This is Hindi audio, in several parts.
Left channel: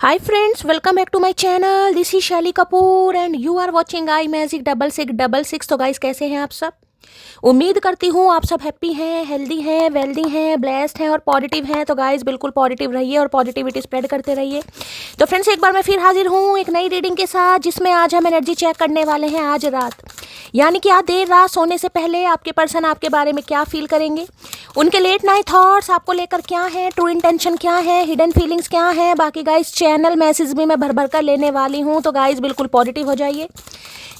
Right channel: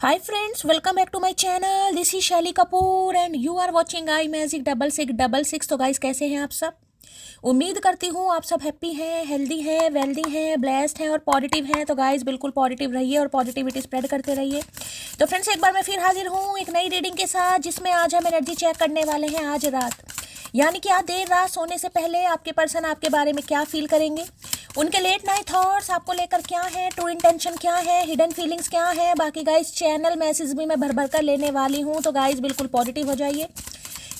Hi friends, welcome back to my channel. This is Shelly Kapoor and you are watching I Magic 6666। तो गाइस कैसे हैं आप सब? उम्मीद करती हूँ आप सब हैप्पी हैं, हेल्दी हैं, वेल्दी हैं, ब्लेस्ड हैं और पॉजिटिव हैं। तो गाइस बिल्कुल पॉजिटिव रहिए और पॉजिटिविटी स्प्रेड करते रहिए। तो फ्रेंड्स एक बार मैं फिर हाजिर हूँ एक नई रीडिंग के साथ, जिसमें आज हम एनर्जी चेक करने वाले हैं आज रात, यानी कि आज देर रात सोने से पहले आपके पर्सन आपके बारे में क्या फील करेंगे, उनके लेट नाइट थॉट्स आपको लेकर क्या है, ट्रू इंटेंशन क्या है, हिडन फीलिंग्स क्या है। बाकी गाइस चैनल मैसेज भी मैं भर भर कर लेने वाली हूँ, तो गाइस बिल्कुल पॉजिटिव हो जाइए।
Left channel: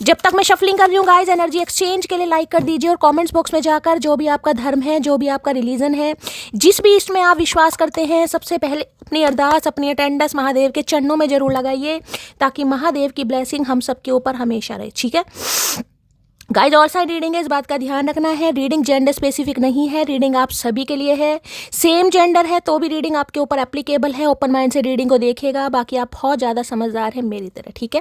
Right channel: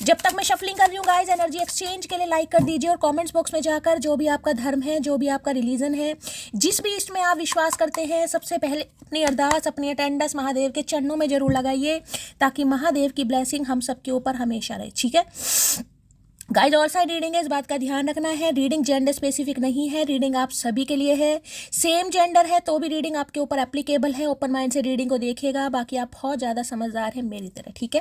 जब तक मैं शफलिंग कर रही हूँ गाइस, एनर्जी एक्सचेंज के लिए लाइक कर दीजिए और कमेंट्स बॉक्स में जाकर जो भी आपका धर्म है, जो भी आपका रिलीजन है, जिस भी इष्ट में आप विश्वास करते हैं, सबसे पहले अपनी अरदास, अपनी अटेंडेंस महादेव के चरणों में जरूर लगाइए, ताकि महादेव की ब्लेसिंग हम सबके ऊपर हमेशा रहे। ठीक है गाइज, और साइड रीडिंग है, इस बात का ध्यान रखना है। रीडिंग जेंडर स्पेसिफिक नहीं है, रीडिंग आप सभी के लिए है। सेम जेंडर है तो भी रीडिंग आपके ऊपर एप्लीकेबल है। ओपन माइंड से रीडिंग को देखिएगा, बाकी आप बहुत ज़्यादा समझदार हैं मेरी तरह। ठीक है,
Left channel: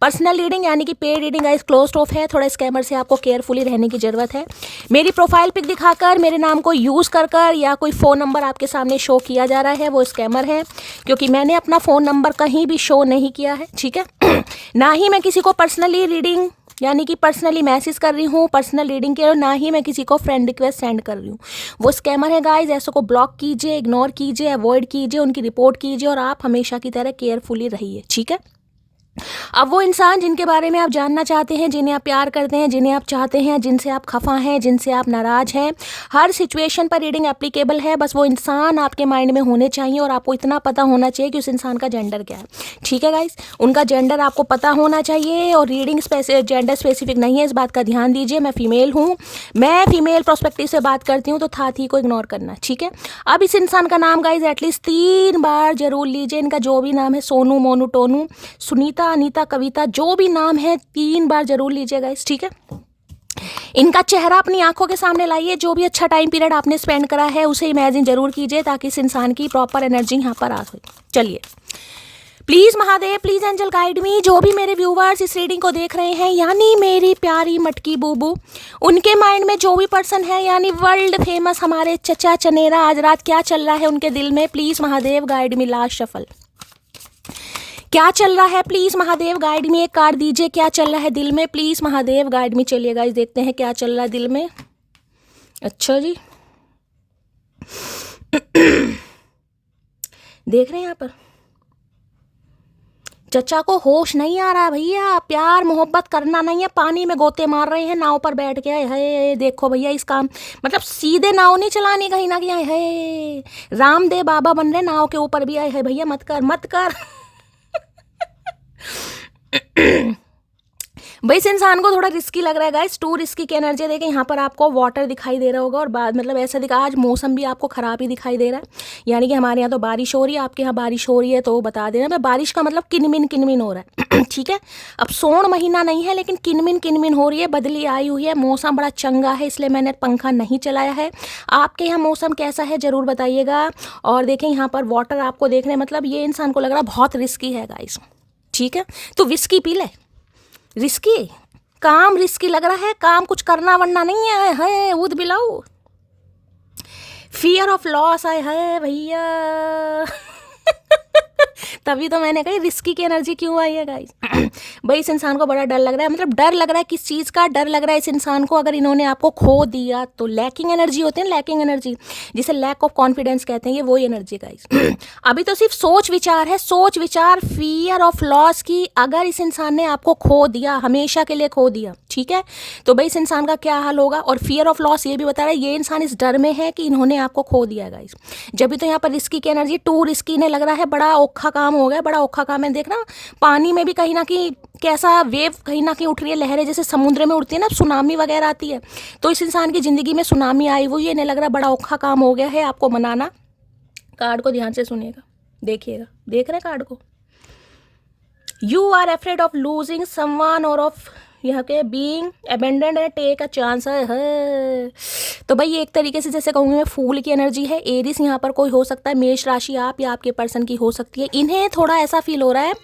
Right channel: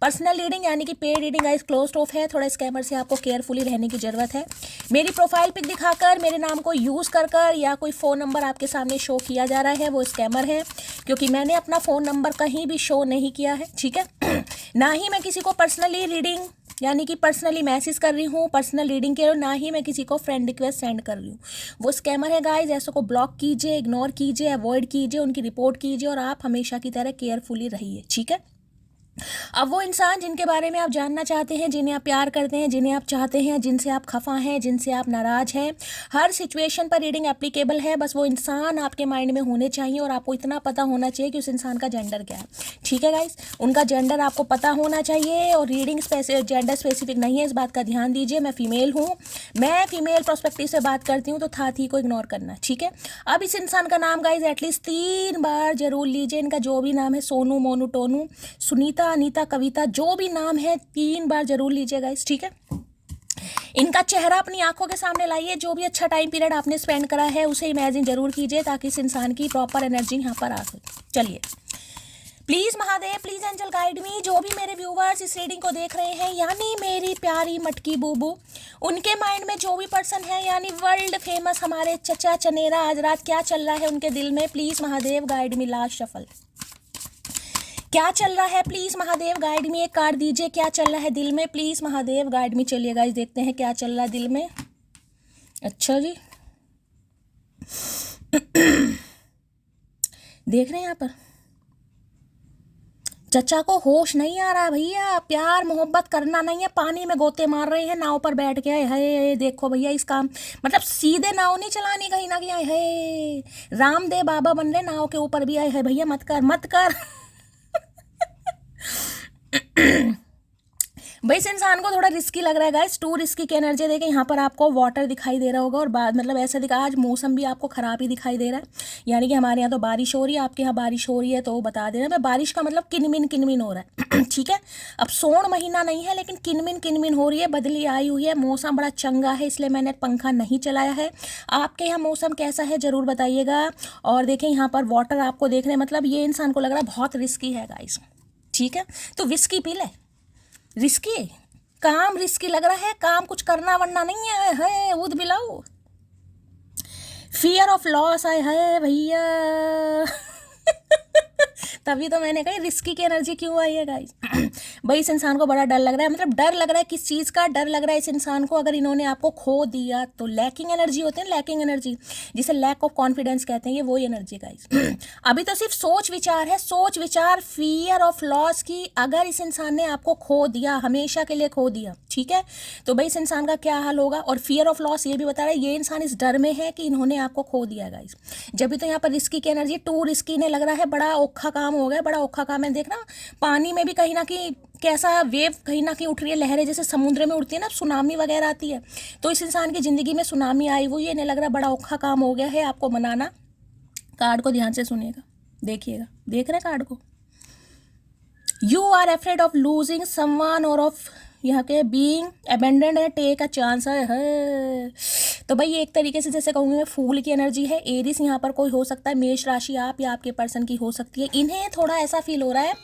पर्सनल रीडिंग यानी कि paid reading guys closed of है। थोड़ा स्कैमर से आपको केयरफुली रहने की ज़रूरत है। मेरी प्रोफाइल पिक दिखाकर मेरे नाम को यूज़ कर या कोई फ़ोन नंबर आपके सामने शो किया जा रहा है, वो स्कैमर है, क्योंकि मैंने अपना फ़ोन नंबर कहीं भी शो नहीं किया है। ठीक है ना ही मैं किसी को पर्सनली रीडिंग यानी कि पर्सनली मैसेज कर रही हूँ पर्सनल रीडिंग के, और ना ही मैं किसी को फ्रेंड रिक्वेस्ट सेंड कर रही हूँ। वो स्कैमर है गाइज, ऐसे को ब्लॉक कीजिए, इग्नोर कीजिए, अवॉइड कीजिए, उनकी रिपोर्ट कीजिए और आप हमेशा की तरह केयरफुली रहिए। ठीक है, अब वो इंसान जिनके बारे में आप जानना चाहते हैं, जिन्हें आप प्यार करते हैं, जिन्हें आप चाहते हैं, जिनसे आप खफा हैं, जिनसे आप नाराज हैं, हर सिचुएशन पर रीडिंग एप्लीकेबल है। बस वो इंसान आपके माइंड में होने चाहिए और आपको इतना पता होना चाहिए कि उस इंसान का जेंडर क्या है। ठीक है गाइस, उनका जेंडर आपको पता होना चाहिए और रीडिंग जेंडर स्पेसिफिक नहीं है, इस बात का ध्यान दीजिए। मैं फीमेल हूँ, मैं फीमेल प्रोस्पेक्टिव से बात करती हूँ, तो था थी को इग्नोर करना। ठीक है, अब इस इंसान का नाम गाइज एटलीस्ट 3 बार जरूर लीजिए। इनका जो भी नाम है, सोनू, मोनू, टोनू, सुनीता, अनीता, कविता, जो भी नाम है 3 बार जरूर लीजिएगा इस। ठीक है, इनका चेहरा अपनी आंखों के सामने लाइए। जो भी अच्छा टाइम पीरियड आपने स्पेंड करा है उसे इमेजिन जरूर कीजिए, ताकि इस इंसान की प्रॉपर एनर्जी यहाँ पर आ सके। चलिए, please Mahadev, please angel guide me. जो भी मेरे व्यूवर्स इस रीडिंग को देख रहे हैं, यानी मेरी प्यारी मटकी बूबू, उनके माइंड में जो भी पर्सन है, यानी वर्ल्ड फेमस हमारे चचा चनेरा, आज रात क्या चल रहा है उनके दिल में, please Mahadev guide me. Last shuffle, क्या चल रहा है प्लीज महादेव गाइड में। एक कार्ड दीजिए, क्या चल रहा है दिल में, प्लीज महादेव गाइड में। चलिए गाइस देखते हैं क्या चल रहा है दिल में। अच्छा जी देख रहे हैं यहाँ पर चचा को होश नहीं आ रहा भैया, प्यार मोहब्बत करना नहीं है, पानी में गोते मार रहे हैं नाव पर बैठ के। है देखो भैया, इस काम मतलब सीधे नाव नहीं चलानी, कहीं ना कहीं है रामदेव बाबा बन रहे नाव के ऊपर भी। आए है भैया, मत कर मत कर भाई इस इंसान को थोड़ा रिस्की लग रहा है गाइस, टू रिस्की की एनर्जी। देखें यहाँ पर आपको वाटर दिखाई दे रहा होगा और बाद मतलब ऐसा दिखा, आज मौसम भी आपको ख़राब ही दिखाई दे रहा है। यानी कि हमारे यहाँ तो बारिश हो रही है, आपके यहाँ बारिश हो रही है, तो बता देना। तो बारिश का मतलब किनमिन हो रहा है ठीक है, अब सोन महीना नहीं है लेकिन किनमिन हो रही है, बदली आई हुई है, मौसम बड़ा चंगा है, इसलिए मैंने पंखा नहीं चलाया है। आपके यहाँ मौसम कैसा है ज़रूर बताइएगा। और देखें यहाँ पर वाटर आपको देख रहे हैं, मतलब ये इंसान को लग रहा है बहुत रिस्की है गाइस। ठीक है, तो विस्की पी ले। रिस्की काम, रिस्की लग रहा है काम, कुछ करना वरना नहीं है उद बिलाऊ। फियर ऑफ लॉस आए है भैया तभी तो मैंने कही रिस्की की एनर्जी क्यों आई है गाइस भाई इस इंसान को बड़ा डर लग रहा है, मतलब डर लग रहा है किस चीज़ का डर लग रहा है इस इंसान को, अगर इन्होंने आपको खो दिया तो। लैकिंग एनर्जी होती है, लैकिंग एनर्जी जिसे लैक ऑफ कॉन्फिडेंस कहते हैं, ये वही एनर्जी गाइस अभी तो सिर्फ सोच विचार है, सोच विचार, फियर ऑफ लॉस की। अगर इस इंसान ने आपको खो दिया, हमेशा के लिए खो दिया, ठीक है, तो भाई इस इंसान का क्या हाल होगा। और फियर ऑफ लॉस ये भी बता रहा है, ये इंसान इस डर में है कि इन्होंने आपको खो दिया गाइस। जब भी तो यहाँ पर रिस्की की एनर्जी, टू रिस्की ने लग रहा है, बड़ा औखा काम हो गया, बड़ा औखा काम है। देखना पानी में भी कहीं ना कहीं कैसा वेव कहीं ना कहीं उठ रही है, लहरें जैसे समुद्र में उठती है ना, सुनामी वगैरह आती है, तो इस इंसान की जिंदगी में सुनामी आई हुई है। इन्हें लग रहा है बड़ा औखा काम हो गया है आपको मनाना। कार्ड को ध्यान से सुनिएगा, देखिएगा, देख रहे कार्ड को। You are afraid of losing someone or of यहाँ के बीइंग अबेंडेंड है, टेक अ चांस है। तो भाई ये एक तरीके से जैसे कहूँगी मैं, फूल की एनर्जी है। एरिस यहाँ पर कोई हो सकता है, मेष राशि आप या आपके पर्सन की हो सकती है। इन्हें थोड़ा ऐसा फील हो रहा है,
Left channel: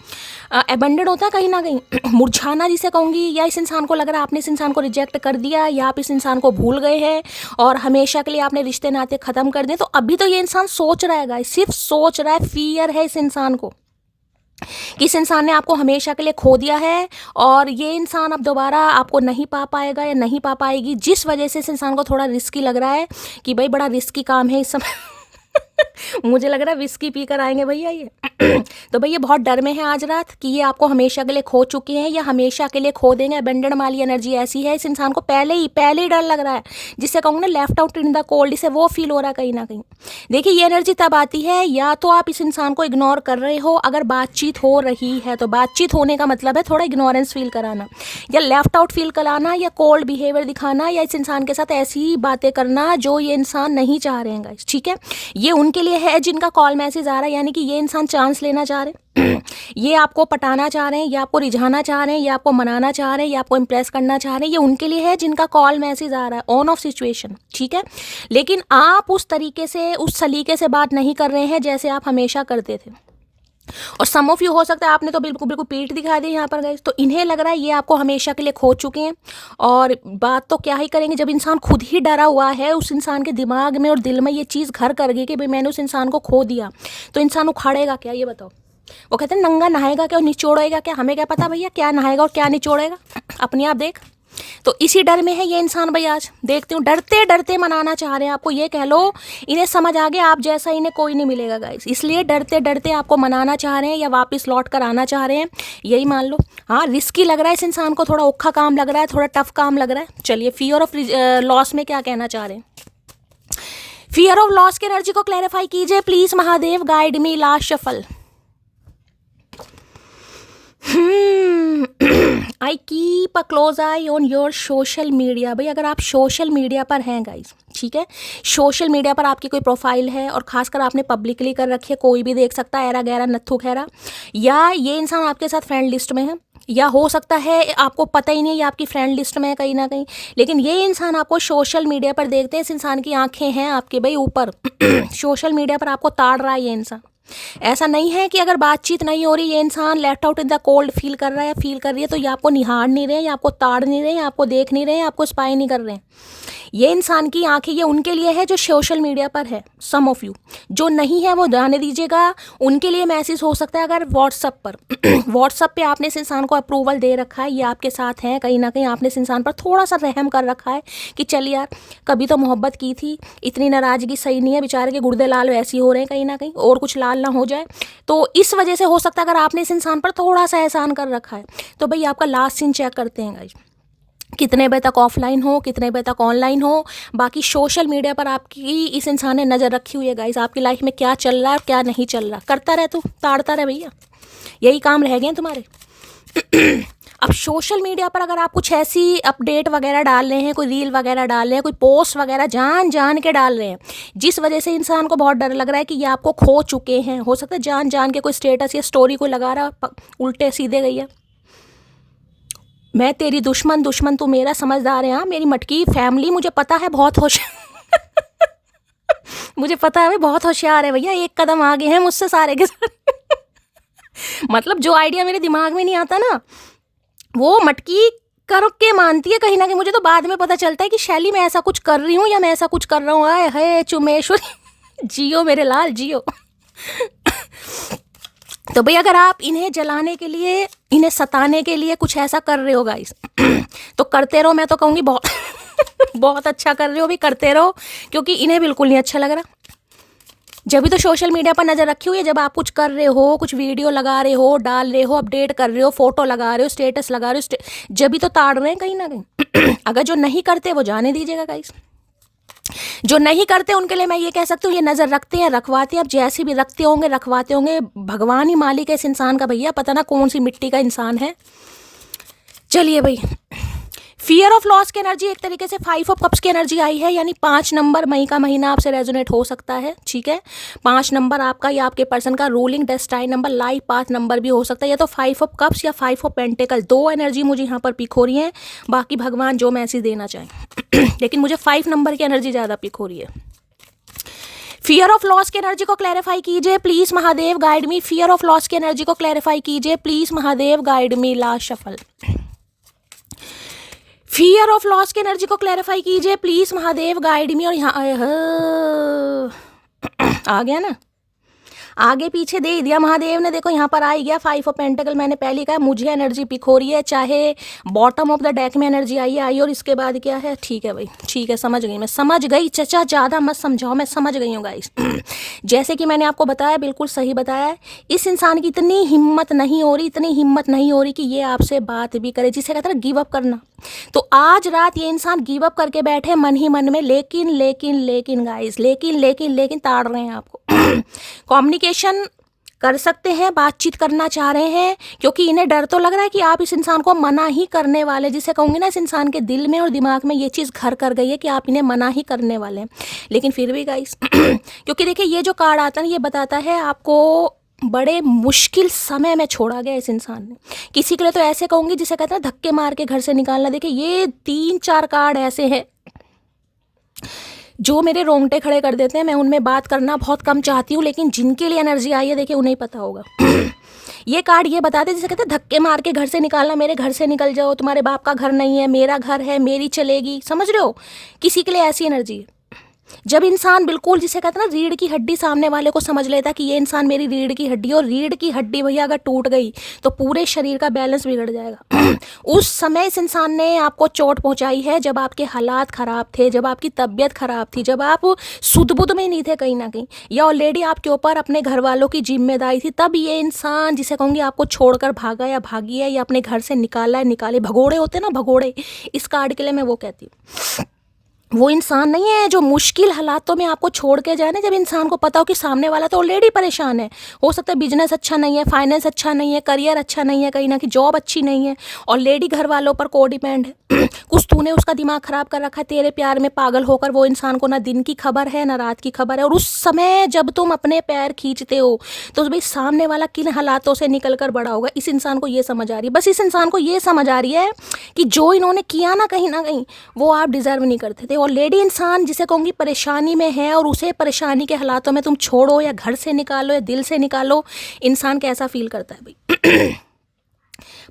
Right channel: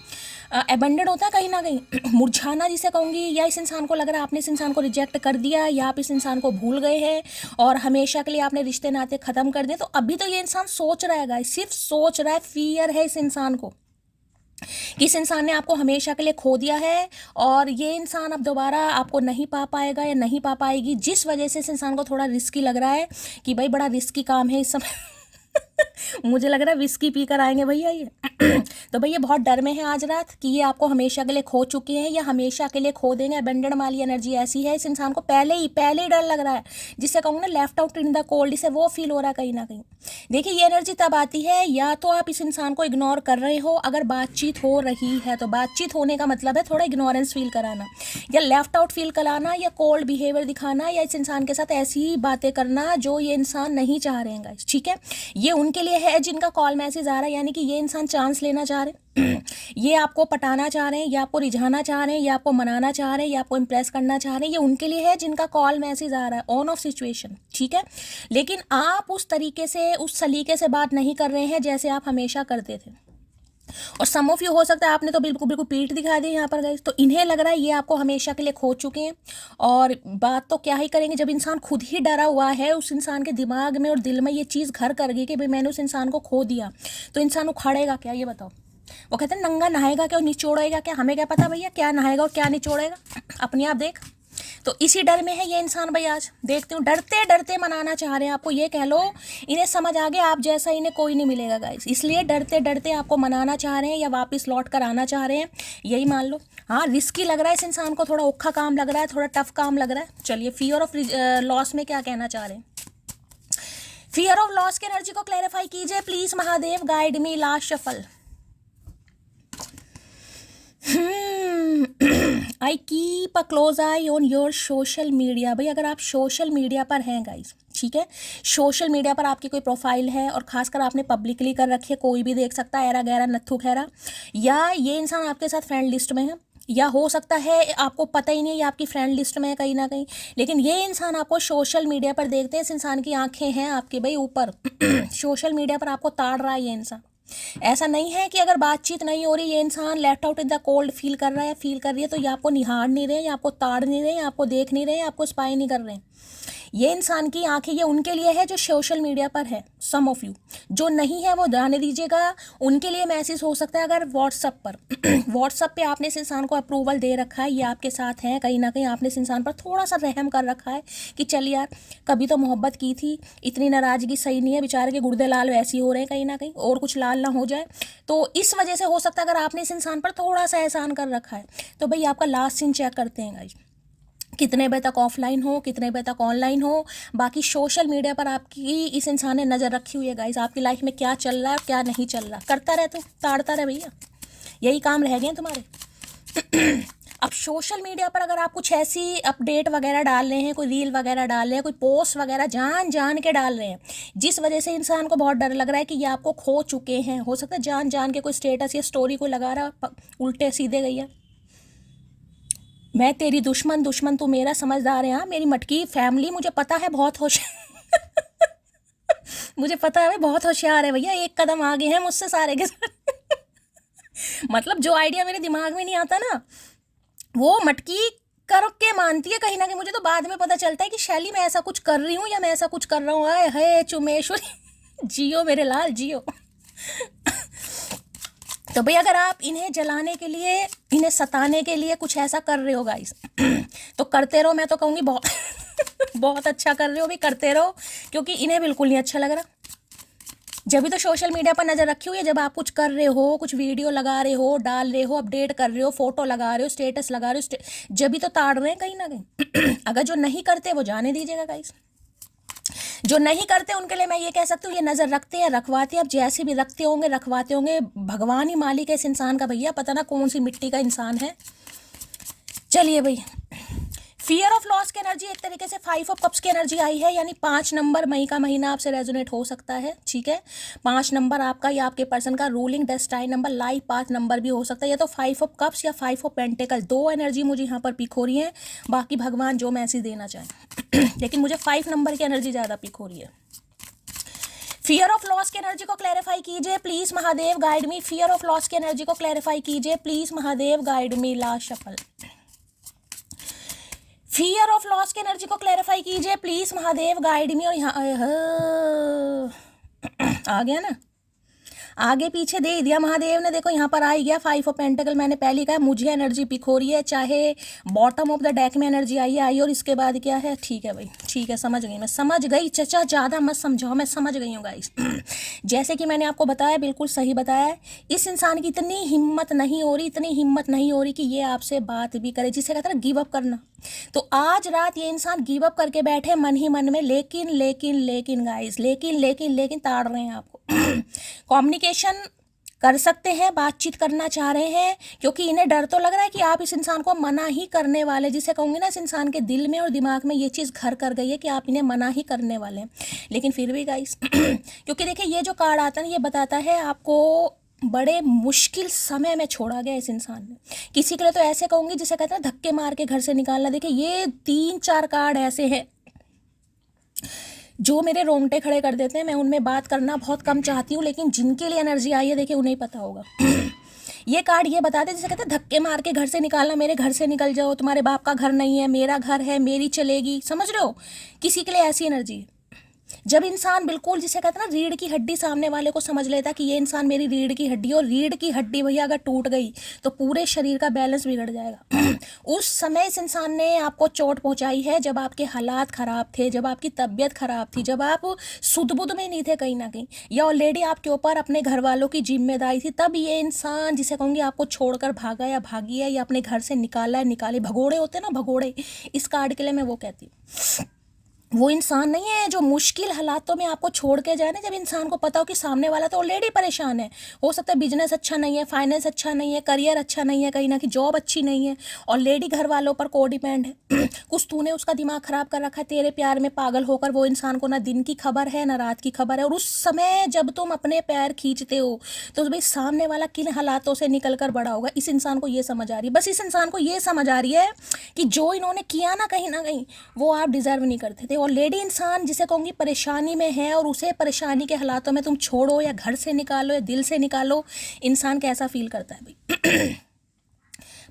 अबेंडेड होता है कहीं ना कहीं मुरझाना जिसे कहूँगी, या इस इंसान को लग रहा है आपने इस इंसान को रिजेक्ट कर दिया, या आप इस इंसान को भूल गए हैं और हमेशा के लिए आपने रिश्ते नाते ख़त्म कर दिए। तो अभी तो ये इंसान सोच रहा है गाइस, सिर्फ सोच रहा है, फियर है इस इंसान को। किस इंसान ने आपको हमेशा के लिए खो दिया है और ये इंसान अब दोबारा आपको नहीं पा पाएगा या नहीं पा पाएगी, जिस वजह से इस इंसान को थोड़ा रिस्की लग रहा है कि भाई बड़ा रिस्की काम है इस समय। मुझे लग रहा है विस्की पी कर आएंगे भैया ये। तो भैया बहुत डर में है आज रात कि ये आपको हमेशा के लिए खो चुके हैं या हमेशा के लिए खो देंगे। अबेंडन वाली एनर्जी ऐसी है, इस इंसान को पहले ही डर लग रहा है, जिससे कहूँगा ना left out in the cold, इसे वो फील हो रहा है कहीं ना कहीं। देखिए ये एनर्जी तब आती है या तो आप इस इंसान को इग्नोर कर रहे हो, अगर बातचीत हो रही है तो बातचीत होने का मतलब है थोड़ा इग्नोरेंस फील कराना या लेफ्ट आउट फील कराना या कोल्ड बिहेवियर दिखाना या इस इंसान के साथ ऐसी बातें करना जो ये इंसान नहीं चाह रहे हैं गाइस, ठीक है। ये उनके लिए है जिनका कॉल मैसेज आ रहा है, यानी कि ये इंसान चांस लेना चाह रहे हैं, ये आपको पटाना चाह रहे हैं, ये आपको रिझाना चाह रहे हैं, ये आपको मनाना चाह रहे हैं, ये आपको इंप्रेस करना चाह रहे हैं। ये उनके लिए है जिनका कॉल मैसेज आ रहा है, ऑन ऑफ सिचुएशन, ठीक है। लेकिन आप उस तरीके से उस सलीके से बात नहीं कर रहे हैं जैसे आप हमेशा करते थे। और सम ऑफ यू हो सकता है आपने तो बिल्कुल बिल्कुल पीठ दिखा दी यहाँ पर गाइस, तो इन्हें लग रहा है ये आपको हमेशा के लिए खो चुके हैं। और बात तो क्या ही करेंगे जब इंसान खुद ही डरा हुआ है, उस इंसान के दिमाग में और दिल में ये चीज़ घर कर गई कि भाई मैंने उस इंसान को खो दिया, तो इंसान उखाड़ेगा क्या ये बताओ। वो कहते हैं नंगा नहाएगा क्या और निचोड़ेगा क्या, हमें क्या पता भैया क्या नहाएगा और क्या निचोड़ेगा, अपने आप देख। तो इसी डर में है ये इंसान भाई, आज देखती हूँ डरते डरते मनाना चाह रहे हैं आपको, ये कह लो इन्हें समझ आ गया आप जैसा इन्हें कोई नहीं मिलेगा गाइस, इसलिए डरते डरते आपको मनाना चाह रहे हैं या वापस लौट कर आना चाह रहे हैं, यही मान लो। हाँ रिस्की लग रहा है इस इंसान को, थोड़ा औखा काम लग रहा है, थोड़ा टफ काम लग रहा है। चलिए फियर ऑफ लॉस में क्या कहना चाह रहे हैं, फियर ऑफ लॉस की एनर्जी को क्लैरिफाई कीजिए please Mahadev, guide me last shuffle. I keep a close I on your social media. भाई अगर आप सोशल मीडिया पर हैं गाइज, ठीक है, सोशल मीडिया पर आपकी कोई प्रोफाइल है और खासकर आपने पब्लिकली कर रखी है, कोई भी देख सकता है, ऐरा गैरा नत्थु खैरा, या ये इंसान आपके साथ फ्रेंड लिस्ट में है, या हो सकता है आपको पता ही नहीं ये आपकी फ्रेंड लिस्ट में है कहीं ना कहीं, लेकिन ये इंसान आपको सोशल मीडिया पर देखते हैं, इस इंसान की आंखें हैं आपके भाई ऊपर। सोशल मीडिया पर आपको ताड़ रहा है ये इंसान। ऐसा नहीं है कि अगर बातचीत नहीं हो रही, ये इंसान left out in the cold feel कर रहा है या फील कर रही है, तो ये आपको निहार नहीं रहे, या आपको ताड़ नहीं रहे, या आपको देख नहीं रहे, आपको स्पाई नहीं कर रहे हैं। ये इंसान की आंखें ये उनके लिए है जो सोशल मीडिया पर है, सम ऑफ यू। जो नहीं है वो जाने दीजिएगा, उनके लिए मैसेज हो सकता है अगर व्हाट्सअप पर व्हाट्सअप पे आपने इस इंसान को अप्रूवल दे रखा है, ये आपके साथ हैं, कहीं ना कहीं आपने इस इंसान पर थोड़ा सा रहम कर रखा है कि चल यार कभी तो मोहब्बत की थी, इतनी नाराज़गी सही नहीं है, बेचारे के गुर्दे लाल वैसे ही हो रहे हैं कहीं ना कहीं, और कुछ लाल ना हो जाए। तो इस वजह से हो सकता है अगर आपने इस इंसान पर थोड़ा सा एहसान कर रखा है, तो भाई आपका लास्ट सीन चेक करते हैं गाइस, कितने बजे तक ऑफलाइन हो, कितने बजे तक ऑनलाइन हो। बाकी सोशल मीडिया पर आपकी इस इंसान ने नज़र रखी हुई है गाइस, आपकी लाइफ में क्या चल रहा है क्या नहीं चल रहा, करता रहे तू, ताड़ता रहे भैया, यही काम रह गए तुम्हारे। अब सोशल मीडिया पर अगर आप कुछ ऐसी अपडेट वगैरह डाल रहे हैं, कोई रील वगैरह डाल रहे हैं, कोई पोस्ट वगैरह जान जान के डाल रहे हैं, जिस वजह से इंसान को बहुत डर लग रहा है कि ये आपको खो चुके हैं, हो सकता है जान जान के कोई स्टेटस या स्टोरी कोई लगा रहा उल्टे सीधे गई है, मैं तेरी दुश्मन दुश्मन तू मेरा, समझदार है हाँ मेरी मटकी फैमिली, मुझे पता है बहुत होशियार मुझे पता है बहुत होशियार है भैया, एक कदम आगे हैं मुझसे सारे के सारे। मतलब जो आइडिया मेरे दिमाग में नहीं आता ना, वो मटकी करके मानती है कहीं ना कहीं। मुझे तो बाद में पता चलता है कि शैली मैं ऐसा कुछ कर रही हूँ या मैं ऐसा कुछ कर रहा हूँ, आए है चुमेश्वरी जियो मेरे लाल जियो। तो भाई अगर आप इन्हें जलाने के लिए, इन्हें सताने के लिए कुछ ऐसा कर रहे हो गाइस, तो करते रहो, मैं तो कहूँगी बहुत बहुत अच्छा कर रहे हो भी, करते रहो, क्योंकि इन्हें बिल्कुल नहीं अच्छा लग रहा। जब भी तो सोशल मीडिया पर नज़र रखी हुई है, जब आप कुछ कर रहे हो, कुछ वीडियो लगा रहे हो, डाल रहे हो, अपडेट कर रहे हो, फोटो लगा रहे हो, स्टेटस लगा रहे हो, जब भी तो ताड़ रहे हैं कहीं ना कहीं। अगर जो नहीं करते वो जाने दीजिएगा गाइस, जो नहीं करते उनके लिए मैं ये कह सकती हूँ ये नज़र रखते हैं, रखवाते हैं, अब जैसे भी रखते होंगे रखवाते होंगे, भगवान ही मालिक है इस इंसान का भैया, पता ना कौन सी मिट्टी का इंसान है। चलिए भाई, फियर ऑफ लॉस की एनर्जी एक तरीके से 5 ऑफ कप्स की एनर्जी आई है, यानी 5 नंबर, मई का महीना आपसे रेजोनेट हो सकता है, ठीक है। 5 नंबर आपका या आपके पर्सन का ruling destined number, life path number भी हो सकता है, या तो 5 ऑफ कप्स या 5 ऑफ पेंटिकल, दो एनर्जी मुझे यहाँ पर पिक हो रही है, बाकी भगवान जो मैसेज देना चाहें। लेकिन मुझे 5 नंबर की एनर्जी ज़्यादा पिक हो रही है। फियर ऑफ लॉस की एनर्जी को क्लैरिफाई कीजिए please Mahadev, guide me. Fear of loss की एनर्जी को क्लैरिफाई कीजिए please Mahadev, guide me. Last shuffle. Fear of loss की एनर्जी को क्लैरिफाई कीजिए प्लीज महादेव, गाइड मी। और यहाँ आ गया ना, आगे पीछे दे दिया महादेव ने। देखो यहाँ पर आ ही गया 5 ऑफ पेंटिकल। मैंने पहले कहा मुझे एनर्जी पिक हो रही है, चाहे बॉटम ऑफ द डेक में एनर्जी आई और इसके बाद क्या है। ठीक है भाई, ठीक है, समझ गई, मैं समझ गई चचा, ज़्यादा मत समझाओ, मैं समझ गई हूँ गाइस। जैसे कि मैंने आपको बताया, बिल्कुल सही बताया है। इस इंसान की इतनी हिम्मत नहीं हो रही, इतनी हिम्मत नहीं हो रही कि ये आपसे बात भी करे, जिसे कहते हैं ना गिव अप करना। तो आज रात ये इंसान गिव अप करके बैठे मन ही मन में, लेकिन गाइस, लेकिन ताड़ रहे हैं आपको। कम्युनिकेशन कर सकते हैं, बातचीत करना चाह रहे हैं, क्योंकि इन्हें डर तो लग रहा है कि आप इस इंसान को मना ही करने वाले, जिसे कहूँगी ना, इस इंसान के दिल में और दिमाग में ये चीज़ घर कर गई है कि आप इन्हें मना ही करने वाले हैं। लेकिन फिर भी गाइस, क्योंकि देखिए ये जो कार्ड आता है ये बताता है आपको बड़े मुश्किल समय में छोड़ा गया इस इंसान ने। किसी के लिए तो ऐसे कहूँगी जिसे कहते हैं धक्के मार के घर से निकालना। देखिए ये 3-4 कार्ड ऐसे हैं जो मेरे रोंगटे खड़े कर देते हैं। मैं उनमें बात करना बहुत कम चाहती हूँ, लेकिन जिनके लिए एनर्जी आई है देखिए उन्हें ही पता होगा। ये कार्ड ये बताते जैसे कहते हैं धक्के मार के घर से निकालना, मेरे घर से निकल जाओ, तुम्हारे बाप का घर नहीं है, मेरा घर है, मेरी चलेगी, समझ रहे हो। किसी के लिए ऐसी एनर्जी है। जब इंसान बिल्कुल जिसे कहते हैं ना रीढ़ की हड्डी सामने वाले को समझ लेता है कि ये इंसान मेरी रीढ़ की हड्डी, और रीढ़ की हड्डी भैया अगर टूट गई तो पूरे शरीर का बैलेंस बिगड़ जाएगा। उस समय इस इंसान ने आपको चोट पहुंचाई है जब आपके हालात ख़राब थे, जब आपकी तबीयत ख़राब थी, जब आप सुध-बुध में नहीं थे कहीं ना कहीं, या ऑलरेडी आपके ऊपर अपने घर वालों की जिम्मेदारी थी। तब ये इंसान जिसे कहूँगी आपको छोड़कर भागा या भागी है, या अपने घर से निकाला है, निकाले भगोड़े होते ना, भगोड़े, इस कार्ड के लिए मैं वो कहती हूँ। वो इंसान नहीं है जो मुश्किल हालातों में आपको छोड़ के जाए ना, जब इंसान को पता हो कि सामने वाला तो ऑलरेडी परेशान है, हो सकता है बिजनेस अच्छा नहीं है, फाइनेंस अच्छा नहीं है, करियर अच्छा नहीं है, कहीं ना कहीं जॉब अच्छी नहीं है, ऑलरेडी घर वालों पर को डिपेंड है। कुछ तूने उसका दिमाग खराब कर रखा है, तेरे प्यार में पागल होकर वो इंसान को ना दिन की खबर है ना रात की खबर है। और उस समय जब तुम अपने पैर खींचते हो तो भाई सामने वाला किन हालातों से निकल कर बड़ा होगा, इस इंसान को ये समझ आ रही है। बस इस इंसान को ये समझ आ रही है कि जो इन्होंने किया ना कहीं वो आप डिजर्व नहीं करते थे। ऑलरेडी इंसान जिसे कहूँगी परेशानी में है, और उसे परेशानी के हालातों में तुम छोड़ो या घर से निकालो या दिल से निकालो, इंसान कैसा फील करता है भाई।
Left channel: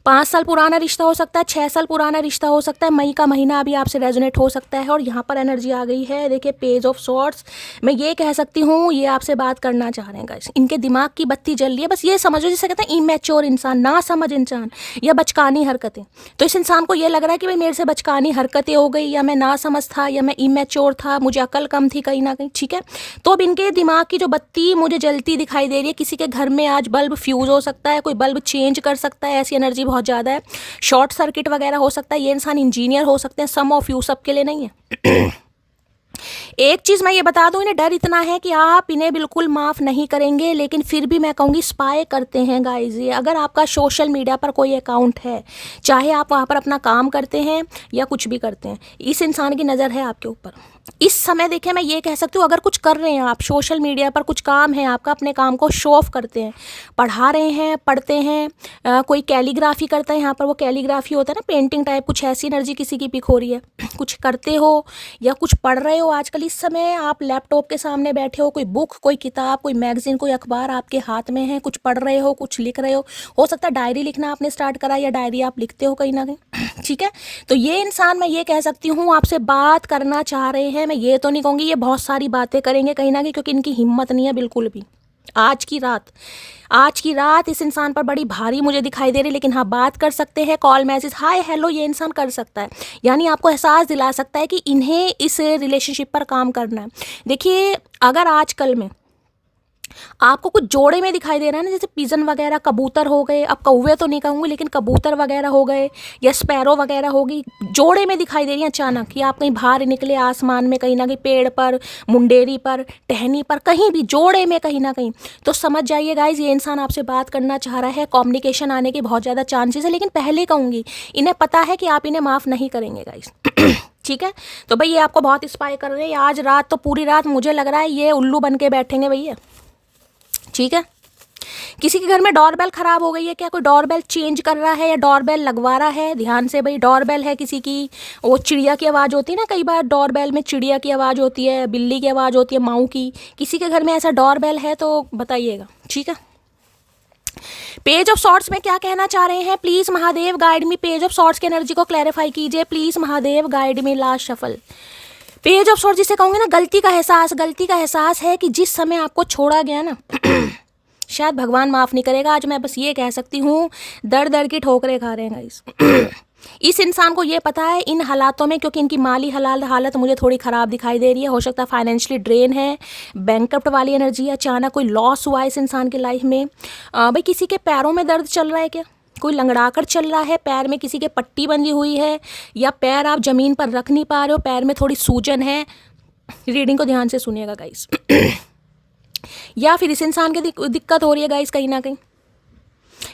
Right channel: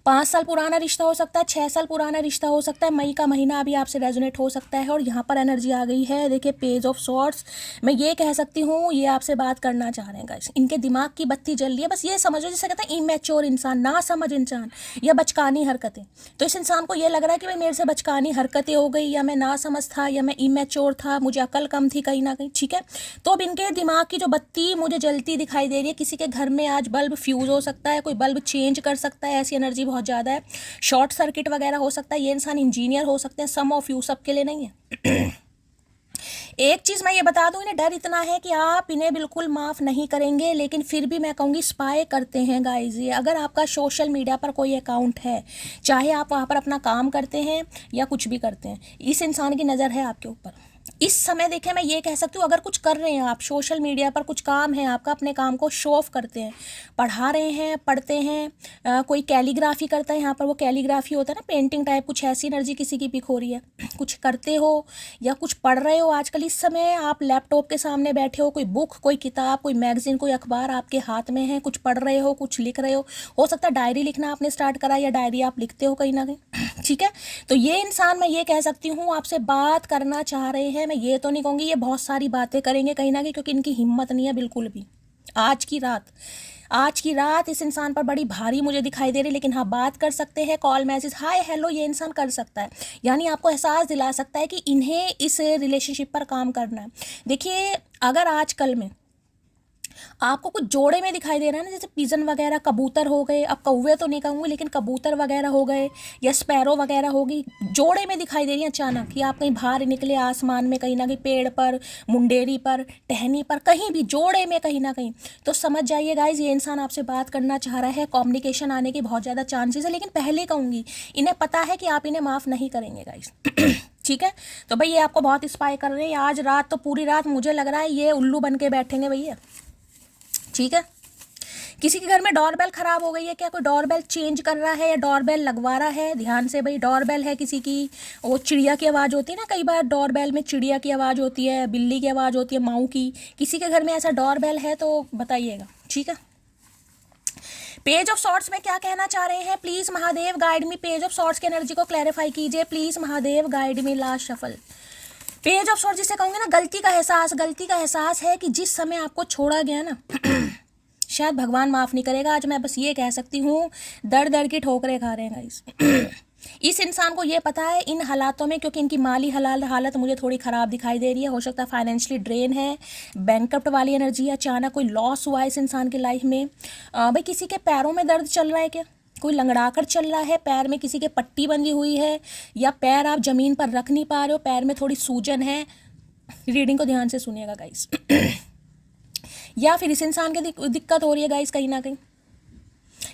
5 साल पुराना रिश्ता हो सकता है, 6 साल पुराना रिश्ता हो सकता है, मई का महीना अभी आपसे रेजोनेट हो सकता है। और यहाँ पर एनर्जी आ गई है, देखिए पेज ऑफ सॉर्ड्स। मैं ये कह सकती हूँ ये आपसे बात करना चाह रहे हैं गाइस, इनके दिमाग की बत्ती जल रही है। बस ये समझो जिसे कहते हैं इमेच्योर इंसान, ना समझ इंसान, या बचकानी हरकतें। तो इस इंसान को ये लग रहा है कि भाई मेरे से बचकानी हरकतें हो गई, या मैं ना समझ था, या मैं इमेच्योर था, मुझे अकल कम थी कहीं ना कहीं, ठीक है। तो अब इनके दिमाग की जो बत्ती मुझे जलती दिखाई दे रही है, किसी के घर में आज बल्ब फ्यूज़ हो सकता है, कोई बल्ब चेंज कर सकता है, ऐसी एनर्जी बहुत ज़्यादा है। शॉर्ट सर्किट वगैरह हो सकता है, ये इंसान इंजीनियर हो सकते हैं, सम ऑफ यू, सबके लिए नहीं है। एक चीज़ मैं ये बता दूं, इन्हें डर इतना है कि आप इन्हें बिल्कुल माफ़ नहीं करेंगे, लेकिन फिर भी मैं कहूँगी स्पाई करते हैं गाइज ये। अगर आपका सोशल मीडिया पर कोई अकाउंट है, चाहे आप वहाँ पर अपना काम करते हैं या कुछ भी करते हैं, इस इंसान की नज़र है आपके ऊपर। इस समय देखें, मैं ये कह सकती हूँ, अगर कुछ कर रहे हैं आप सोशल मीडिया पर, कुछ काम है आपका, अपने काम को शो ऑफ करते हैं, पढ़ा रहे हैं, पढ़ते हैं, कोई कैलीग्राफी करता है, यहाँ पर वो कैलीग्राफी होता है ना, पेंटिंग टाइप, कुछ ऐसी एनर्जी किसी की पिक हो रही है, कुछ करते हो या कुछ पढ़ रहे हो। आजकल इस समय आप लैपटॉप के सामने बैठे हो, कोई बुक, कोई किताब, कोई मैगजीन, कोई अखबार आपके हाथ में है, कुछ पढ़ रहे हो, कुछ लिख रहे हो सकता है डायरी लिखना आपने स्टार्ट करा, या डायरी आप लिखते हो कहीं ना कहीं, ठीक है। तो ये इंसान, मैं ये कह सकती हूँ, आपसे बात करना चाह रहे हैं। मैं ये तो नहीं कहूँगी ये बहुत सारी बातें करेंगे कहीं ना कहीं, क्योंकि इनकी हिम्मत नहीं है बिल्कुल भी। आज की रात इस इंसान पर बड़ी भारी मुझे दिखाई दे रही, लेकिन हाँ बात कर सकते हैं, कॉल मैसेज हाय हेलो ये इंसान कर सकता है, यानी आपको एहसास दिला सकता है कि इन्हें इस रिलेशनशिप पर काम करना है। देखिए अगर आजकल में आपको कुछ जोड़े में दिखाई दे रहा है ना, जैसे पिजन वगैरह, कबूतर हो गए, अब कौवे तो नहीं कहूँगी लेकिन कबूतर वगैरह हो गए, या स्पैरो वगैरह होगी, जोड़े में दिखाई दे रही है अचानक, कि आप कहीं बाहर निकले आसमान में, कहीं ना कहीं पेड़ पर, मुंडेरी पर, टहनी पर, कहीं भी जोड़े में कहीं ना कहीं, तो समझ जाइए गाइज ये इंसान आपसे बात करना चाह रहा है। कम्युनिकेशन आने की बहुत ज़्यादा चांसेस है, लेकिन पहले कहूँगी इन्हें पता है कि आप इन्हें माफ़ नहीं करेंगे गाइज। ठीक है, तो भाई ये आपको बहुत इंस्पायर कर रहे हैं। आज रात तो पूरी रात मुझे लग रहा है ये उल्लू बन के बैठेंगे भैया, ठीक है। किसी के घर में डोरबेल खराब हो गई है क्या, कोई डोरबेल चेंज कर रहा है या डोरबेल लगवा रहा है, ध्यान से भाई। डोरबेल है किसी की, वो चिड़िया की आवाज़ होती है ना, कई बार डोरबेल में चिड़िया की आवाज़ होती है, बिल्ली की आवाज़ होती है, माऊ की। किसी के घर में ऐसा डोरबेल है तो बताइएगा, ठीक है। पेज ऑफ सॉर्ट्स में क्या कहना चाह रहे हैं, please Mahadev guide me. Page of swords की एनर्जी को क्लैरिफाई कीजिए please Mahadev guide me. Last shuffle page of swords जिसे कहूँगे ना, गलती का एहसास है कि जिस समय आपको छोड़ा गया ना शायद भगवान माफ़ नहीं करेगा। आज मैं बस ये कह सकती हूँ, दर दर की ठोकरें खा रहे हैं गाइस। इस इंसान को ये पता है इन हालातों में, क्योंकि इनकी माली हालत मुझे थोड़ी ख़राब दिखाई दे रही है, हो सकता है फाइनेंशियली ड्रेन है, बैंकरप्ट वाली एनर्जी है, अचानक कोई लॉस हुआ है इस इंसान की लाइफ में। भाई किसी के पैरों में दर्द चल रहा है क्या? कोई लंगड़ा कर चल रहा है, पैर में किसी के पट्टी बंधी हुई है, या पैर आप ज़मीन पर रख नहीं पा रहे हो, पैर में थोड़ी सूजन है। रीडिंग को ध्यान से सुनिएगा गाइस। या फिर इस इंसान की दिक्कत हो रही है गाइस कहीं ना कहीं,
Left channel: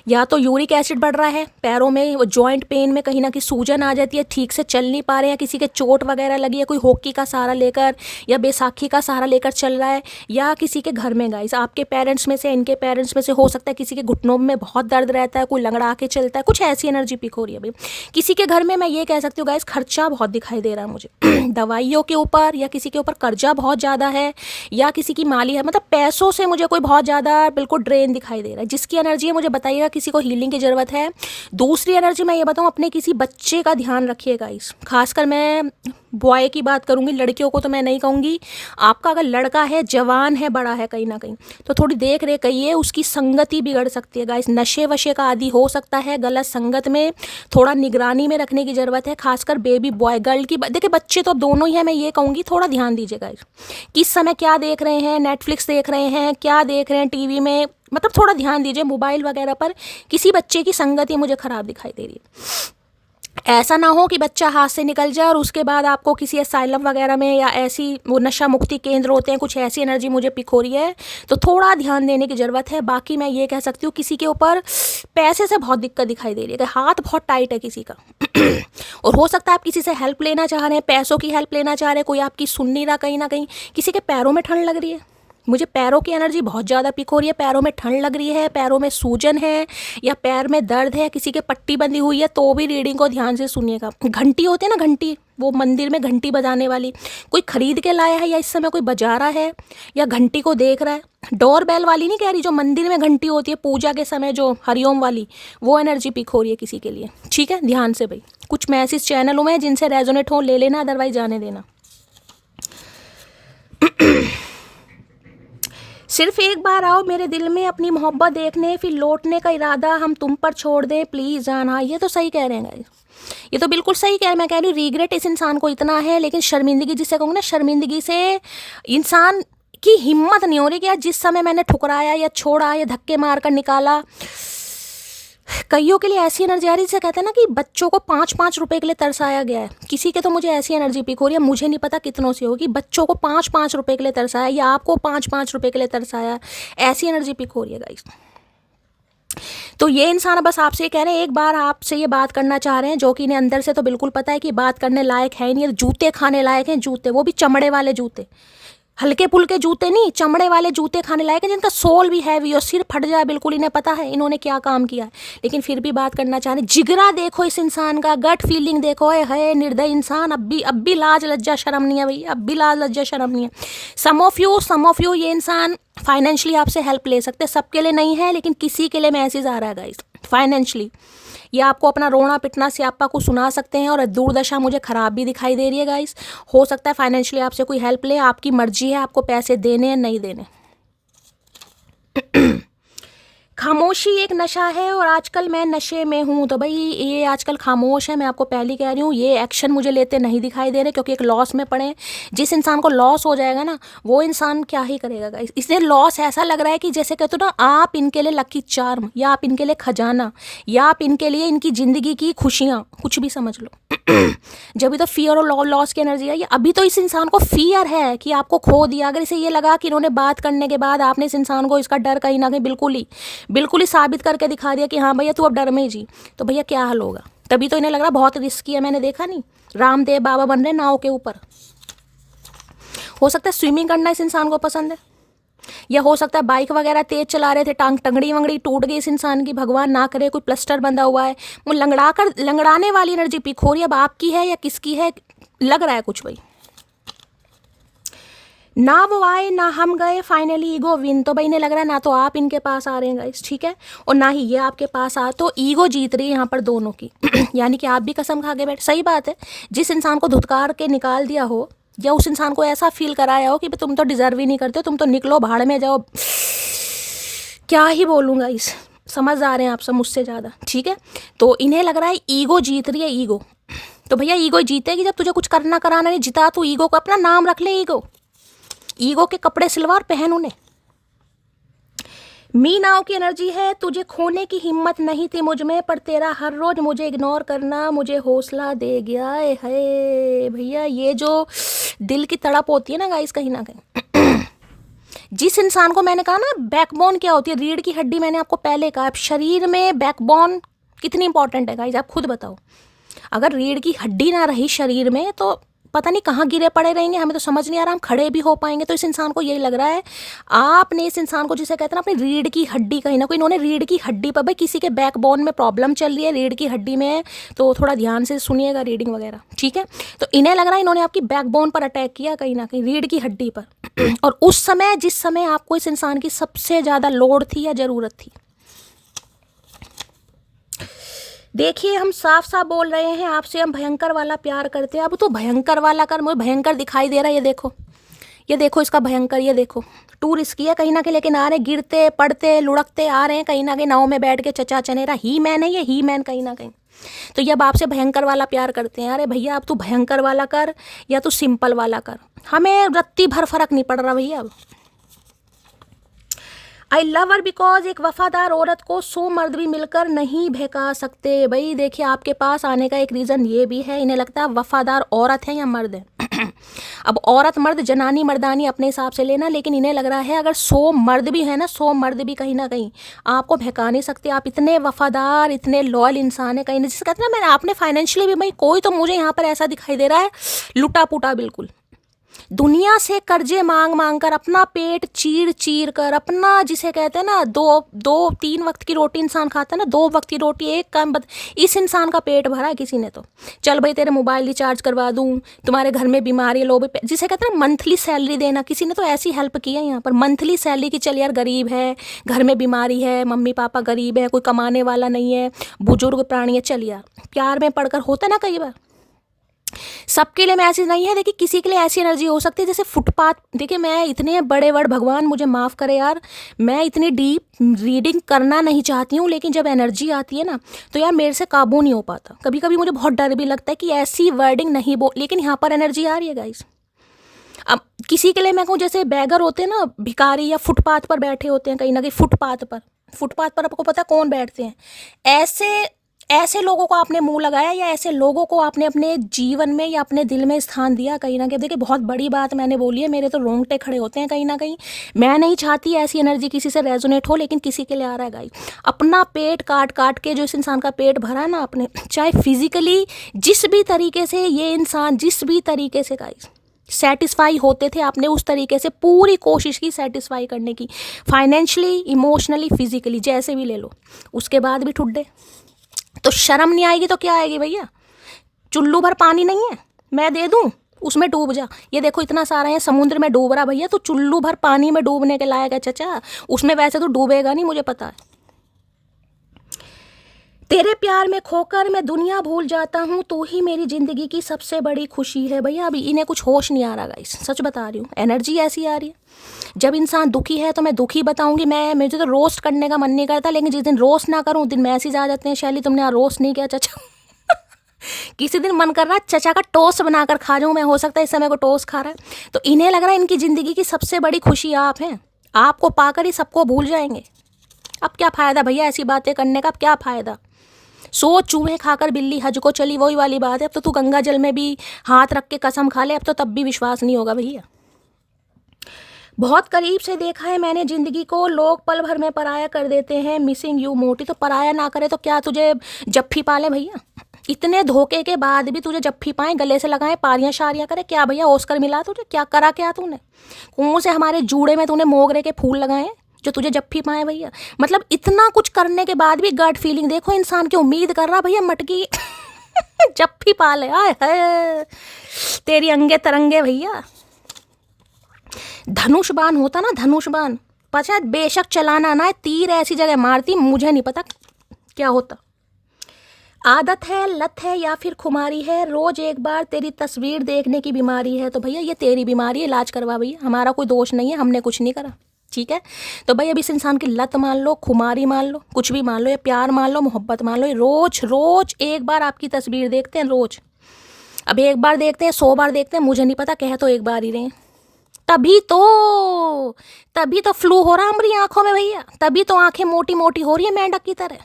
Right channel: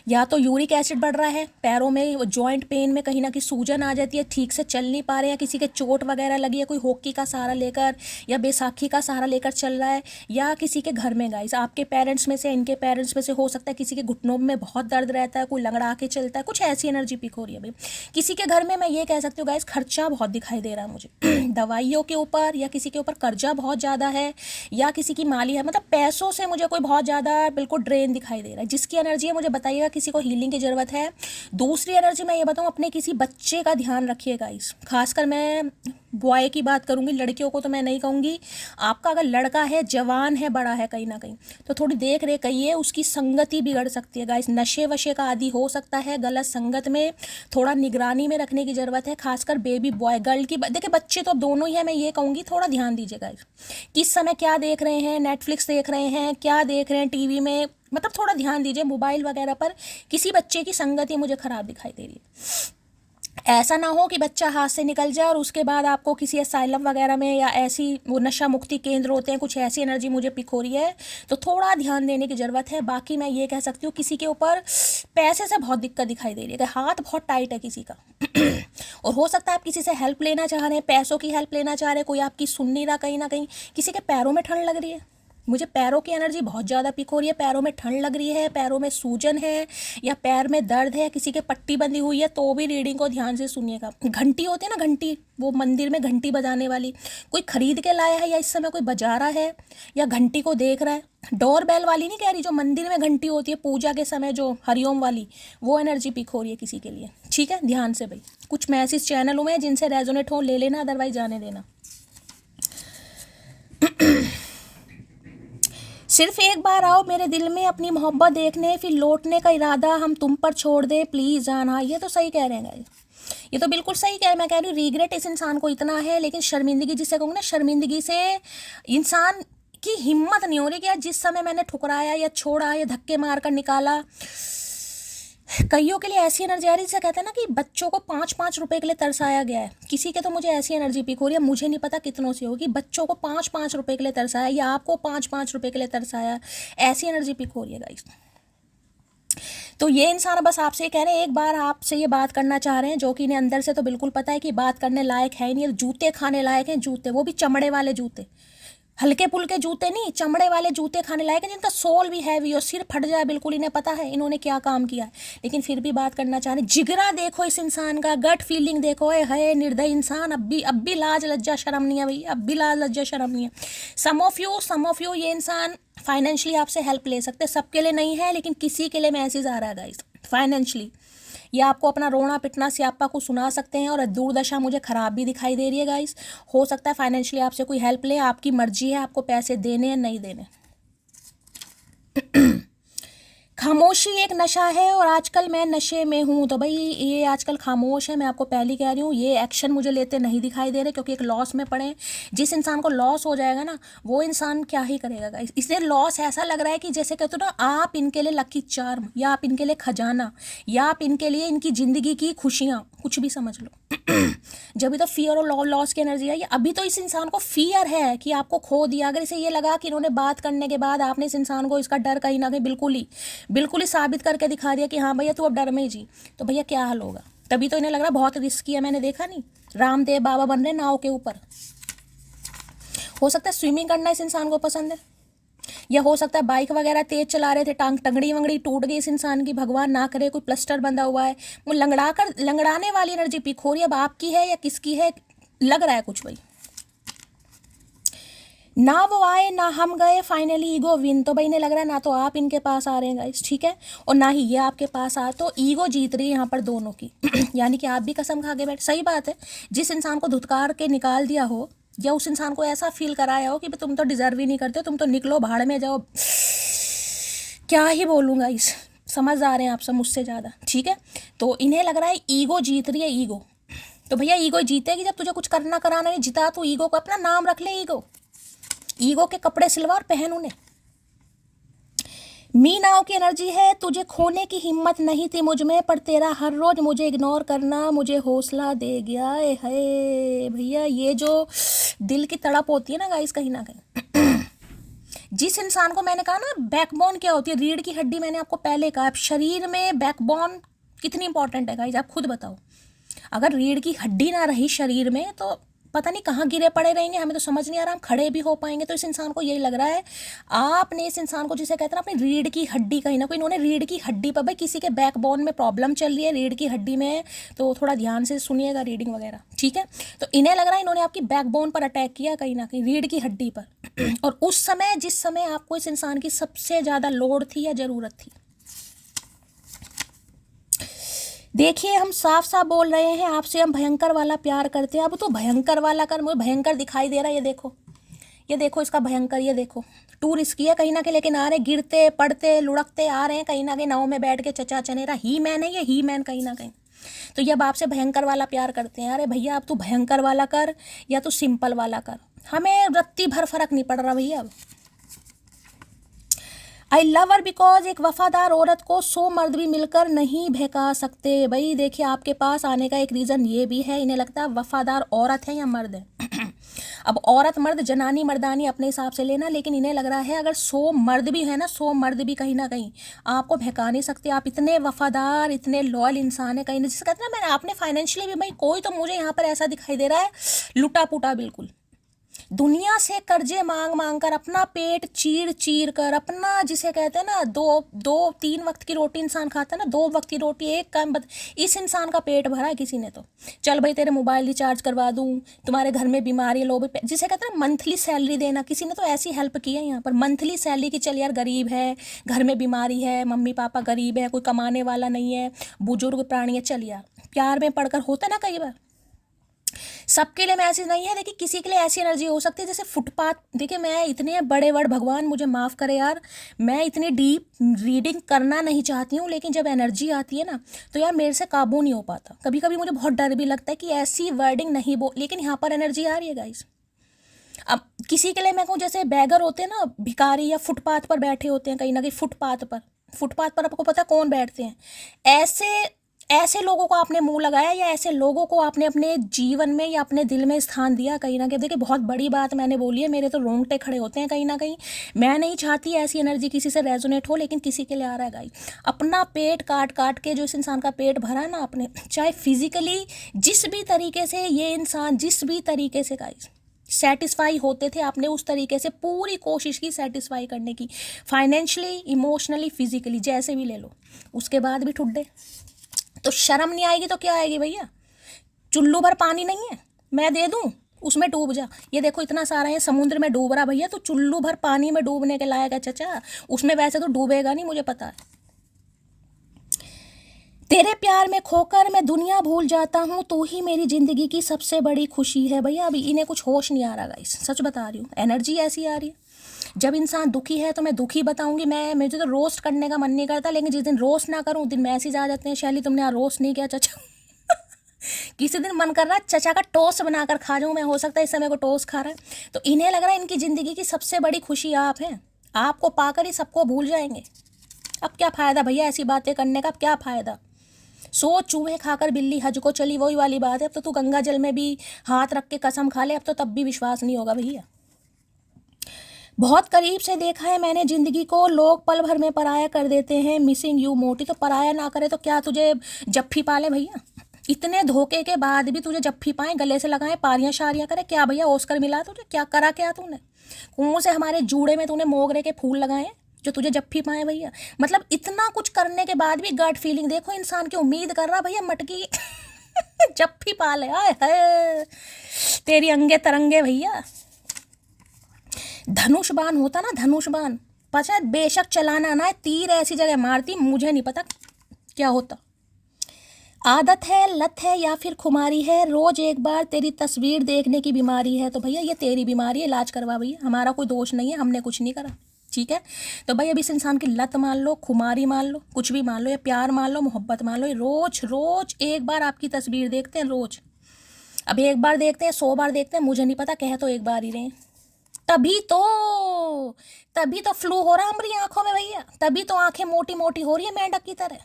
या तो यूरिक एसिड बढ़ रहा है पैरों में, वो जॉइंट पेन में कहीं ना कहीं सूजन आ जाती है, ठीक से चल नहीं पा रहे हैं, किसी के चोट वगैरह लगी है, कोई हॉकी का सहारा लेकर या बैसाखी का सहारा लेकर चल रहा है, या किसी के घर में गाइस आपके पेरेंट्स में से, इनके पेरेंट्स में से हो सकता है किसी के घुटनों में बहुत दर्द रहता है, कोई लंगड़ा के चलता है, कुछ ऐसी एनर्जी पिक हो रही है भाई किसी के घर में। मैं ये कह सकती हूँ गाइस खर्चा बहुत दिखाई दे रहा है मुझे दवाइयों के ऊपर, या किसी के ऊपर कर्जा बहुत ज़्यादा है, या किसी की माली है, मतलब पैसों से मुझे कोई बहुत ज़्यादा बिल्कुल ड्रेन दिखाई दे रहा है। जिसकी एनर्जी है मुझे बताइएगा, किसी को हीलिंग की ज़रूरत है। दूसरी एनर्जी मैं ये बताऊँ, अपने किसी बच्चे का ध्यान रखिएगा इस, खासकर मैं बॉय की बात करूँगी, लड़कियों को तो मैं नहीं कहूँगी। आपका अगर लड़का है, जवान है, बड़ा है कहीं ना कहीं, तो थोड़ी देख रेख करिए, उसकी संगति बिगड़ सकती है गाइस, नशे वशे का आदी हो सकता है, गलत संगत में थोड़ा निगरानी में रखने की ज़रूरत है, खासकर बेबी बॉय गर्ल की। देखिए बच्चे तो दोनों ही है, मैं ये कहूँगी थोड़ा ध्यान दीजिएगा किस समय क्या देख रहे हैं, नेटफ्लिक्स देख रहे हैं, क्या देख रहे हैं टीवी में, मतलब थोड़ा ध्यान दीजिए मोबाइल वगैरह पर। किसी बच्चे की संगति मुझे ख़राब दिखाई दे रही है। ऐसा ना हो कि बच्चा हाथ से निकल जाए और उसके बाद आपको किसी असाइलम वगैरह में, या ऐसी वो नशा मुक्ति केंद्र होते हैं, कुछ ऐसी एनर्जी मुझे पिक हो रही है, तो थोड़ा ध्यान देने की ज़रूरत है। बाकी मैं ये कह सकती हूँ किसी के ऊपर पैसे से बहुत दिक्कत दिखाई दे रही है, हाथ बहुत टाइट है किसी का। और हो सकता है आप किसी से हेल्प लेना चाह रहे हैं, पैसों की हेल्प लेना चाह रहे हैं, कोई आपकी सुन नहीं रहा कहीं ना कहीं। किसी के पैरों में ठंड लग रही है, मुझे पैरों की एनर्जी बहुत ज़्यादा पिक हो रही है, पैरों में ठंड लग रही है, पैरों में सूजन है, या पैर में दर्द है, किसी के पट्टी बंधी हुई है, तो भी रीडिंग को ध्यान से सुनिएगा। घंटी होती है ना, घंटी, वो मंदिर में घंटी बजाने वाली, कोई खरीद के लाया है, या इस समय कोई बजा रहा है, या घंटी को देख रहा है। डोर बेल वाली नहीं कह रही, जो मंदिर में घंटी होती है पूजा के समय, जो हरिओम वाली, वो एनर्जी पिक हो रही है किसी के लिए। ठीक है, ध्यान से भाई। कुछ मैसेज चैनलों में जिनसे रेजोनेट हो ले लेना, अदरवाइज जाने देना। सिर्फ एक बार आओ मेरे दिल में अपनी मोहब्बत देखने, फिर लौटने का इरादा हम तुम पर छोड़ दे प्लीज़ जाना। ये तो सही कह रहे हैं गाइस, ये तो बिल्कुल सही कह रहे हैं। मैं कह रही हूँ रिग्रेट इस इंसान को इतना है, लेकिन शर्मिंदगी जिसे कहूँगी ना, शर्मिंदगी से इंसान की हिम्मत नहीं हो रही कि यार जिस समय मैंने ठुकराया या छोड़ा या धक्के मार कर निकाला। कईयों के लिए ऐसी एनर्जी आ रही है जिसे कहते हैं ना कि बच्चों को 5-5 रुपए के लिए तरसाया गया है। किसी के तो मुझे ऐसी एनर्जी पिक हो रही है, मुझे नहीं पता कितनों से होगी, बच्चों को 5-5 रुपए के लिए तरसाया, या आपको 5-5 रुपए के लिए तरसाया, ऐसी एनर्जी पिक हो रही है गाइस। तो ये इंसान बस आपसे कह रहे हैं, एक बार आपसे ये बात करना चाह रहे हैं, जो कि इन्हें अंदर से तो बिल्कुल पता है कि बात करने लायक है ही नहीं, जूते खाने लायक हैं, जूते, वो भी चमड़े वाले जूते, हल्के पुल्के जूते नहीं, चमड़े वाले जूते खाने लायक हैं, जिनका सोल भी हैवी और सिर फट जाए बिल्कुल। इन्हें पता है इन्होंने क्या काम किया है, लेकिन फिर भी बात करना चाह रहे हैं। जिगरा देखो इस इंसान का, गट फीलिंग देखो, है निर्दय इंसान। अब भी लाज लज्जा शर्म नहीं है भाई, अब भी लाज लज्जा शर्म नहीं है। सम ऑफ यू ये इंसान फाइनेंशियली आपसे हेल्प ले सकते हैं, सबके लिए नहीं है, लेकिन किसी के लिए मैसेज आ रहा है गाइस फाइनेंशियली। ये आपको अपना रोना पिटना स्यापा को सुना सकते हैं, और दुर्दशा मुझे ख़राब भी दिखाई दे रही है गाइस। हो सकता है फाइनेंशियली आपसे कोई हेल्प ले, आपकी मर्जी है आपको पैसे देने या नहीं देने। खामोशी एक नशा है और आजकल मैं नशे में हूँ। तो भाई ये आजकल खामोश है, मैं आपको पहले कह रही हूँ। ये एक्शन मुझे लेते नहीं दिखाई दे रहे, क्योंकि एक लॉस में पड़े। जिस इंसान को लॉस हो जाएगा ना, वो इंसान क्या ही करेगा गाइस। इसलिए लॉस ऐसा लग रहा है कि जैसे कहते हो ना, आप इनके लिए लकी चार्म, या आप इनके लिए खजाना, या आप इनके लिए इनकी ज़िंदगी की खुशियाँ, कुछ भी समझ लो। जब भी तो फियर और लॉस की एनर्जी है। ये अभी तो इस इंसान को फियर है कि आपको खो दिया। अगर इसे ये लगा कि इन्होंने बात करने के बाद आपने इस इंसान को इसका डर कहीं ना कहीं बिल्कुल ही साबित करके दिखा दिया कि हाँ भैया तू अब डर में ही जी, तो भैया क्या हाल होगा। तभी तो इन्हें लग रहा बहुत रिस्की है। मैंने देखा नहीं, रामदेव बाबा बन रहे नाव के ऊपर। हो सकता है स्विमिंग करना इस इंसान को पसंद है, या हो सकता है बाइक वगैरह तेज चला रहे थे, टंगड़ी वंगड़ी टूट गई इस इंसान की, भगवान ना करे, कोई प्लास्टर बंधा हुआ है, वो लंगड़ाने वाली एनर्जी पिक हो रही है। अब आपकी है या किसकी है, लग रहा है कुछ भाई। ना वो आए ना हम गए, फाइनली ईगो विन। तो भाई इन्हें लग रहा है ना तो आप इनके पास आ रहे हैं गाइस, ठीक है, और ना ही ये आपके पास आ, तो ईगो जीत रही है यहाँ पर दोनों की। यानी कि आप भी कसम खा के बैठ। सही बात है, जिस इंसान को धुतकार के निकाल दिया हो, या उस इंसान को ऐसा फील कराया हो कि तुम तो डिजर्व ही नहीं करते, तुम तो निकलो भाड़ में जाओ, क्या ही बोलूँगा इस, समझ आ रहे हैं आप सब मुझसे ज़्यादा, ठीक है। तो इन्हें लग रहा है ईगो जीत रही है, ईगो। तो भैया ईगो जीतेगी जब तुझे कुछ करना कराना नहीं, जिता तू ईगो को, अपना नाम रख ले ईगो। ईगो के कपड़े सिलवा और पहन उन्हें। मी नाव की एनर्जी है, तुझे खोने की हिम्मत नहीं थी मुझ में, पर तेरा हर रोज मुझे इग्नोर करना मुझे हौसला दे गया है। भैया ये जो दिल की तड़प होती है ना गाइस, कहीं ना कहीं जिस इंसान को, मैंने कहा ना बैकबोन क्या होती है, रीढ़ की हड्डी, मैंने आपको पहले कहा शरीर में बैकबोन कितनी इंपॉर्टेंट है गाइस, आप खुद बताओ। अगर रीढ़ की हड्डी ना रही शरीर में तो पता नहीं कहाँ गिरे पड़े रहेंगे, हमें तो समझ नहीं आ रहा हम खड़े भी हो पाएंगे। तो इस इंसान को यही लग रहा है, आपने इस इंसान को, जिसे कहते हैं ना अपनी रीढ़ की हड्डी, कहीं ना कहीं इन्होंने रीढ़ की हड्डी पर, भाई किसी के बैकबोन में प्रॉब्लम चल रही है, रीढ़ की हड्डी में है, तो थोड़ा ध्यान से सुनिएगा रीडिंग वगैरह, ठीक है। तो इन्हें लग रहा है इन्होंने आपकी बैकबोन पर अटैक किया, कहीं ना कहीं रीढ़ की हड्डी पर और उस समय, जिस समय आपको इस इंसान की सबसे ज़्यादा लोड़ थी या ज़रूरत थी। देखिए हम साफ साफ बोल रहे हैं आपसे, हम भयंकर वाला प्यार करते हैं। अब तो भयंकर वाला कर, मुझे भयंकर दिखाई दे रहा है, ये देखो इसका भयंकर, ये देखो टू रिस्की है कहीं ना कहीं, लेकिन आ रहे गिरते पड़ते लुढ़कते आ रहे हैं कहीं ना कहीं, नाव में बैठ के चचा चनेरा, ही मैन है ये, ही मैन कहीं ना कहीं। तो ये अब आपसे भयंकर वाला प्यार करते हैं। अरे भैया अब तू भयंकर वाला कर या तू सिंपल वाला कर, हमें रत्ती भर फर्क नहीं पड़ रहा भैया अब। आई लव हर बिकॉज एक वफादार औरत को 100 मर्द भी मिलकर नहीं बहका सकते। भाई देखिए आपके पास आने का एक रीज़न ये भी है, इन्हें लगता है वफादार औरत है या मर्द है अब औरत मर्द जनानी मर्दानी अपने हिसाब से लेना, लेकिन इन्हें लग रहा है अगर 100 मर्द भी है ना, 100 मर्द भी कहीं ना कहीं आपको बहका नहीं सकते। आप इतने वफादार इतने लॉयल इंसान है, कहीं ना, जिसे कहते हैं ना, मैंने आपने फाइनेंशियली भी, भाई कोई तो मुझे यहाँ पर ऐसा दिखाई दे रहा है लुटा पुटा बिल्कुल, दुनिया से कर्जे मांग मांग कर अपना पेट चीर चीर कर, अपना जिसे कहते हैं ना, दो तीन वक्त की रोटी इंसान खाता है ना, 2 वक्त की रोटी एक काम इस इंसान का पेट भरा है किसी ने तो, चल भाई तेरे मोबाइल रिचार्ज करवा दूं, तुम्हारे घर में बीमारी लो, जिसे कहते हैं मंथली सैलरी देना, किसी ने तो ऐसी हेल्प की है यहाँ पर, मंथली सैलरी की, चल यार गरीब है, घर में बीमारी है, मम्मी पापा गरीब है, कोई कमाने वाला नहीं है, बुजुर्ग प्राणी है, चल यार प्यार में पड़कर होता ना कई बार। सबके लिए मैं ऐसी नहीं है, देखिए किसी के लिए ऐसी एनर्जी हो सकती है जैसे फुटपाथ। देखिए मैं इतने बड़े वर्ड, भगवान मुझे माफ़ करे यार, मैं इतनी डीप रीडिंग करना नहीं चाहती हूँ, लेकिन जब एनर्जी आती है ना तो यार मेरे से काबू नहीं हो पाता। कभी कभी मुझे बहुत डर भी लगता है कि ऐसी वर्डिंग नहीं लेकिन यहाँ पर एनर्जी आ रही है गाइस। अब किसी के लिए मैं कहूँ, जैसे बैगर होते हैं ना, भिखारी या फुटपाथ पर बैठे होते हैं कहीं ना कहीं, फुटपाथ पर आपको पता कौन बैठते हैं, ऐसे ऐसे लोगों को आपने मुंह लगाया, या ऐसे लोगों को आपने अपने जीवन में या अपने दिल में स्थान दिया कहीं ना कहीं। देखिए बहुत बड़ी बात मैंने बोली है, मेरे तो रोंगटे खड़े होते हैं कहीं ना कहीं। मैं नहीं चाहती ऐसी एनर्जी किसी से रेजोनेट हो, लेकिन किसी के लिए आ रहा है गाइस। अपना पेट काट काट के जो इस इंसान का पेट भरा है ना आपने, चाहे फिजिकली जिस भी तरीके से ये इंसान, जिस भी तरीके से गाइस सेटिस्फाई होते थे, आपने उस तरीके से पूरी कोशिश की सेटिस्फाई करने की, फाइनेंशियली इमोशनली फिजिकली जैसे भी ले लो, उसके बाद भी ठुड्डे। तो शर्म नहीं आएगी तो क्या आएगी भैया, चुल्लू भर पानी नहीं है मैं दे दूं, उसमें डूब जा। ये देखो इतना सारा है समुद्र में डूब रहा भैया, तो चुल्लू भर पानी में डूबने के लायक है चचा, उसमें वैसे तो डूबेगा नहीं, मुझे पता है। तेरे प्यार में खोकर मैं दुनिया भूल जाता हूँ, तू ही मेरी जिंदगी की सबसे बड़ी खुशी है। भैया अभी इन्हें कुछ होश नहीं आ रहा गाइस, सच बता रही हूँ, एनर्जी ऐसी आ रही है। जब इंसान दुखी है तो मैं दुखी बताऊंगी, मुझे तो रोस्ट करने का मन नहीं करता, लेकिन जिस दिन रोस्ट ना करूँ उस दिन मैसेज आ जाते हैं, शैली तुमने यहाँ रोस्ट नहीं किया चचा किसी दिन मन कर रहा है चचा का टोस्ट बनाकर खा जाऊँ मैं, हो सकता है इस समय को टोस्ट खा रहा है। तो इन्हें लग रहा है इनकी ज़िंदगी की सबसे बड़ी खुशी आप हैं, आपको पाकर ही सबको भूल जाएंगे। अब क्या फ़ायदा भैया ऐसी बातें करने का, अब क्या फ़ायदा। सो चूहे खाकर बिल्ली हज को चली, वही वाली बात है। अब तो तू गंगा जल में भी हाथ रख के कसम खा ले, अब तो तब भी विश्वास नहीं होगा भैया। बहुत करीब से देखा है मैंने जिंदगी को, लोग पल भर में पराया कर देते हैं, मिसिंग यू मोटी। तो पराया ना करे तो क्या तुझे जफ्फी पाले भैया, इतने धोखे के बाद भी तुझे जफ्फी पाए, गले से लगाए, पारियां शारियां करे, क्या भैया ऑस्कर मिला तुझे, क्या करा क्या तूने, कौन से हमारे जूड़े में तूने मोगरे के फूल लगाए जो तुझे जफ्फी पाए भैया। मतलब इतना कुछ करने के बाद भी गट फीलिंग देखो, इंसान की उम्मीद कर रहा भैया मटकी जफ्फी पाले, आए है तेरी अंगे तरंगे भैया। धनुष बाण होता ना, धनुष बाण पता, बेशक चलाना ना है, तीर ऐसी जगह मारती, मुझे नहीं पता क्या होता। आदत है, लत है या फिर खुमारी है, रोज एक बार तेरी तस्वीर देखने की बीमारी है। तो भैया ये तेरी बीमारी है, इलाज करवा भैया, हमारा कोई दोष नहीं है, हमने कुछ नहीं करा, ठीक है। तो भाई अब इस इंसान की लत मान लो, खुमारी मान लो, कुछ भी मान लो, या प्यार मान लो, मोहब्बत मान लो, रोज रोज एक बार आपकी तस्वीर देखते हैं रोज। अब एक बार देखते हैं, 100 बार देखते हैं, मुझे नहीं पता, कह तो एक बार ही रहे हैं। तभी तो फ्लू हो रहा है हमारी आंखों में भैया, तभी तो आंखें मोटी मोटी हो रही है मेंढक की तरह।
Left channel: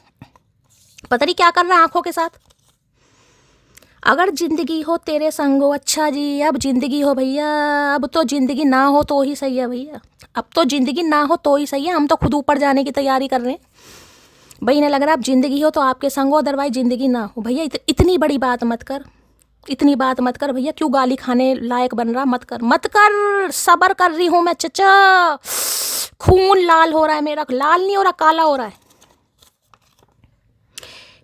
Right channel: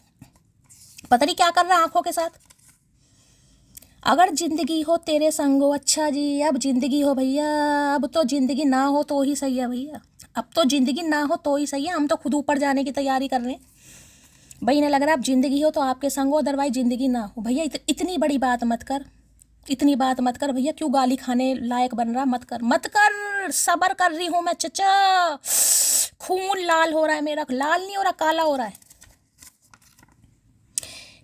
पता नहीं क्या कर रहा है आंखों के साथ। अगर जिंदगी हो तेरे संग हो, अच्छा जी, अब जिंदगी हो भैया, अब तो जिंदगी ना हो तो ही सही है भैया, अब तो जिंदगी ना हो तो ही सही है। हम तो खुद ऊपर जाने की तैयारी कर रहे हैं भाई। इन्हें लग रहा है अब जिंदगी हो तो आपके संग हो, अदरवाइज जिंदगी ना हो भैया। इतनी बड़ी बात मत कर, इतनी बात मत कर भैया। क्यों गाली खाने लायक बन रहा? मत कर, मत कर, सबर कर रही हूँ मैं चचा। खून लाल हो रहा है मेरा, लाल नहीं हो रहा, काला हो रहा है।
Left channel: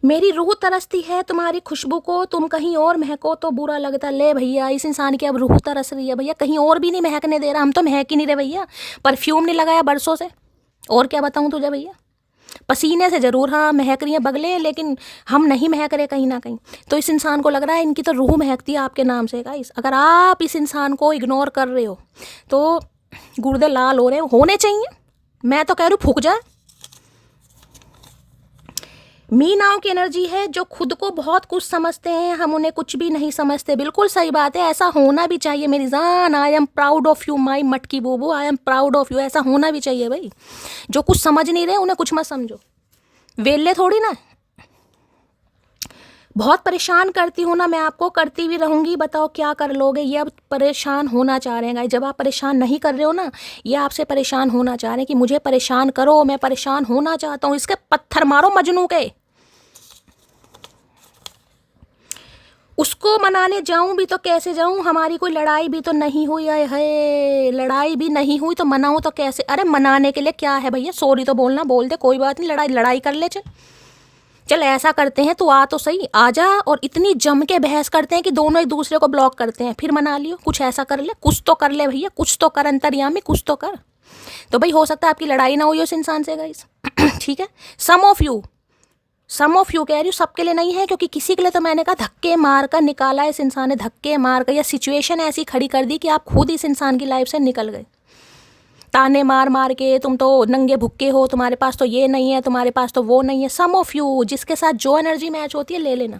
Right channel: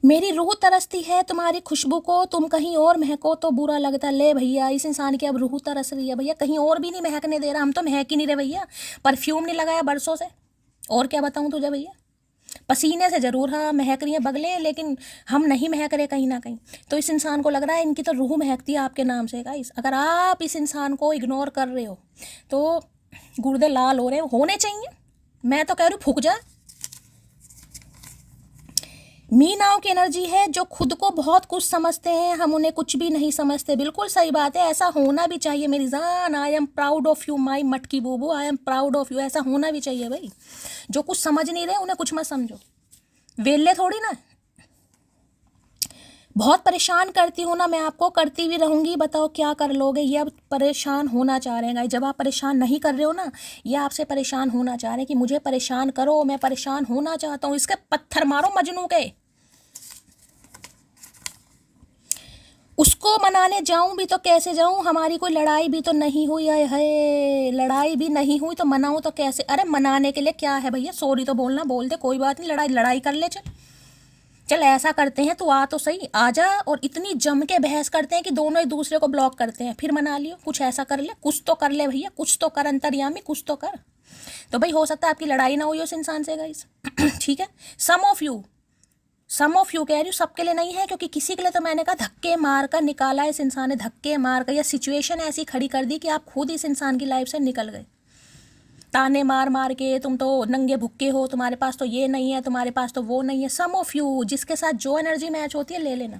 मेरी रूह तरसती है तुम्हारी खुशबू को, तुम कहीं और महको तो बुरा लगता। ले भैया, इस इंसान की अब रूह तरस रही है भैया, कहीं और भी नहीं महकने दे रहा। हम तो महक ही नहीं रहे भैया, परफ्यूम नहीं लगाया बरसों से। और क्या बताऊँ तुझे भैया, पसीने से ज़रूर हाँ महक रही हैं बगलें, लेकिन हम नहीं महक रहे कहीं ना कहीं। तो इस इंसान को लग रहा है इनकी तो रूह महकती है आपके नाम से। गाइस, अगर आप इस इंसान को इग्नोर कर रहे हो तो गुर्दे लाल हो रहे होने चाहिए। मैं तो कह रही हूँ फूक जाए। मीनाओं की एनर्जी है जो खुद को बहुत कुछ समझते हैं, हम उन्हें कुछ भी नहीं समझते। बिल्कुल सही बात है, ऐसा होना भी चाहिए मेरी जान। I am proud of you my मटकी बूबू, I am proud of you. ऐसा होना भी चाहिए भाई। जो कुछ समझ नहीं रहे उन्हें कुछ मत समझो, वेले थोड़ी ना। बहुत परेशान करती हूँ ना मैं आपको, करती भी रहूँगी, बताओ क्या कर लोगे। ये अब परेशान होना चाह रहे हैं गाइस। जब आप परेशान नहीं कर रहे हो ना, ये आपसे परेशान होना चाह रहे हैं कि मुझे परेशान करो, मैं परेशान होना चाहता हूँ। इसके पत्थर मारो मजनू के। उसको मनाने जाऊं भी तो कैसे जाऊं, हमारी कोई लड़ाई भी तो नहीं हुई है। लड़ाई भी नहीं हुई तो मनाऊं तो कैसे? अरे मनाने के लिए क्या है भैया, सॉरी तो बोलना, बोल दे, कोई बात नहीं, लड़ाई कर ले। चल ऐसा करते हैं, तू आ तो सही, आ जा। और इतनी जम के बहस करते हैं कि दोनों एक दूसरे को ब्लॉक करते हैं, फिर मना लियो। कुछ ऐसा कर ले, कुछ तो कर ले भैया, कुछ तो कर अंतर्यामी, कुछ तो कर। तो भाई हो सकता है आपकी लड़ाई ना हुई उस इंसान से गाइस। ठीक है, सम ऑफ यू कह रही हूँ, सबके लिए नहीं है, क्योंकि किसी के लिए तो मैंने कहा धक्के मार कर निकाला इस इंसान ने, धक्के मार कर, या सिचुएशन ऐसी खड़ी कर दी कि आप खुद इस इंसान की लाइफ से निकल गए। ताने मार मार के तुम तो नंगे भुक्के हो, तुम्हारे पास तो ये नहीं है, तुम्हारे पास तो वो नहीं है। सम ऑफ यू, जिसके साथ जो एनर्जी मैच होती है ले लेना।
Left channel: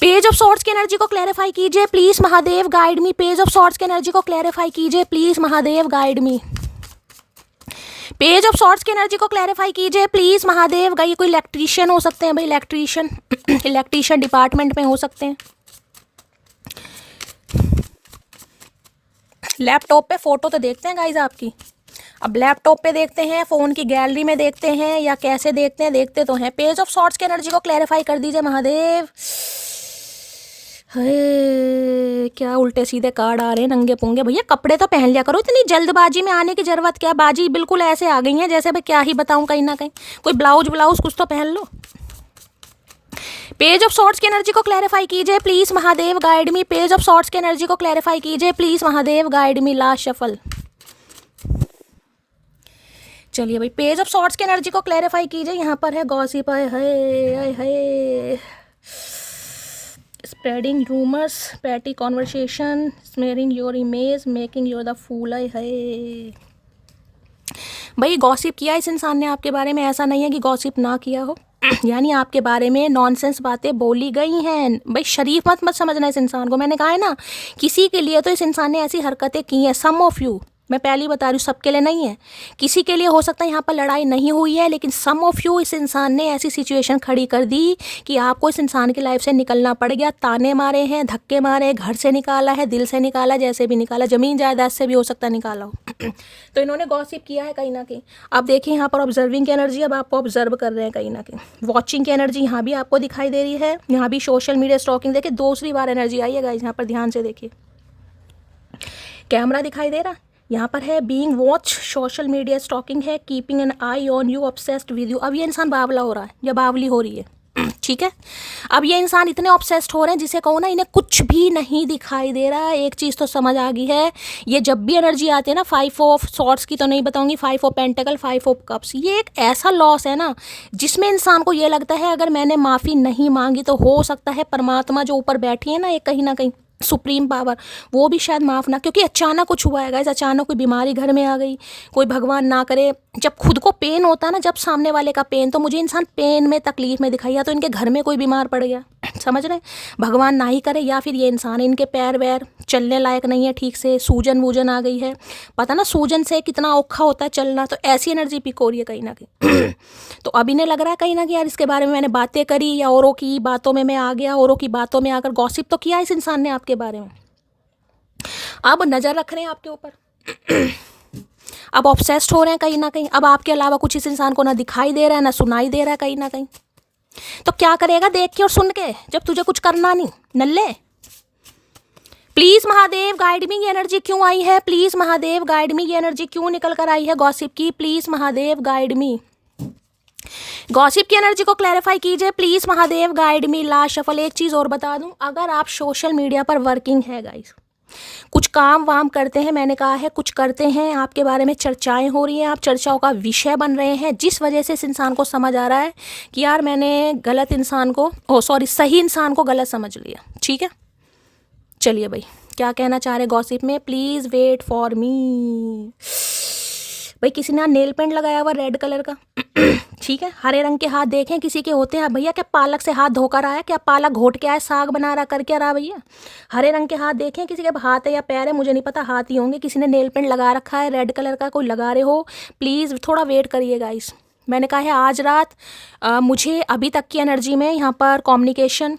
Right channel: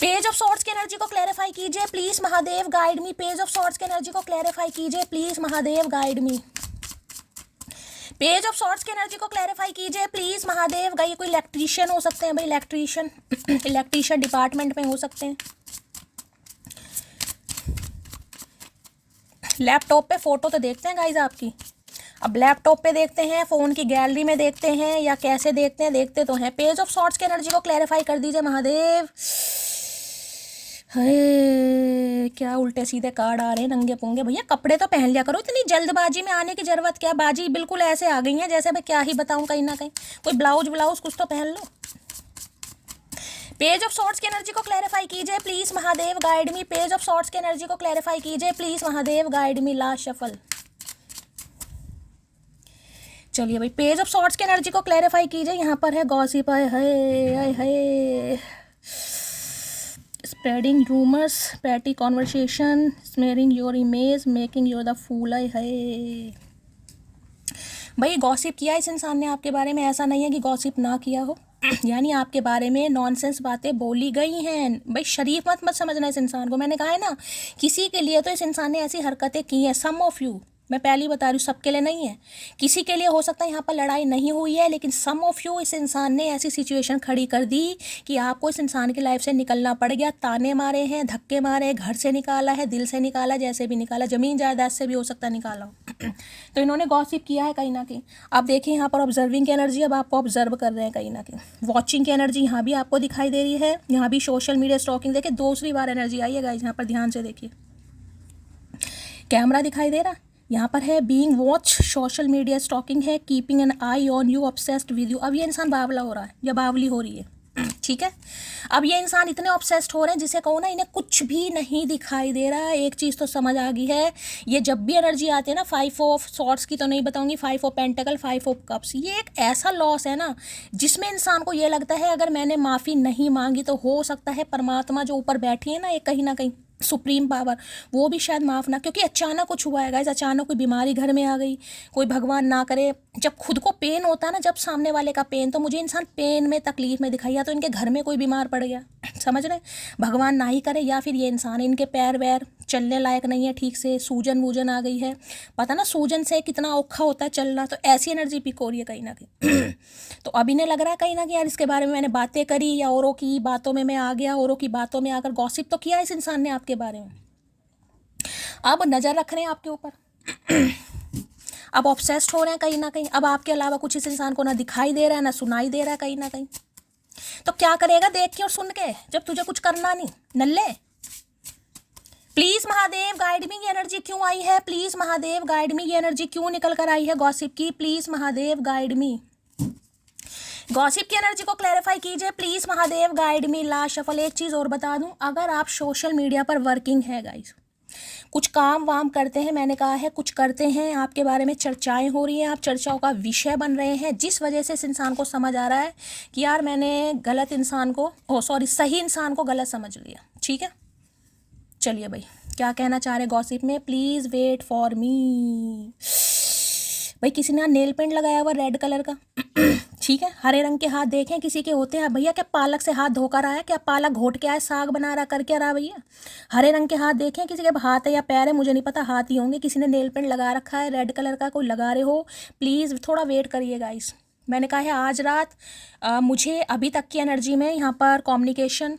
पेज ऑफ सॉर्ड्स की एनर्जी को क्लैरिफाई कीजिए please Mahadev, guide me. Page of swords की एनर्जी को क्लैरिफाई कीजिए please Mahadev, guide me. Page of swords की एनर्जी को क्लैरिफाई कीजिए प्लीज महादेव। गई कोई इलेक्ट्रीशियन हो सकते हैं भाई, इलेक्ट्रीशियन डिपार्टमेंट में हो सकते हैं। लैपटॉप पे फोटो तो देखते हैं गाइज आपकी, अब लैपटॉप पे देखते हैं, फ़ोन की गैलरी में देखते हैं, या कैसे देखते हैं, देखते तो हैं। पेज ऑफ सॉर्ड्स की एनर्जी को क्लैरिफाई कर दीजिए महादेव। हे क्या उल्टे सीधे कार्ड आ रहे हैं, नंगे पुंगे। भैया कपड़े तो पहन लिया करो, इतनी जल्दबाजी में आने की जरूरत क्या? बाजी बिल्कुल ऐसे आ गई है जैसे मैं क्या ही बताऊं, कहीं ना कहीं कोई ब्लाउज कुछ तो पहन लो। पेज ऑफ सॉर्ड्स की एनर्जी को क्लैरिफाई कीजिए please Mahadev, guide me. Page of swords की एनर्जी को क्लैरिफाई कीजिए please Mahadev, guide me. Last shuffle. चलिए भाई, पेज ऑफ सॉर्ड्स की एनर्जी को क्लैरिफाई कीजिए। यहाँ पर है गॉसिप, है spreading rumours, petty conversation, smearing your image, making your the fool. है भाई गॉसिप किया इस इंसान ने आपके बारे में, ऐसा नहीं है कि गॉसिप ना किया हो। यानी आपके बारे में नॉनसेंस बातें बोली गई हैं भाई। शरीफ मत समझना इस इंसान को, मैंने कहा है ना, किसी के लिए तो इस इंसान ने ऐसी हरकतें की हैं। सम ऑफ यू, मैं पहले बता रही हूँ, सबके लिए नहीं है। किसी के लिए हो सकता है यहाँ पर लड़ाई नहीं हुई है, लेकिन सम ऑफ यू, इस इंसान ने ऐसी सिचुएशन खड़ी कर दी कि आपको इस इंसान की लाइफ से निकलना पड़ गया। ताने मारे हैं, धक्के मारे, घर से निकाला है, दिल से निकाला, जैसे भी निकाला, ज़मीन जायदाद से भी हो सकता है निकाला हो। तो इन्होंने गॉसिप किया है कहीं ना कहीं। अब देखिए यहाँ पर ऑब्जर्विंग की एनर्जी, अब आपको ऑब्जर्व कर रहे हैं कहीं ना कहीं। वॉचिंग की एनर्जी यहाँ भी आपको दिखाई दे रही है, यहाँ भी सोशल मीडिया स्टॉकिंग। देखिए दूसरी बार एनर्जी आई है गाइस, यहाँ पर ध्यान से देखिए, कैमरा दिखाई दे रहा, यहाँ पर है being watch, social media stalking है, keeping an eye on you, obsessed with you. अब ये इंसान बावला हो रहा है या बावली हो रही है। ठीक है, अब ये इंसान इतने ऑब्सेस्ड हो रहे हैं, जिसे कहो ना इन्हें कुछ भी नहीं दिखाई दे रहा है। एक चीज़ तो समझ आ गई है, ये जब भी एनर्जी आती है ना, 5 ऑफ सॉर्ड्स की तो नहीं बताऊंगी, 5 ऑफ पेंटिकल, 5 ऑफ कप्स, ये एक ऐसा लॉस है ना जिसमें इंसान को ये लगता है अगर मैंने माफ़ी नहीं मांगी तो हो सकता है परमात्मा जो ऊपर बैठी है ना, एक कहीं ना कहीं सुप्रीम पावर, वो भी शायद माफ़ ना, क्योंकि अचानक कुछ हुआ है गाइस, अचानक कोई बीमारी घर में आ गई, कोई भगवान ना करे, जब खुद को पेन होता ना, जब सामने वाले का पेन, तो मुझे इंसान पेन में तकलीफ में दिखाई, या तो इनके घर में कोई बीमार पड़ गया, समझ रहे, भगवान ना ही करे, या फिर ये इंसान, इनके पैर वैर चलने लायक नहीं है ठीक से, सूजन वूजन आ गई है, पता ना सूजन से कितना औखा होता है चलना, तो ऐसी एनर्जी पिक हो रही है कहीं ना कहीं। तो अब इन्हें लग रहा है कहीं ना कहीं यार इसके बारे में मैंने बातें करी, या औरों की बातों में मैं आ गया, औरों की बातों में आकर गॉसिप तो किया इस इंसान ने आपके बारे में, अब नज़र रख रहे हैं आपके ऊपर, अब ऑब्सेस्ड हो रहे हैं कहीं ना कहीं, अब आपके अलावा कुछ इस इंसान को ना दिखाई दे रहा है ना सुनाई दे रहा है कहीं ना कहीं। तो क्या करेगा देख के और सुन के, जब तुझे कुछ करना नहीं नल्ले। प्लीज महादेव गाइड मी, ये एनर्जी क्यों आई है, प्लीज महादेव गाइड मी, ये एनर्जी क्यों निकल कर आई है गॉसिप की, please Mahadev guide me, gossip की एनर्जी को क्लैरिफाई कीजिए please Mahadev guide me. Last shuffle. एक चीज़ और बता दूं, अगर आप सोशल मीडिया पर वर्किंग है गाइस, कुछ काम वाम करते हैं, मैंने कहा है कुछ करते हैं, आपके बारे में चर्चाएं हो रही हैं, आप चर्चाओं का विषय बन रहे हैं, जिस वजह से इस इंसान को समझ आ रहा है कि यार मैंने गलत इंसान को, सही इंसान को गलत समझ लिया, ठीक है। चलिए भाई क्या कहना चाह रहे गॉसिप में, प्लीज़ वेट फॉर मी। भाई किसी ने नेल पेंट लगाया हुआ रेड कलर का, ठीक है, हरे रंग के हाथ देखें किसी के होते हैं भैया, क्या पालक से हाथ धोकर आया, क्या पालक घोट के आया, साग बना रहा, कर क्या रहा भैया, हरे रंग के हाथ देखें किसी के, हाथ है या पैर है मुझे नहीं पता, हाथ ही होंगे, किसी ने नेल पेंट लगा रखा है रेड कलर का, कोई लगा रहे हो प्लीज़ थोड़ा वेट करिए गाइस। मैंने कहा है आज रात मुझे अभी तक की एनर्जी में यहाँ पर कम्युनिकेशन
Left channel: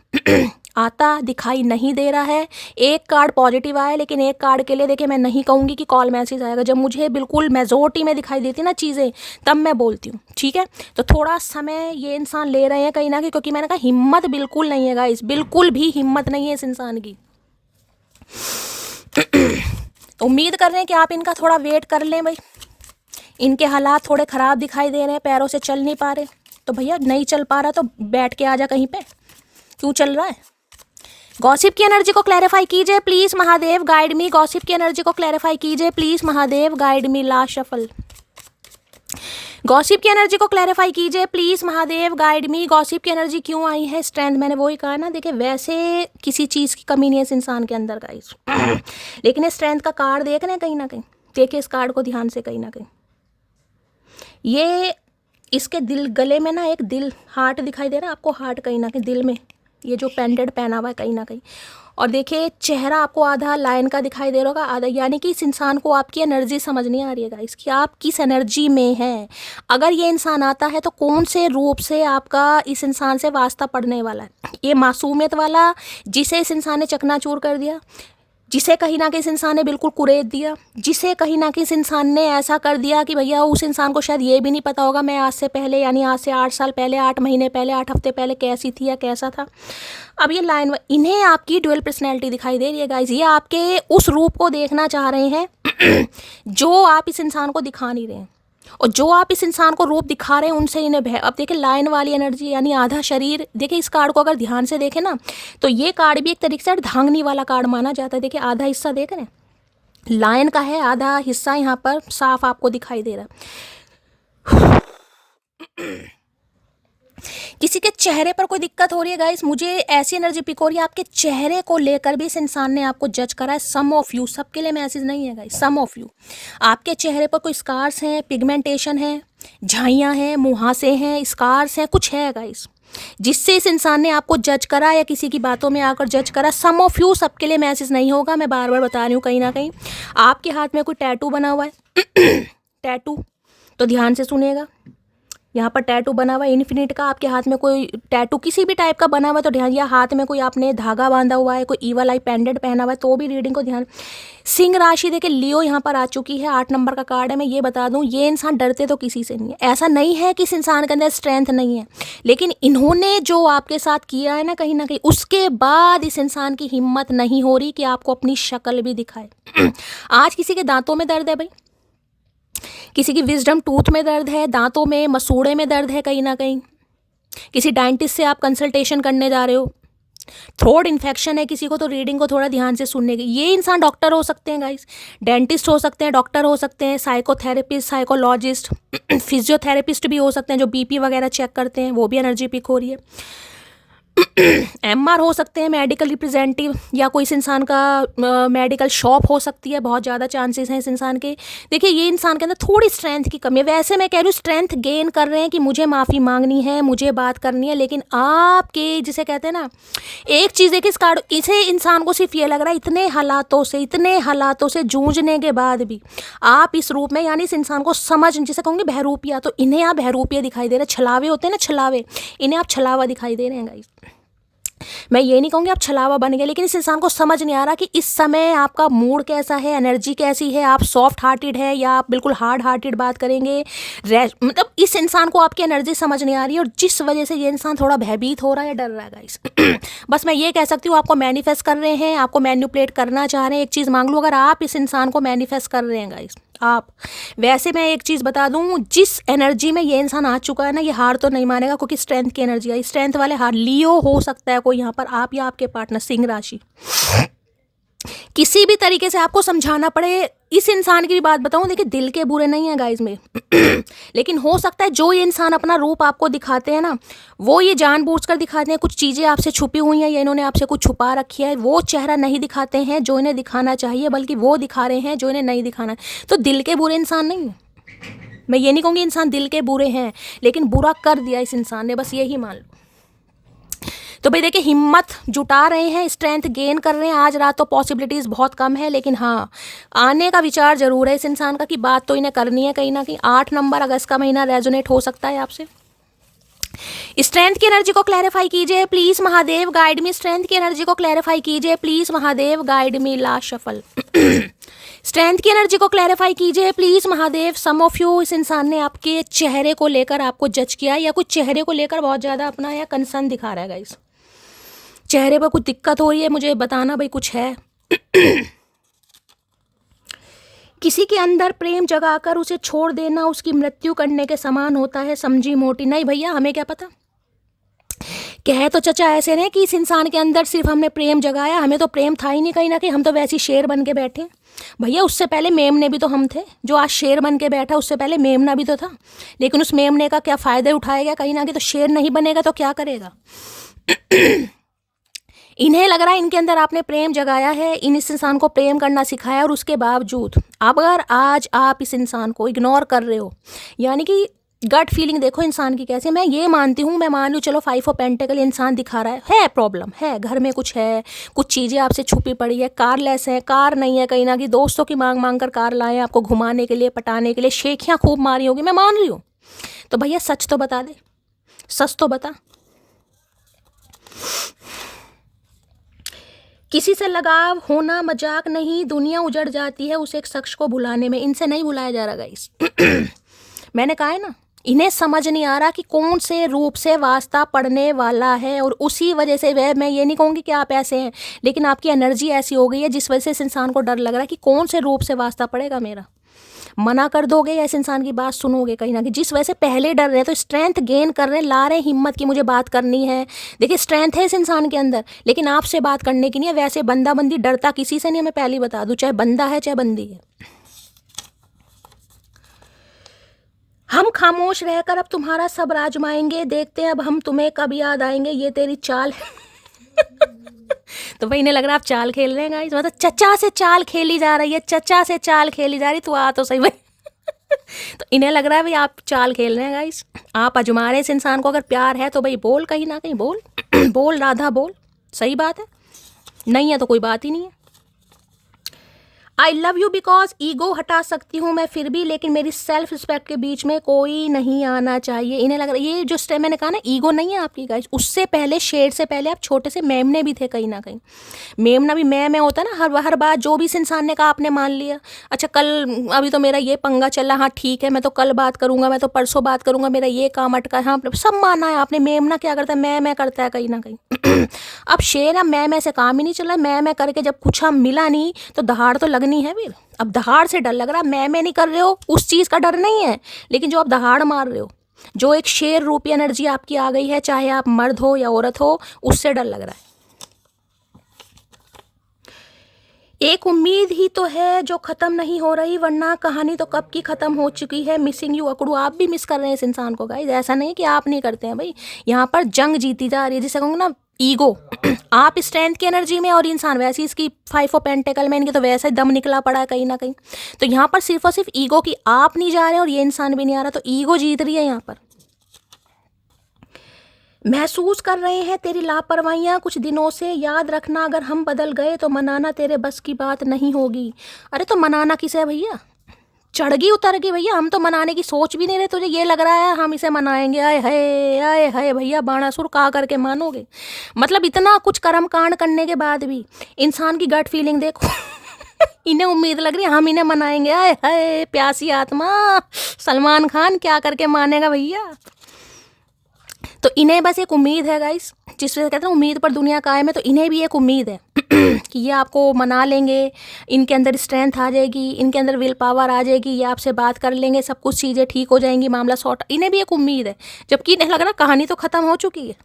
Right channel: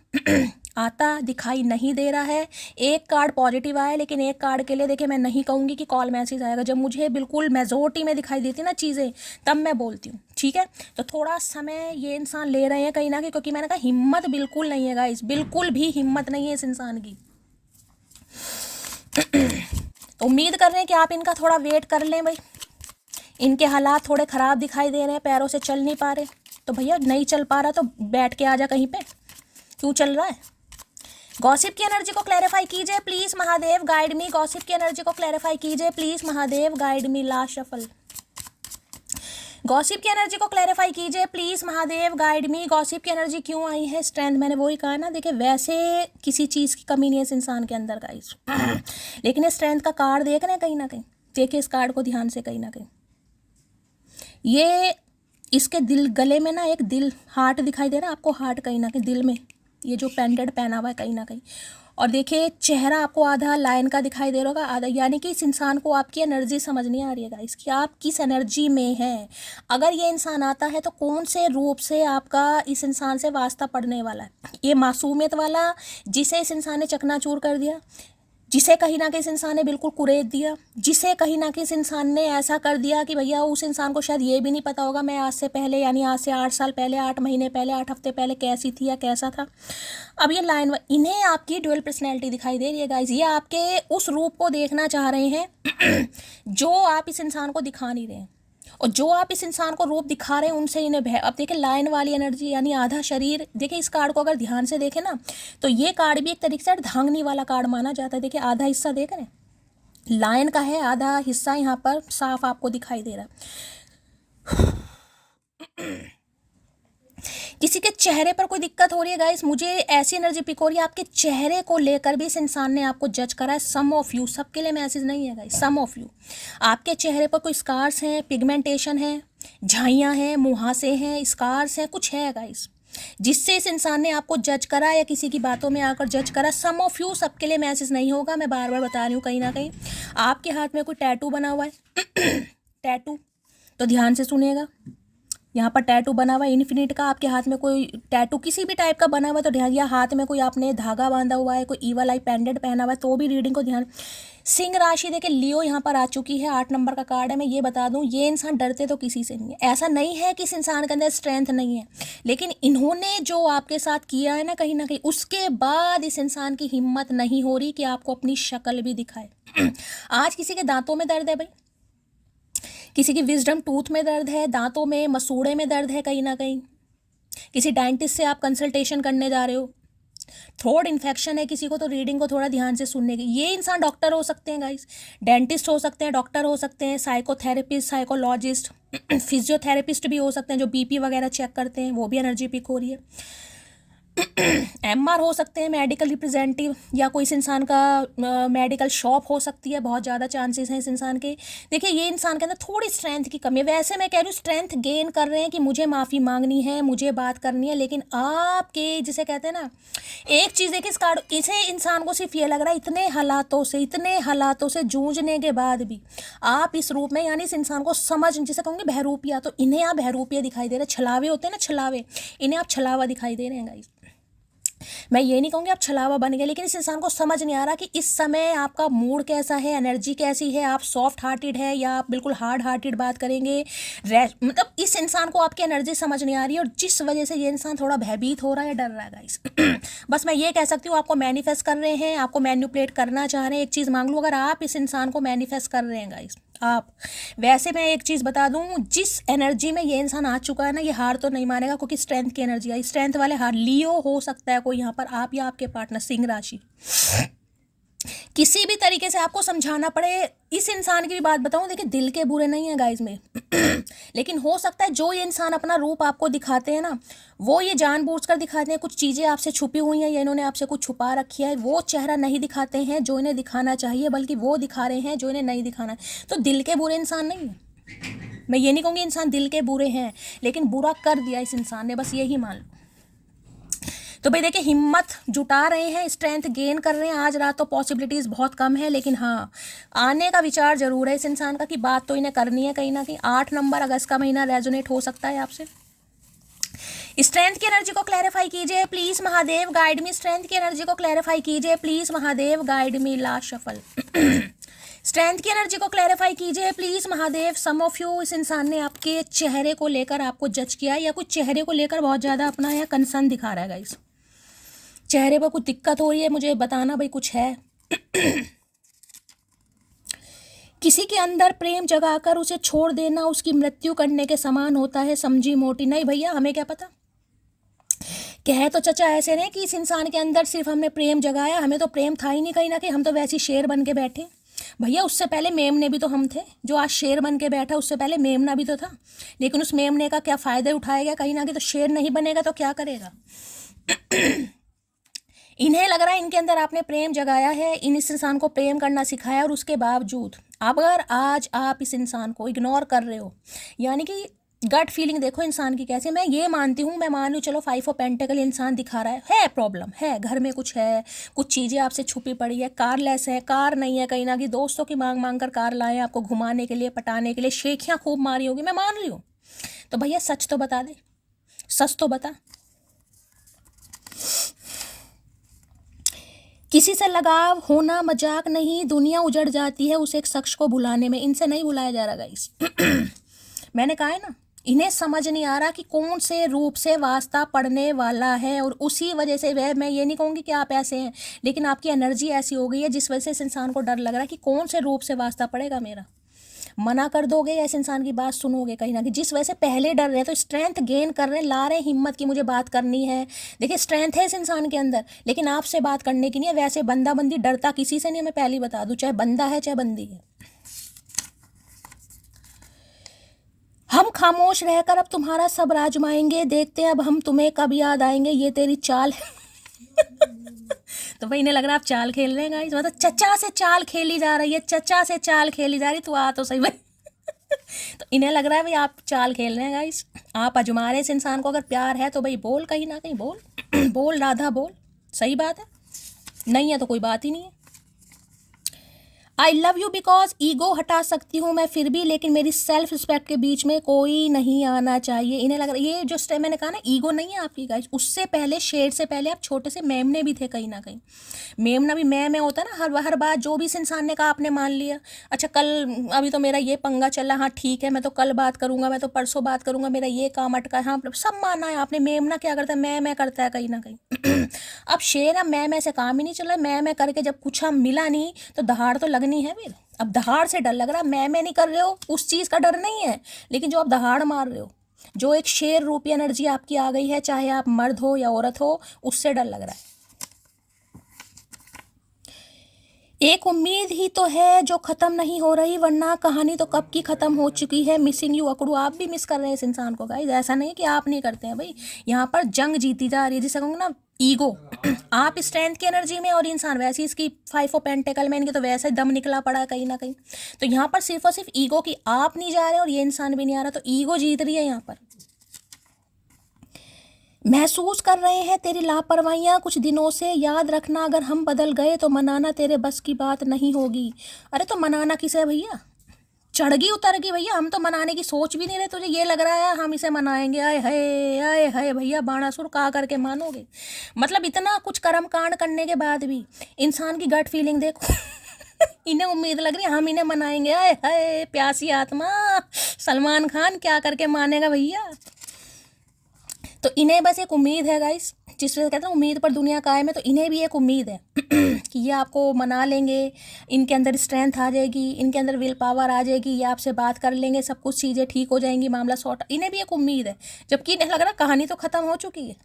आता दिखाई नहीं दे रहा है। एक कार्ड पॉजिटिव आया, लेकिन एक कार्ड के लिए देखिए मैं नहीं कहूँगी कि कॉल मैसेज आएगा, जब मुझे बिल्कुल मेजोरिटी में दिखाई देती ना चीज़ें तब मैं बोलती हूँ, ठीक है। तो थोड़ा समय ये इंसान ले रहे हैं कहीं ना कहीं, क्योंकि मैंने कहा हिम्मत बिल्कुल नहीं है गाइस, बिल्कुल भी हिम्मत नहीं है इस इंसान की। उम्मीद कर रहे हैं कि आप इनका थोड़ा वेट कर लें भाई, इनके हालात थोड़े ख़राब दिखाई दे रहे हैं, पैरों से चल नहीं पा रहे, तो भैया नहीं चल पा रहा तो बैठ के आ जा कहीं पे, क्यों चल रहा है। गॉसिप की एनर्जी को क्लैरिफाई कीजिए please Mahadev guide me, gossip की एनर्जी को क्लैरिफाई कीजिए please Mahadev guide me. Last shuffle. Gossip की एनर्जी को क्लैरिफाई कीजिए please Mahadev guide me, gossip की एनर्जी क्यों आई है, स्ट्रेंथ, मैंने वही कहा ना, देखिए वैसे किसी चीज़ की कमी नहीं है इस इंसान के अंदर गाइस, लेकिन ये स्ट्रेंथ का कार्ड देख रहे हैं कहीं ना कहीं, देखिए इस कार्ड को ध्यान से कहीं ना कहीं, ये इसके दिल गले में ना एक दिल हार्ट दिखाई दे रहा है आपको, हार्ट कहीं ना कहीं दिल में, ये जो पेंडेंट पहना हुआ है कहीं ना कहीं, और देखिए चेहरा आपको आधा लायन का दिखाई दे रहा होगा, आधा, यानी कि इस इंसान को आपकी एनर्जी समझ नहीं आ रही है गाइस कि आप किस एनर्जी में हैं। अगर ये इंसान आता है तो कौन से रूप से आपका इस इंसान से वास्ता पड़ने वाला है, ये मासूमियत वाला जिसे इस इंसान ने चकनाचूर कर दिया, जिसे कहीं ना कहीं इस इंसान ने बिल्कुल कुरेद दिया, जिसे कहीं ना कहीं इस इंसान ने ऐसा कर दिया कि भैया उस इंसान को शायद ये भी नहीं पता होगा मैं आज से पहले, यानी आज से 8 साल पहले, 8 महीने पहले, 8 हफ्ते पहले कैसी थी या कैसा था। अब ये लाइन, इन्हें आपकी ड्यूअल पर्सनैलिटी दिखाई दे रही है गाइज, ये आपके उस रूप को देखना चाह रहे हैं जो आप इस इंसान को दिखा नहीं रहे हैं, और जो आप इस इंसान को रूप दिखा रहे हैं उनसे इन्हें भय। अब देखिए लाइन वाली एनर्जी यानी आधा शरीर, देखिए इस कार्ड को अगर ध्यान से देखें ना तो ये कार्ड भी एक तरीके से धांगनी वाला कार्ड माना जाता है। देखिए आधा हिस्सा देख रहे हैं लाइन का है, आधा हिस्सा यहाँ पर साफ आपको दिखाई दे रहा है। किसी के चेहरे पर कोई दिक्कत हो रही है गाइस, मुझे ऐसी एनर्जी पिक हो रही है आपके चेहरे को लेकर भी इस इंसान ने आपको जज करा है। सम ऑफ यू, सबके लिए मैसेज नहीं है गाइस, सम ऑफ यू, आपके चेहरे पर कोई स्कार्स हैं, पिगमेंटेशन है, झाइयाँ हैं, मुहासे हैं, स्कार्स हैं, कुछ है गाइस जिससे इस इंसान ने आपको जज करा या किसी की बातों में आकर जज करा। सम ऑफ यू, सबके लिए मैसेज नहीं होगा, मैं बार बार बता रही हूँ। कहीं ना कहीं आपके हाथ में कोई टैटू बना हुआ है टैटू, तो ध्यान से सुनिएगा, यहाँ पर टैटू बना हुआ है इन्फिनिट का, आपके हाथ में कोई टैटू किसी भी टाइप का बना हुआ है तो ध्यान, या हाथ में कोई आपने धागा बांधा हुआ है, कोई ईवल आई पेंडेंट पहना हुआ है तो भी रीडिंग को ध्यान। सिंह राशि देखिए लियो यहाँ पर आ चुकी है, 8 नंबर का कार्ड है। मैं ये बता दूँ ये इंसान डरते तो किसी से नहीं है, ऐसा नहीं है कि इस इंसान के अंदर स्ट्रेंथ नहीं है, लेकिन इन्होंने जो आपके साथ किया है ना कहीं उसके बाद इस इंसान की हिम्मत नहीं हो रही कि आपको अपनी शक्ल भी दिखाए। आज किसी के दांतों में दर्द है भाई, किसी की विजडम टूथ में दर्द है, दांतों में मसूड़े में दर्द है, कहीं ना कहीं किसी डेंटिस्ट से आप कंसल्टेशन करने जा रहे हो, थ्रोट इन्फेक्शन है किसी को, तो रीडिंग को थोड़ा ध्यान से सुनने की। ये इंसान डॉक्टर हो सकते हैं गाइस, डेंटिस्ट हो सकते हैं, डॉक्टर हो सकते हैं, साइकोथेरेपिस्ट, साइकोलॉजिस्ट, फिजियोथेरेपिस्ट भी हो सकते हैं जो बीपी वगैरह चेक करते हैं, वो भी एनर्जी पिक हो रही है। एमआर हो सकते हैं, मेडिकल रिप्रेजेंटेटिव, या कोई इस इंसान का मेडिकल शॉप हो सकती है, बहुत ज़्यादा चांसेस हैं इस इंसान के। देखिए ये इंसान के अंदर थोड़ी स्ट्रेंथ की कमी है। वैसे मैं कह रही हूँ स्ट्रेंथ गेन कर रहे हैं कि मुझे माफ़ी मांगनी है, मुझे बात करनी है, लेकिन आपके जिसे कहते हैं ना, एक चीज़ है कि इस कार्ड इसे इंसान को सिर्फ ये लग रहा है इतने हालातों से जूझने के बाद भी आप इस रूप में, यानी इस इंसान को समझ, जिसे कहूँगी बहरूपिया, तो इन्हें आप बहरूपिया दिखाई दे रहे हैं। छलावे होते हैं ना, छलावे, इन्हें आप छलावा दिखाई दे रहे हैं गाइस। मैं ये नहीं कहूँगी आप छलावा बन गए, लेकिन इस इंसान को समझ नहीं आ रहा कि इस समय आपका मूड कैसा है, एनर्जी कैसी है, आप सॉफ्ट हार्टेड है या आप बिल्कुल हार्ड हार्टेड बात करेंगे। मतलब इस इंसान को आपकी एनर्जी समझ नहीं आ रही है, और जिस वजह से ये इंसान थोड़ा भयभीत हो रहा है, डर रहा है गाइस। बस मैं ये कह सकती हूँ, आपको मैनिफेस्ट कर रहे हैं, आपको मैनिपुलेट करना चाह रहे हैं। एक चीज़ मांग लो, अगर आप इस इंसान को मैनिफेस्ट कर रहे हैं गाइस, आप, वैसे मैं एक चीज़ बता दूं, जिस एनर्जी में ये इंसान आ चुका है ना, ये हार तो नहीं मानेगा, क्योंकि स्ट्रेंथ की एनर्जी आई। स्ट्रेंथ वाले हार, लियो हो सकता है कोई यहाँ पर, आप या आपके पार्टनर, सिंह राशि, किसी भी तरीके से आपको समझाना पड़े। इस इंसान की भी बात बताऊं, देखिए दिल के बुरे नहीं हैं गाइज में, लेकिन हो सकता है जो ये इंसान अपना रूप आपको दिखाते हैं ना, वो ये जानबूझकर दिखाते हैं, कुछ चीज़ें आपसे छुपी हुई हैं, या इन्होंने आपसे कुछ छुपा रखी है। वो चेहरा नहीं दिखाते हैं जो इन्हें दिखाना चाहिए, बल्कि वो दिखा रहे हैं जो इन्हें नहीं दिखाना। तो दिल के बुरे इंसान नहीं है, मैं ये नहीं कहूँगी इंसान दिल के बुरे हैं, लेकिन बुरा कर दिया इस इंसान ने, बस यही मान लो। तो भाई देखिए, हिम्मत जुटा रहे हैं, स्ट्रेंथ गेन कर रहे हैं। आज रात तो पॉसिबिलिटीज़ बहुत कम है, लेकिन हाँ, आने का विचार जरूर है इस इंसान का कि बात तो इन्हें करनी है कहीं ना कहीं। 8 नंबर अगस्त का महीना रेजोनेट हो सकता है आपसे। स्ट्रेंथ की एनर्जी को क्लैरिफाई कीजिए please Mahadev, guide me. Strength की एनर्जी को क्लैरिफाई कीजिए please Mahadev, guide me. Last shuffle. Strength की एनर्जी को क्लैरिफाई कीजिए please Mahadev. Some of you, इस इंसान ने आपके चेहरे को लेकर आपको जज किया, या कुछ चेहरे को लेकर बहुत ज़्यादा अपना या कंसर्न दिखा रहा है गाइस। चेहरे पर कुछ दिक्कत हो रही है, मुझे बताना भाई कुछ है। किसी के अंदर प्रेम जगाकर उसे छोड़ देना उसकी मृत्यु करने के समान होता है, समझी मोटी। नहीं भैया, हमें क्या पता, कहे तो चचा ऐसे रहे कि इस इंसान के अंदर सिर्फ हमने प्रेम जगाया, हमें तो प्रेम था ही नहीं कहीं ना कहीं, हम तो वैसे ही शेर बन के बैठे। भैया उससे पहले मेमने भी तो हम थे, जो आज शेर बन के बैठा, उससे पहले मेमना भी तो था। लेकिन उस मेमने का क्या फ़ायदा उठाया गया कहीं ना कहीं, तो शेर नहीं बनेगा तो क्या करेगा। इन्हें लग रहा है इनके अंदर आपने प्रेम जगाया है, इस इंसान को प्रेम करना सिखाया, और उसके बावजूद अगर आज आप इस इंसान को इग्नोर कर रहे हो, यानी कि गट फीलिंग देखो इंसान की कैसी है। मैं ये मानती हूँ, मैं मान लूँ चलो 5 ऑफ पेंटिकल इंसान दिखा रहा है प्रॉब्लम है, घर में कुछ है, कुछ चीज़ें आपसे छुपी पड़ी है, कारलेस है, कार नहीं है कहीं ना कहीं, दोस्तों की मांग मांग कर कार लाए आपको घुमाने के लिए, पटाने के लिए, शेखियाँ खूब मारी होगी, मैं मान रही हूँ। तो भैया सच तो बता दे, सच तो बता। किसी से लगाव होना मजाक नहीं, दुनिया उजड़ जाती है उस एक शख्स को भुलाने में। इनसे नहीं भुलाया जा रहा गाइस। मैंने कहा है ना, इन्हें समझ नहीं आ रहा कि कौन से रूप से वास्ता पड़ने वाला है, और उसी वजह से वह, मैं ये नहीं कहूँगी कि आप ऐसे हैं, लेकिन आपकी एनर्जी ऐसी हो गई है जिस वजह से इस इंसान को डर लग रहा है कि कौन से रूप से वास्ता पड़ेगा मेरा। मना कर दोगे या इस इंसान की बात सुनोगे कहीं ना कहीं, जिस वजह से पहले डर रहे, तो स्ट्रेंथ गेन कर रहे, ला रहे हिम्मत की मुझे बात करनी है। देखिए स्ट्रेंथ है इस इंसान के अंदर, लेकिन आपसे बात करने की नहीं है। वैसे बंदा बंदी डरता किसी से नहीं है, मैं पहले बता दूं, चाहे बंदा है चाहे बंदी है। हम खामोश रहकर अब तुम्हारा सब आजमाएंगे, देखते हैं अब हम तुम्हें कब याद आएंगे, ये तेरी चाल है। तो भाई इन्हें लग रहा है आप चाल खेल रहे हैं गाइस, मतलब चचा से चाल खेली जा रही है, चचा से चाल खेली जा रही, तू आ तो सही भाई। तो इन्हें लग रहा है भाई आप चाल खेल रहे हैं गाइस, आप आजमा रहे इस इंसान को। अगर प्यार है तो भाई बोल, कहीं ना कहीं बोल। बोल राधा बोल, सही बात है, नहीं है तो कोई बात ही नहीं है। I love you because ego हटा सकती हूँ मैं फिर भी, लेकिन मेरी सेल्फ रिस्पेक्ट के बीच में कोई नहीं आना चाहिए। इन्हें लग रहा है ये जो स्टेप मैंने कहा ना, ईगो नहीं है आपकी गाइस, उससे पहले, शेर से पहले आप छोटे से मेमने भी थे कहीं ना कहीं। मेमना भी मैं होता ना, हर बात जो भी इस इंसान ने कहा आपने मान लिया। अच्छा कल, अभी तो मेरा ये पंगा चल रहा, हाँ ठीक है, मैं तो कल बात करूंगा, मैं तो परसों बात करूंगा, मेरा ये काम अटका, हाँ सब माना है आपने। मेमना क्या करता है, मैं करता है कहीं ना कहीं। अब शेर, मैं से काम ही नहीं चला, मैं करके जब कुछ हम मिला नहीं तो दहाड़ तो लगनी है फिर। अब दहाड़ से डर लग रहा, मैं नहीं कर रहे हो, उस चीज़ का डर नहीं है, लेकिन जो आप दहाड़ मार रहे हो, जो एक शेर रूपी एनर्जी आपकी आ गई है, चाहे आप मर्द हो या औरत हो, उससे डर लग रहा है। एक उम्मीद ही तो है जो ख़त्म नहीं हो रही, वरना कहानी तो कब की ख़त्म हो चुकी है। मिसिंग यू अकड़ू। आप भी मिस कर रहे हैं इस इंसान को गाइस, ऐसा नहीं कि आप नहीं करते हैं भाई। यहाँ पर जंग जीती जा रही है, जिसे कहूँगा ना ईगो। आप स्ट्रेंथ की एनर्जी में और इंसान वैसे ही, इसकी 5 ऑफ पेंटिकल में इनके तो वैसे ही दम निकला पड़ा है कहीं ना कहीं। तो यहाँ पर सिर्फ और सिर्फ ईगो की, आप नहीं जा रहे और ये इंसान भी नहीं आ रहा, तो ईगो जीत रही है यहाँ पर। महसूस कर रहे हैं तेरी लापरवाहियाँ कुछ दिनों से, याद रखना अगर हम बदल गए तो मनाना तेरे बस की बात नहीं होगी। अरे तो मनाना किसे है भैया, चढ़ गई उतर गई भैया, हम तो मनाने की सोच भी नहीं रहे, तुझे ये लग रहा है हम इसे मनाएंगे। आए हाय भैया, बाणासुर का करके मानोगे। मतलब इतना कुछ कर्म कांड करने के बाद भी इंसान की गट फीलिंग देखो। इन्हें उम्मीद लग रही है हम इन्हें मनाएंगे। आए हाय प्यासी आत्मा, सलमान खान क्या करके मानेगा भैया। तो इन्हें बस एक उम्मीद है गाइस, जिससे कहते हैं उम्मीद पर दुनिया कायम है। तो इन्हें भी एक उम्मीद है कि ये आपको मना लेंगे, इनके अंदर स्ट्रेंथ आ जाएगी, इनके अंदर विल पावर आ जाएगी, ये आपसे बात कर लेंगे, सब कुछ चीज़ें ठीक हो जाएंगी, मामला सॉर्ट। इन्हें भी एक उम्मीद है, जबकि इन्हें लग रहा कहानी तो ख़त्म हो चुकी है।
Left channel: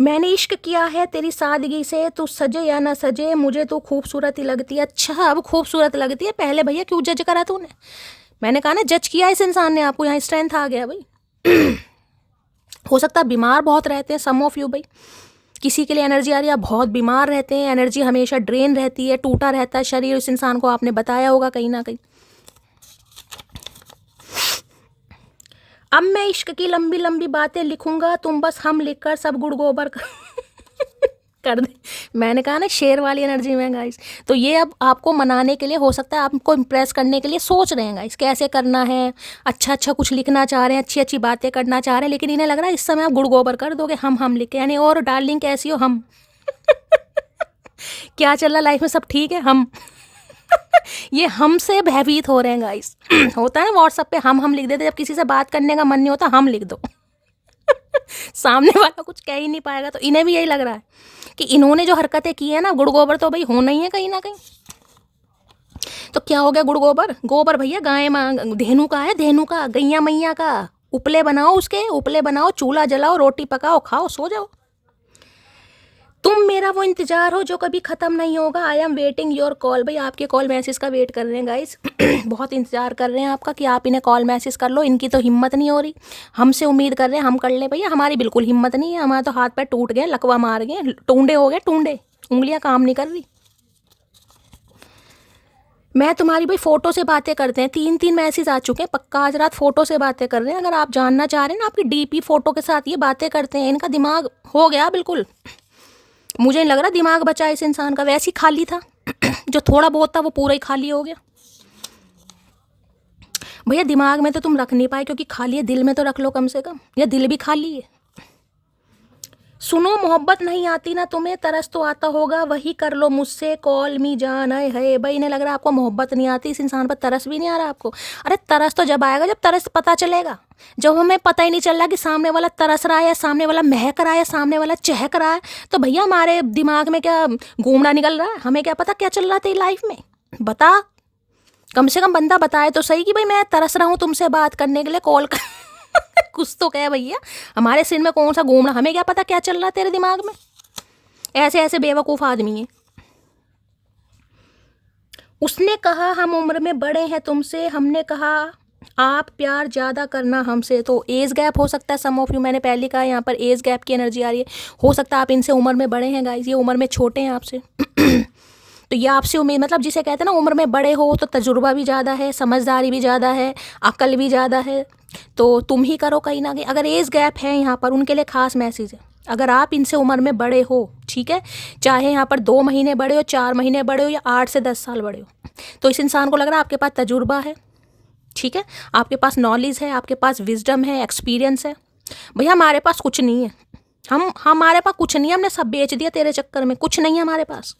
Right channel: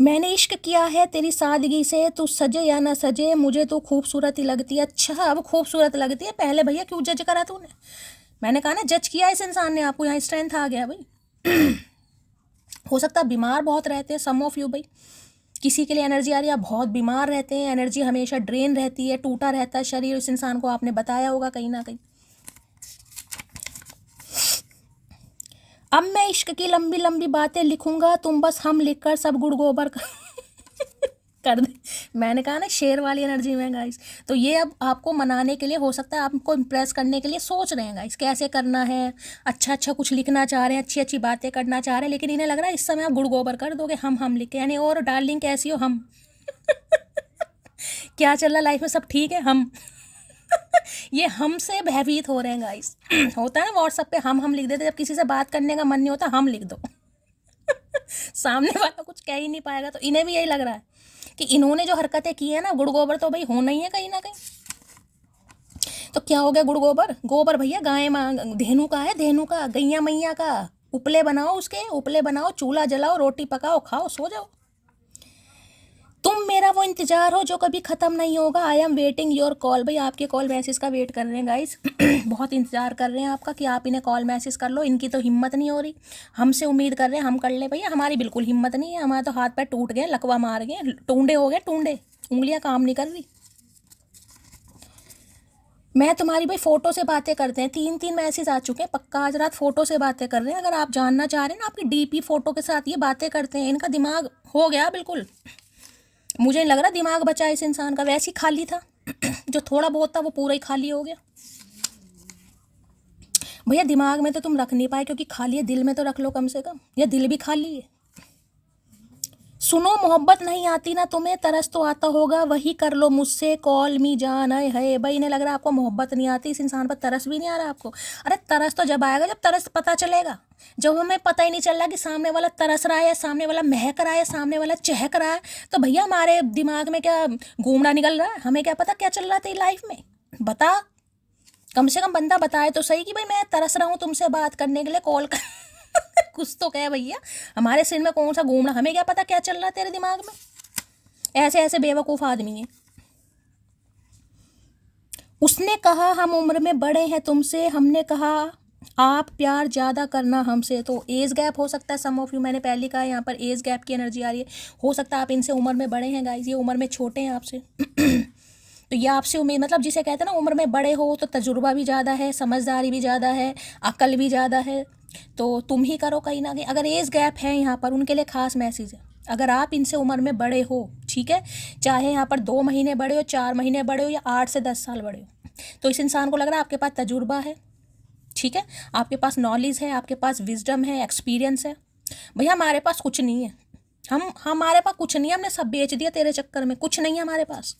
मैंने इश्क किया है तेरी सादगी से, तू सजे या ना सजे मुझे तो खूबसूरत ही लगती है। अच्छा अब खूबसूरत लगती है, पहले भैया क्यों जज करा तूने। मैंने कहा ना जज किया इस इंसान ने आपको, यहाँ स्ट्रेंथ आ गया भाई। हो सकता है बीमार बहुत रहते हैं सम ऑफ यू भाई, किसी के लिए एनर्जी आ रही है, आप बहुत बीमार रहते हैं, एनर्जी हमेशा ड्रेन रहती है, टूटा रहता है शरीर। इस इंसान को आपने बताया होगा कहीं ना कहीं। अब मैं इश्क की लंबी लंबी बातें लिखूंगा, तुम बस हम लिखकर सब गुड़ गोबर कर दे। मैंने कहा ना शेर वाली एनर्जी में गाइस। तो ये अब आपको मनाने के लिए, हो सकता है आपको इम्प्रेस करने के लिए सोच रहे हैं गाइस कैसे करना है, अच्छा अच्छा कुछ लिखना चाह रहे हैं, अच्छी अच्छी बातें करना चाह रहे हैं, लेकिन इन्हें लग रहा है इस समय आप गुड़ गोबर कर दोगे। हम लिख के, यानी और डार्लिंग कैसी हो हम। क्या चल रहा लाइफ में, सब ठीक है हम। ये हमसे भयभीत हो रहे हैं गाइस। होता है व्हाट्सएप पे हम लिख देते, जब किसी से बात करने का मन नहीं होता हम लिख दो। सामने वाला कुछ कह ही नहीं पाएगा। तो इन्हें भी यही लग रहा है कि इन्होंने जो हरकतें की है ना, गुड़ गोबर तो भाई होना ही है कहीं ना कहीं। तो क्या हो गया गुड़ गोबर, गोबर भैया गाय धेनु का है, धेनु का, गैया मैया का। उपले बनाओ, उसके उपले बनाओ, चूल्हा जलाओ, रोटी पकाओ, खाओ, सो जाओ। तुम मेरा वो इंतजार हो जो कभी खत्म नहीं होगा। I am waiting your call. भाई आपके कॉल मैसेज का वेट कर रहे हैं गाइस। बहुत इंतजार कर रहे हैं आपका कि आप इन्हें कॉल मैसेज कर लो। इनकी तो हिम्मत नहीं हो रही, हमसे उम्मीद कर रहे हैं हम कर ले। भैया हमारी बिल्कुल हिम्मत नहीं है, हमारे तो हाथ पैर टूट गए, लकवा मार गए, टूंडे हो गए, टूंडे, उंगलियां काम नहीं कर रही। मैं तुम्हारी भाई फ़ोटो से बातें करते हैं, 3 मैसेज आ चुके हैं, पक्का आज रात फ़ोटो से बातें कर रहे हैं। अगर आप जानना चाह रहे हैं ना, आपकी डीपी फ़ोटो के साथ ये बातें करते हैं। इनका दिमाग हो गया बिल्कुल, मुझे नहीं लग रहा दिमाग बचा इस इंसान का, वैसे ही खाली था। जो थोड़ा बहुत था वो पूरा ही खाली हो गया। भैया दिमाग में तो तुम रख नहीं पाए क्योंकि खाली है, दिल में तो रख लो कम से कम, या दिल भी खाली है। सुनो मोहब्बत नहीं आती ना तुम्हें, तरस तो आता होगा, वही कर लो मुझसे कॉल मी जान। है भाई इन्हें लग रहा है आपको मोहब्बत नहीं आती, इस इंसान पर तरस भी नहीं आ रहा आपको। अरे तरस तो जब आएगा जब तरस पता चलेगा, जब हमें पता ही नहीं चल रहा कि सामने वाला तरस रहा है या सामने वाला महक रहा है या सामने वाला चहक रहा है। तो भैया हमारे दिमाग में क्या घूमना निकल रहा है, हमें क्या पता क्या चल रहा था लाइफ में। बता, कम से कम बंदा बताए तो सही कि भाई मैं तरस रहा हूँ तुमसे बात करने के लिए, कॉल कर। कुछ तो कहे भैया, हमारे सिर में कौन सा घूम रहा, हमें क्या पता क्या चल रहा है तेरे दिमाग में। ऐसे ऐसे बेवकूफ़ आदमी है। उसने कहा हम उम्र में बड़े हैं तुमसे, हमने कहा आप प्यार ज़्यादा करना हमसे। तो एज गैप हो सकता है सम ऑफ यू, मैंने पहले कहा यहाँ पर एज गैप की एनर्जी आ रही है। हो सकता है आप इनसे उम्र में बड़े हैं गाइस, ये उम्र में छोटे हैं आपसे। तो ये आपसे उम्मीद, मतलब जिसे कहते हैं ना उम्र में बड़े हो तो तजुर्बा भी ज़्यादा है, समझदारी भी ज़्यादा है, अकल भी ज़्यादा है। तो तुम ही करो कहीं ना कहीं। अगर एज गैप है यहाँ पर, उनके लिए खास मैसेज है। अगर आप इनसे उम्र में बड़े हो, ठीक है, चाहे यहाँ पर 2 महीने बड़े हो, 4 महीने बड़े हो या 8 से 10 साल बड़े हो, तो इस इंसान को लग रहा है आपके पास तजुर्बा है, ठीक है, आपके पास नॉलेज है, आपके पास विजडम है, एक्सपीरियंस है। भैया हमारे पास कुछ नहीं है, हमारे पास कुछ नहीं है, हमने सब बेच दिया तेरे चक्कर में, कुछ नहीं है हमारे पास।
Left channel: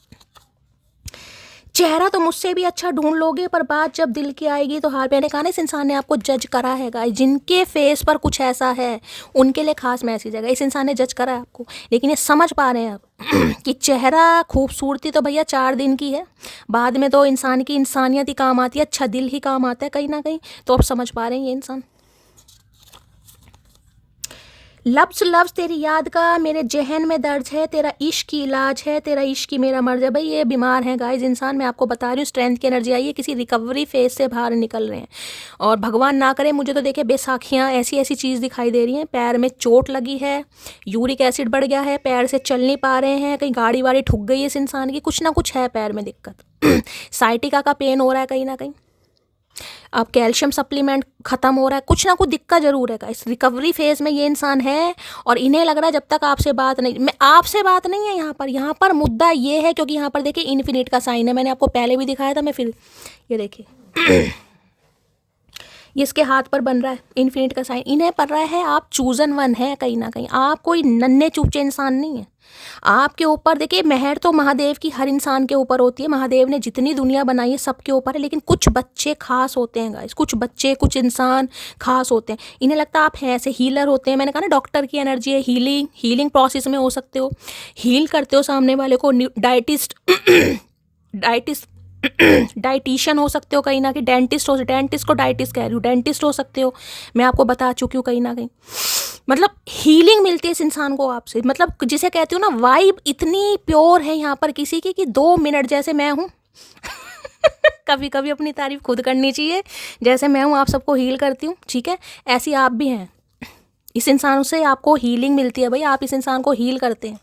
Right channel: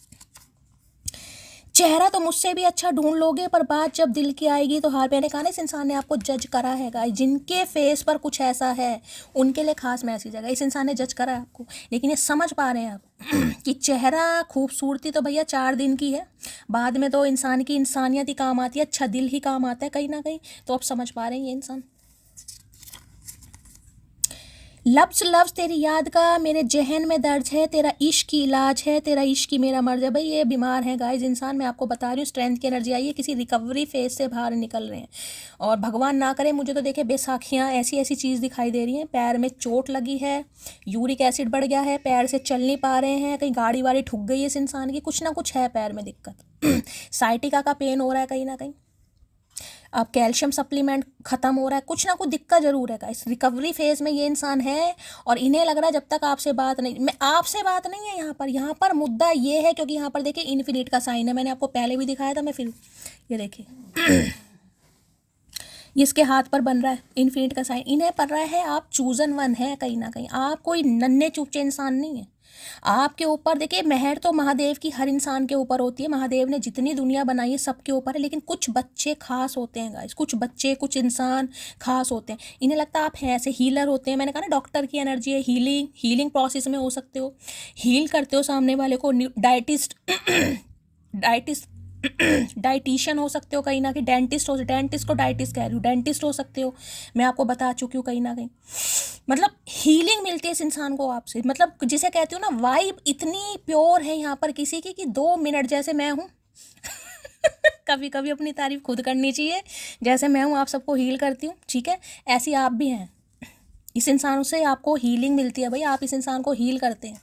चेहरा तो मुझसे भी अच्छा ढूंढ लोगे, पर बात जब दिल की आएगी तो हार। मैंने कहा ना इस इंसान ने आपको जज करा है गाइस, जिनके फेस पर कुछ ऐसा है उनके लिए खास मैसेज है। इस इंसान ने जज करा है आपको, लेकिन ये समझ पा रहे हैं आप कि चेहरा खूबसूरती तो भैया 4 दिन की है, बाद में तो इंसान की इंसानियत ही काम आती है, अच्छा दिल ही काम आता है कहीं ना कहीं। तो अब समझ पा रहे हैं ये इंसान। लफ्ज़ लफ्ज़ तेरी याद का मेरे जहन में दर्द है, तेरा इश्क की इलाज है, तेरा इश्क ही मेरा मर्ज है। भाई ये बीमार है गाइस इंसान, मैं आपको बता रही हूँ। स्ट्रेंथ की एनर्जी आई है, किसी रिकवरी फेज से बाहर निकल रहे हैं। और भगवान ना करे, मुझे तो देखिए बेसाखियाँ ऐसी ऐसी चीज़ दिखाई दे रही हैं। पैर में चोट लगी है, यूरिक एसिड बढ़ गया है, पैर से चल नहीं पा रहे हैं, कहीं गाड़ी वाड़ी ठुक गई है इस इंसान की, कुछ ना कुछ है पैर में दिक्कत। साइटिका का पेन हो रहा है कहीं ना कहीं, अब कैल्शियम सप्लीमेंट ख़त्म हो रहा है, कुछ ना कुछ दिक्कत ज़रूर है। इस रिकवरी फेज़ में ये इंसान है और इन्हें लग रहा है जब तक आपसे बात नहीं, मैं आपसे बात नहीं है यहाँ पर मुद्दा ये है, क्योंकि यहाँ पर देखिए इन्फिनिट का साइन है, मैंने आपको पहले भी दिखाया था, मैं फिर ये देखिए ये इसके हाथ पर बन रहा है इन्फिनिट का साइन, इन्हें पड़ रहा है आप चूजन वन है कहीं ना कहीं, आप कोई नन्हे चूचे इंसान नहीं है। आपके ऊपर देखिए मेहर तो महादेव की हर इंसान के ऊपर होती है, महादेव ने जितनी दुनिया बनाई है सबके ऊपर है, लेकिन कुछ बच्चे खास होते हैं गाइस, कुछ बच्चे कुछ इंसान खास होते हैं। इन्हें लगता है आप हैं ऐसे हीलर होते हैं, मैंने कहा ना डॉक्टर की एनर्जी है, हीलिंग प्रोसेस में हो सकते हो, हील करते हो सामने वाले को, डाइटिशियन हो सकते हो कहीं ना कहीं, डेंटिस्ट को डाइटिस्ट कह रही हूँ, डेंटिस्ट हो सकते हो, मैं आपको बता चुकी हूँ कहीं ना कहीं। मतलब हीलिंग मिलती है इस इंसान को आपसे, मतलब जिसे कहती हूँ ना वाइब इतनी प्योर है यहाँ पर किसी की कि 2 मिनट जैसे मैं हूँ कभी कभी अपनी तारीफ खुद करनी चाहिए, जैसे मैं हूँ आप सबको हील करती हूँ, ठीक है, ऐसी आप भी हैं। इस इंसान से आपको हीलिंग मिलती है भाई, आप इस इंसान को हील करते हैं।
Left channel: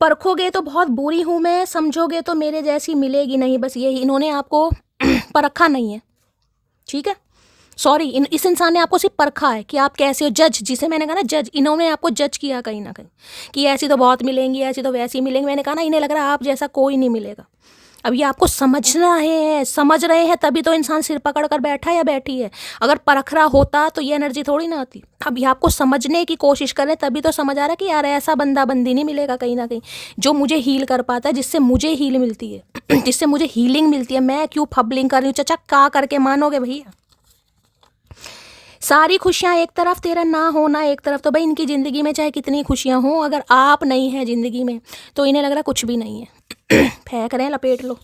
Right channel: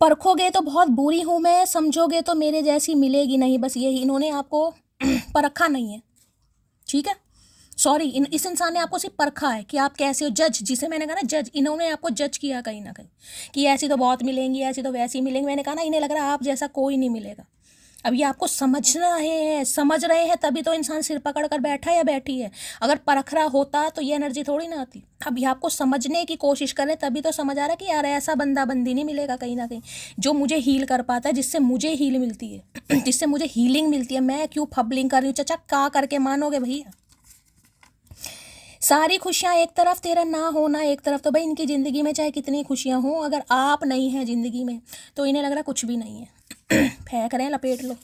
परखोगे तो बहुत बुरी हूँ मैं, समझोगे तो मेरे जैसी मिलेगी नहीं, बस यही, इन्होंने आपको परखा नहीं है, ठीक है, सॉरी इस इंसान ने आपको सिर्फ परखा है कि आप कैसे हो, जज, जिसे मैंने कहा ना जज, इन्होंने आपको जज किया कहीं ना कहीं कि ऐसी तो बहुत मिलेंगी, ऐसी तो वैसी मिलेंगी, मैंने कहा ना इन्हें लग रहा है आप जैसा कोई नहीं मिलेगा। अब ये आपको समझ रहे हैं तभी तो इंसान सिर पकड़ कर बैठा है या बैठी है, अगर परख रहा होता तो ये एनर्जी थोड़ी ना आती। अब ये आपको समझने की कोशिश करे तभी तो समझ आ रहा है कि यार ऐसा बंदा बंदी नहीं मिलेगा कहीं ना कहीं जो मुझे हील कर पाता है, जिससे मुझे हील मिलती है जिससे मुझे हीलिंग मिलती है। मैं क्यों फबलिंग कर रही हूँ, चचा का करके मानोगे भैया। सारी खुशियाँ एक तरफ, तेरा ना होना एक तरफ, तो भाई इनकी ज़िंदगी में चाहे कितनी खुशियाँ हों, अगर आप नहीं हैं ज़िंदगी में तो इन्हें लग रहा कुछ भी नहीं है फेंक रहे हैं, लपेट लो।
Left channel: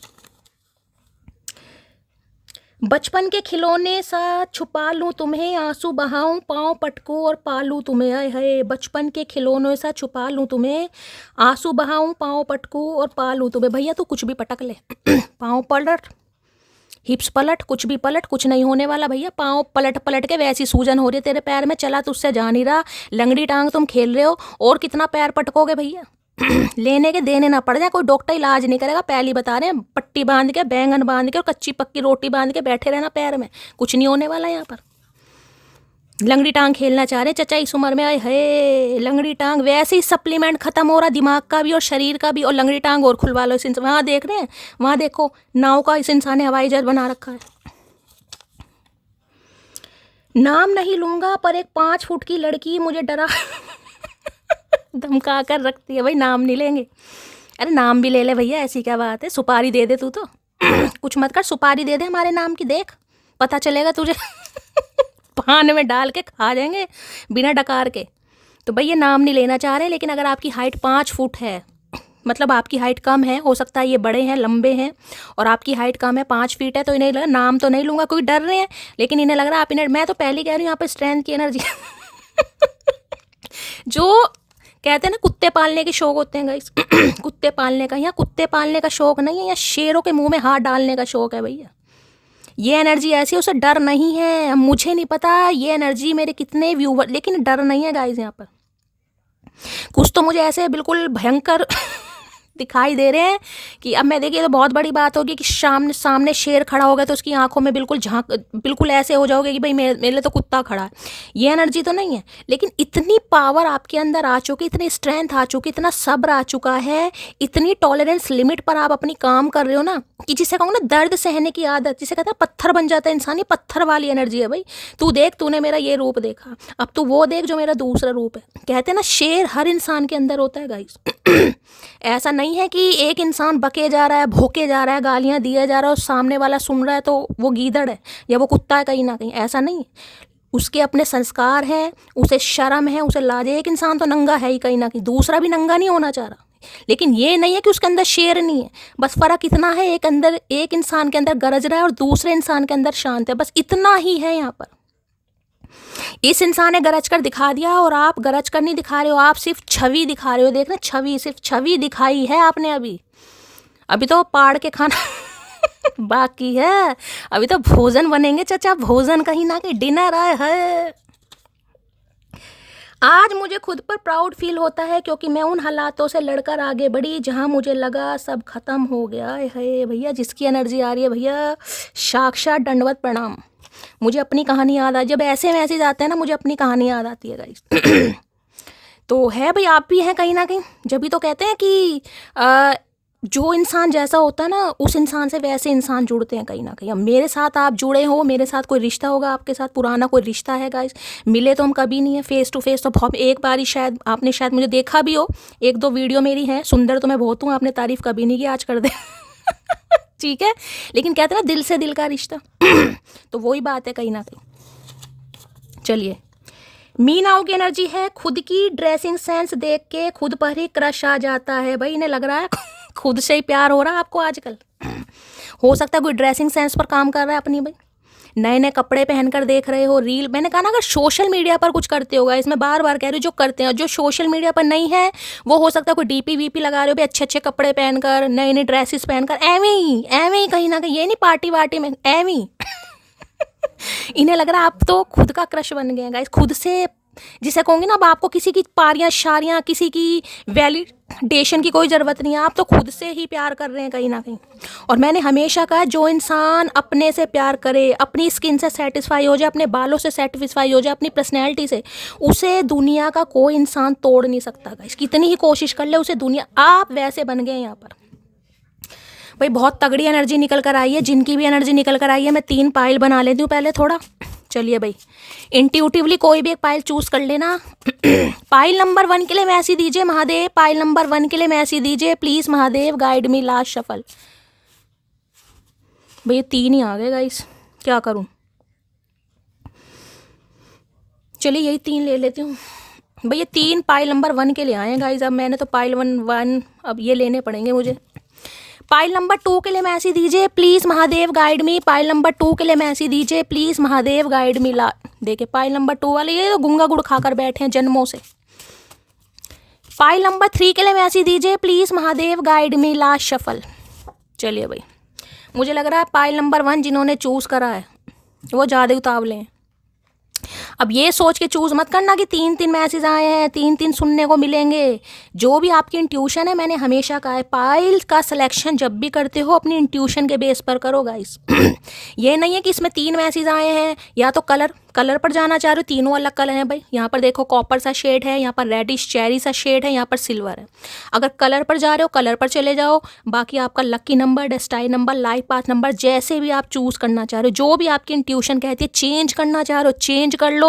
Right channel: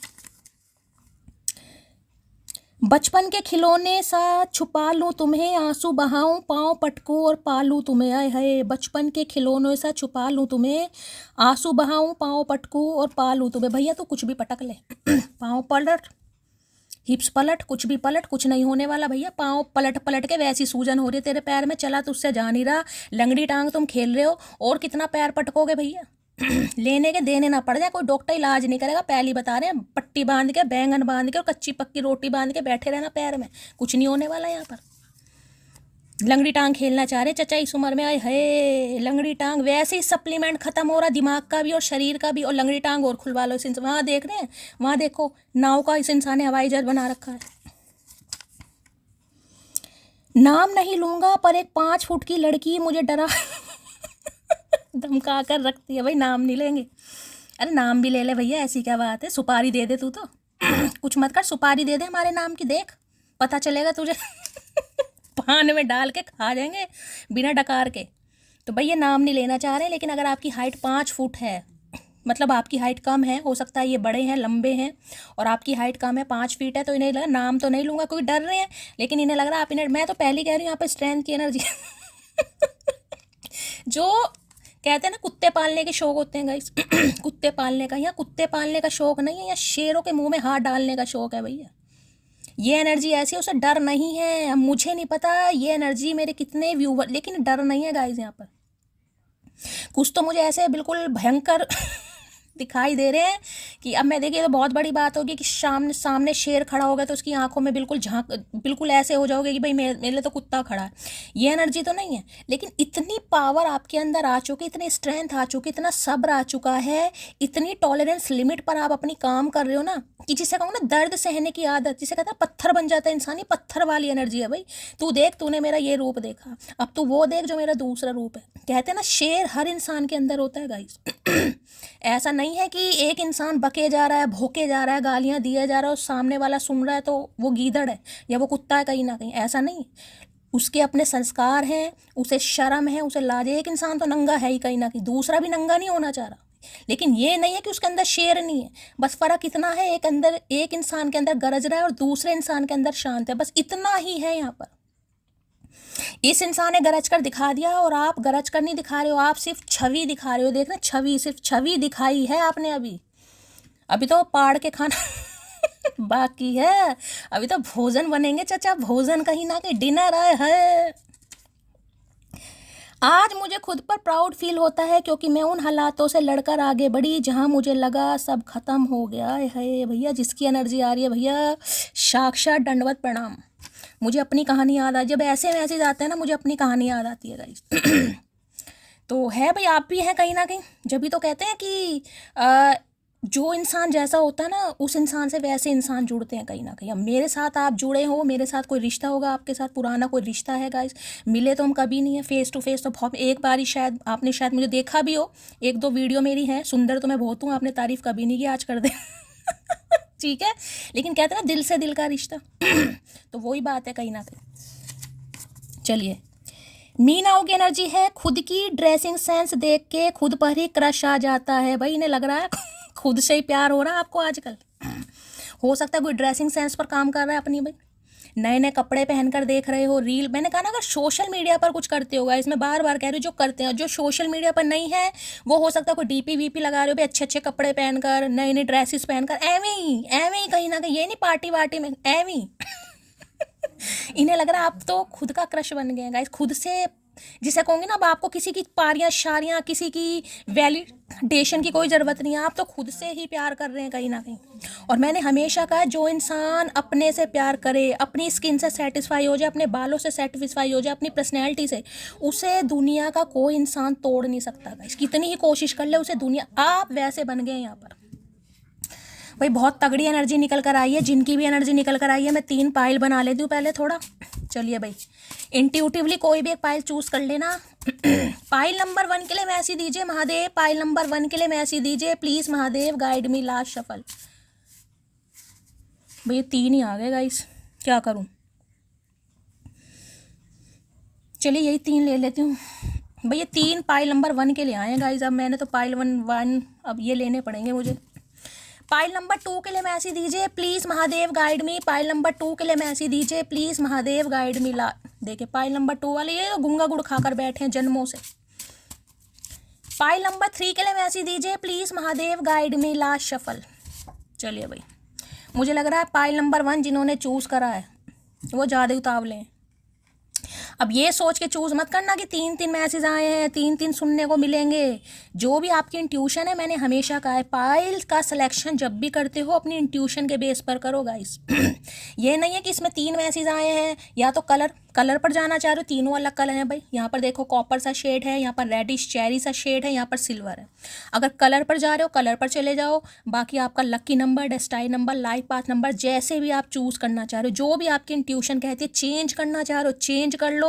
बचपन के खिलौने सा छुपा लूँ तुम्हें, आंसू बहाऊं पाँव पटकूं और पालूं तुम्हें, आए हाय, बचपन के खिलौने सा छुपा लूँ तुम्हें, आंसू बहाऊं पाँव पटकूं और पालूं तुम्हें। भैया तू कुछ भी पटक ले पाँव पलट, हिप्स पलट, कुछ भी पलट, कुछ नहीं होने वाला भैया। पाँव पलट पलट के वैसी सूजन हो रही है तेरे पैर में, चला तो उससे जा नहीं रहा, लंगड़ी टांग तुम खेल रहे हो, और कितना पैर पटकोगे भैया लेने के देने ना पड़ जाए, कोई डॉक्टर इलाज नहीं करेगा, पहली बता रहे हैं, पट्टी बांध के, बैंगन बांध के और कच्ची पक्की रोटी बांध के बैठे रहना पैर में, कुछ नहीं होने वाला यहाँ पर। लंगड़ी टांग खेलना चाह रहे चचा इस उम्र में, आए है लंगड़ी टांग, वैसे ही सप्लीमेंट खत्म हो रहा दिमाग का भी और शरीर का भी, और लंगड़ी टांग और खुलवा लो इस इंसान। वहाँ देख रहे हैं, वहाँ देखो नाव का इस इंसान ने हवाई जहाज बना रखा है। नाम नहीं लूंगा पर एक 5 फुट की लड़की मुझे डरा धमका कर रखती है। भाई नाम नहीं लेंगे, अरे नाम भी ले ले भैया, ऐसी क्या बात है, सुपारी दे दे तू तो कुछ मत कर, सुपारी दे दे हमारे नाम की, देख पता चलेगा तुझे पान में डाल के खा जाएंगे बिना डकार के। तो भैया नाम नहीं लेना चाह रहे, लेकिन अगर आपकी हाइट 5 फुट है, मतलब आपकी हाइट कम है, हो सकता है ये बड़े हैं लंबे हैं और आपकी हाइट कम है 5 फीट है, तो इन्हें लगा नाम तो नहीं लूँगा, कोई डर रहे हैं, लेकिन इन्हें लग रहा है आप इन्हें, मैं तो पहले कह रही हूँ यहाँ पर स्ट्रेंथ की एनर्जी जो कहते हैं ना कुत्ते पालने के शौक होते हैं गाइस कुत्ते पालने का, यहाँ कुत्ते पालने का शौक नहीं है, यहाँ शेरों के मुंह में हाथ डालने का शौक है भैया। ये एनर्जी ऐसी है, उसे डर नहीं है। मुझे नहीं पता ये एनर्जी मेरे कितने व्यूवर, लेकिन डर नहीं है गाइस यहाँ पर। कुछ तो मुझे ऐसे बिल्कुल भयंकर दिखाई दे रहे हैं कि अब मैं देखिए तो बहुत बड़ी बात होगी कि सामने शेर खड़ा हो गया तो उसकी आंखों में बिल्कुल ऐसे हो जाओगे कि भाई मेरे लिए तो कुत्ता खड़ा है। ये एनर्जी तो नहीं है, लेकिन इतनी पावर आपके अंदर आ चुकी, इतनी स्ट्रेंथ आ चुकी, इतना सब्र आ चुका है, इतनी टॉलरेंस लिमिट पर आप अपनी काम कर रहे हो ना, कि जिसे कहूँ ना दर्द सहने की आदत, जिसे कहते हैं पत्थर बन जाता है इंसान, ये पत्थर वाली एनर्जी है भाई। तू देख, तूने मेरा ये रूप देखा, अब तू वो देख जो मेरा दूसरा रूप है। कहते हैं ना शेर हर इंसान के अंदर होता है गाइस ऐसा नहीं है कि एक इंसान बके जा रहा है, भोके जा रहा है, गालियां दिया जा रहा है और सामने वाला सुन रहा है तो वो गीदड़ है या वो कुत्ता है कहीं ना कहीं, ऐसा नहीं। उसके अपने संस्कार हैं, उसे शर्म है, उसे लाज है। एक इंसान तो नंगा है ही कहीं ना कहीं, दूसरा भी नंगा नहीं होना चाह रहा, लेकिन ये नहीं है कि उसके अंदर शेर नहीं है, बस फ़र्क इतना है, एक इंसान के अंदर गरज रहा है और दूसरे इंसान के अंदर शांत है, बस इतना ही है यहाँ पर। इस इंसान ने गरज कर दिखा दिया और आप गरज कर नहीं दिखा रहे हो, आप सिर्फ छवि दिखा रहे हो। देखना, छवि, सिर्फ छवि दिखाई है आपने। अभी तो पाड़ के खाना बाकी है, अभी तो भोजन बनेंगे चाचा, भोजन कहीं ना कहीं डिनर आए है। आज मुझे खुद पर प्राउड फील होता है क्योंकि मैं उन हालातों से लड़कर आगे बढ़ी जहां मुझे लगा सब खत्म हो गया है। भैया जिसकी एनर्जी आ रही है भैया, साक्षात दंडवत प्रणाम। मुझे अपनी कहानी याद आ, जब ऐसे मैसेज आते हैं ना मुझे अपनी कहानी याद आती है गाइस। तो है भाई, आप भी हैं कहीं ना कहीं। जब भी तो कहते हैं कि जो इंसान जैसा होता है ना उस इंसान से वैसे इंसान जुड़ते हैं कहीं ना कहीं। अब मेरे साथ आप जुड़े हो, मेरे साथ कोई रिश्ता होगा आपके साथ, पुराना कोई रिश्ता है गाइस। मिले तो हम कभी नहीं है फेस टू फेस, तो बहुत एक बार ही शायद आपने शायद मुझे देखा भी हो, एक दो वीडियो मेरी है। सुंदर तो मैं बहुत हूँ, आपने तारीफ कभी नहीं की, आज कर दे। ठीक है, लेकिन कहते हैं ना दिल से दिल का रिश्ता। तो वही बात है कहीं ना कहीं। चलिए, मीनाओं की एनर्जी है, खुद की ड्रेसिंग सेंस देख के खुद पर ही क्रश आ जाता है। भाई इन्हें लग रहा है खुद से ही प्यार हो रहा है आपको आजकल। हो सकता है कोई ड्रेसिंग सेंस पर काम कर रहा है अपनी, भाई नए नए कपड़े पहनकर देख रहे हो, रील। मैंने कहा ना अगर सोशल मीडिया पर कुछ करते होगा, इसमें बार बार कह रही हूँ, जो करते हैं, जो सोशल मीडिया पर नहीं है वो हो सकता है कोई डीपी वीपी लगा रहे हो, अच्छे अच्छे कपड़े पहनकर, नए नए ड्रेसेस पहनकर, एਵੇਂ ही कहीं ना कहीं, ये नहीं पार्टी वार्टी में, एਵੇਂ ही। इन्हें लग रहा है आप तो खुद का क्रश बन गए हैं गाइस, खुद से, जिसे कहूँगी ना अब आपको किसी की पारियां शारियां, किसी की वैलिडेशन की कोई ज़रूरत नहीं है, आप तो खुद से ही प्यार कर रहे हैं कहीं ना कहीं। और मैंने हमेशा कहा जो इंसान अपने से प्यार करे, अपनी स्किन से सेटिस्फाई हो जाए, अपने बालों से सेटिस्फाई हो जाए, अपनी पर्सनैलिटी से, उसे दुनिया का कोई इंसान तोड़ नहीं सकता गाइस, कितनी ही कोशिश कर ले उसे दुनिया। आप वैसे बन गए यहाँ पर भाई, बहुत तगड़ी एनर्जी निकल कर आई है, जिनकी भी एनर्जी निकल कर आई है। मैं 3 पाइल बना लेती हूँ पहले थोड़ा। चलिए भाई, इंट्यूटिवली कोई भी एक पाइल चूज कर लेना। पाइल नंबर 1 के लिए मैसेज दीजिए महादेव, पाइल नंबर 1 के लिए मैसेज दीजिए please Mahadev, guide me last shuffle. भैया 3 ही आ गए गाइस, क्या करूं। चलिए यही 3 ले लेती हूँ भैया। 3 पाइल नंबर 1 के लिए आए हैं गाइस। अब मैंने तो पाइल 1 अब ये लेने पड़ेंगे मुझे। पाइल नंबर 2 के लिए मैसेज दीजिए please Mahadev, guide me. Pile number 2 के लिए मैसेज दीजिए प्लीज महादेव, गाइड मी ला। देखिए पाइल नंबर 2 वाले ये तो गुंगा गुड़ खाकर बैठे हैं जन्मों से। पाइल नंबर 3 के लिए मैसेज दीजिए please Mahadev, guide me last shuffle. चलिए भाई, मुझे लग रहा है पाइल नंबर 1 जिन्होंने चूज करा है वो ज़्यादा उतावले हैं। अब ये सोच के चूज मत करना कि 3 मैसेज आए हैं, 3 सुनने को मिलेंगे। जो भी आपकी इंट्यूशन है, मैंने हमेशा कहा है पाइल का सिलेक्शन जब भी करते हो अपनी इंट्यूशन के बेस पर करो गाइस। ये नहीं है कि इसमें 3 मैसेज आए हैं, या तो कलर पर जाना चाह रहे हो, तीनों अलग कलर हैं भाई। यहाँ पर देखो कॉपर सा शेड है, यहाँ पर रेडिश चेरी सा शेड है, यहाँ पर सिल्वर है। अगर कलर पर जा रहे हो कलर पर चले जाओ। बाकी आपका lucky number, destined number, life path number, जैसे भी आप चूज करना चाह रहे हो, जो भी आपकी इंट्यूशन कहती है, चेंज करना चाह रहे हो चेंज कर लो,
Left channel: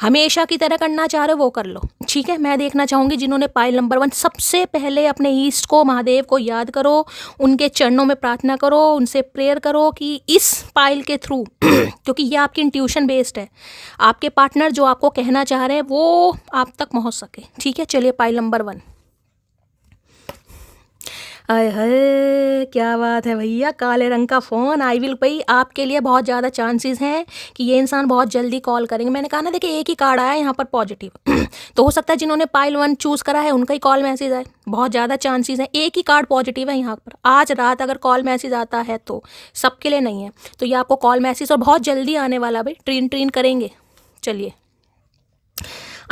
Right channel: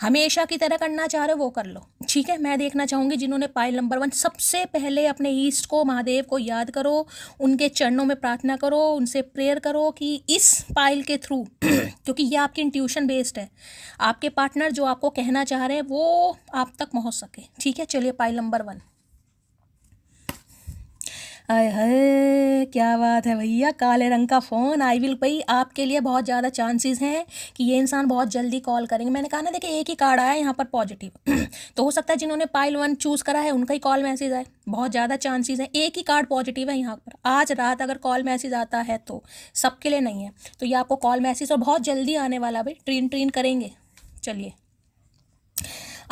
हमेशा की तरह करना चाह रहे हो वो कर लो। ठीक है, मैं देखना चाहूँगी जिन्होंने पाइल नंबर 1, सबसे पहले अपने ईस्ट को, महादेव को याद करो, उनके चरणों में प्रार्थना करो, उनसे प्रेयर करो कि इस पाइल के थ्रू क्योंकि ये आपकी इंट्यूशन बेस्ड है, आपके पार्टनर जो आपको कहना चाह रहे हैं वो आप तक पहुंच सके। ठीक है, चलिए पाइल नंबर 1। अरे है, क्या बात है भैया, काले रंग का फ़ोन। आई विल भाई, आपके लिए बहुत ज़्यादा चांसेस हैं कि ये इंसान बहुत जल्दी कॉल करेंगे। मैंने कहा ना, देखिए एक ही कार्ड आया यहाँ पर पॉजिटिव। तो हो सकता है जिन्होंने पाइल 1 चूज़ करा है उनका ही कॉल मैसेज आए, बहुत ज़्यादा चांसेस हैं। एक ही कार्ड पॉजिटिव है यहाँ पर। आज रात अगर कॉल मैसेज आता है तो सबके लिए नहीं है, तो ये आपको कॉल मैसेज और बहुत जल्दी आने वाला भाई, ट्रीन करेंगे। चलिए,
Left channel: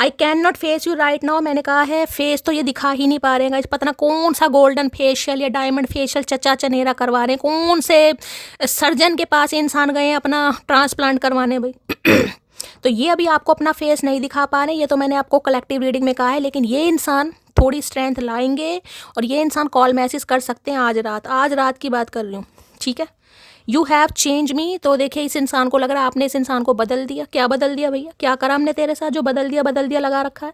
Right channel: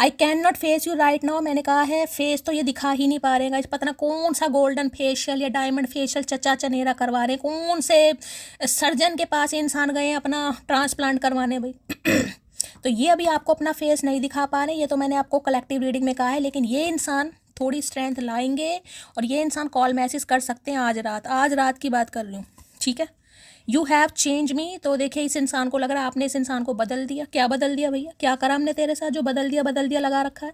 I can not face you right now. मैंने कहा है फेस तो ये दिखा ही नहीं पा रहे हैं, पता ना कौन सा गोल्डन फेशियल या डायमंड फेशियल चचा चनेरा करवा रहे हैं, कौन से सर्जन के पास इंसान गए हैं अपना ट्रांसप्लांट करवाने भाई। तो ये अभी आपको अपना फेस नहीं दिखा पा रहे, ये तो मैंने आपको कलेक्टिव रीडिंग में कहा है। लेकिन ये इंसान थोड़ी स्ट्रेंथ लाएंगे और ये इंसान कॉल मैसेज कर सकते हैं आज रात की बात कर रही हूँ। ठीक है, यू हैव चेंज मी। तो देखिए इस इंसान को लग रहा है आपने इस इंसान को बदल दिया। क्या बदल दिया भैया, क्या करा हमने तेरे साथ जो बदल दिया लगा रखा है।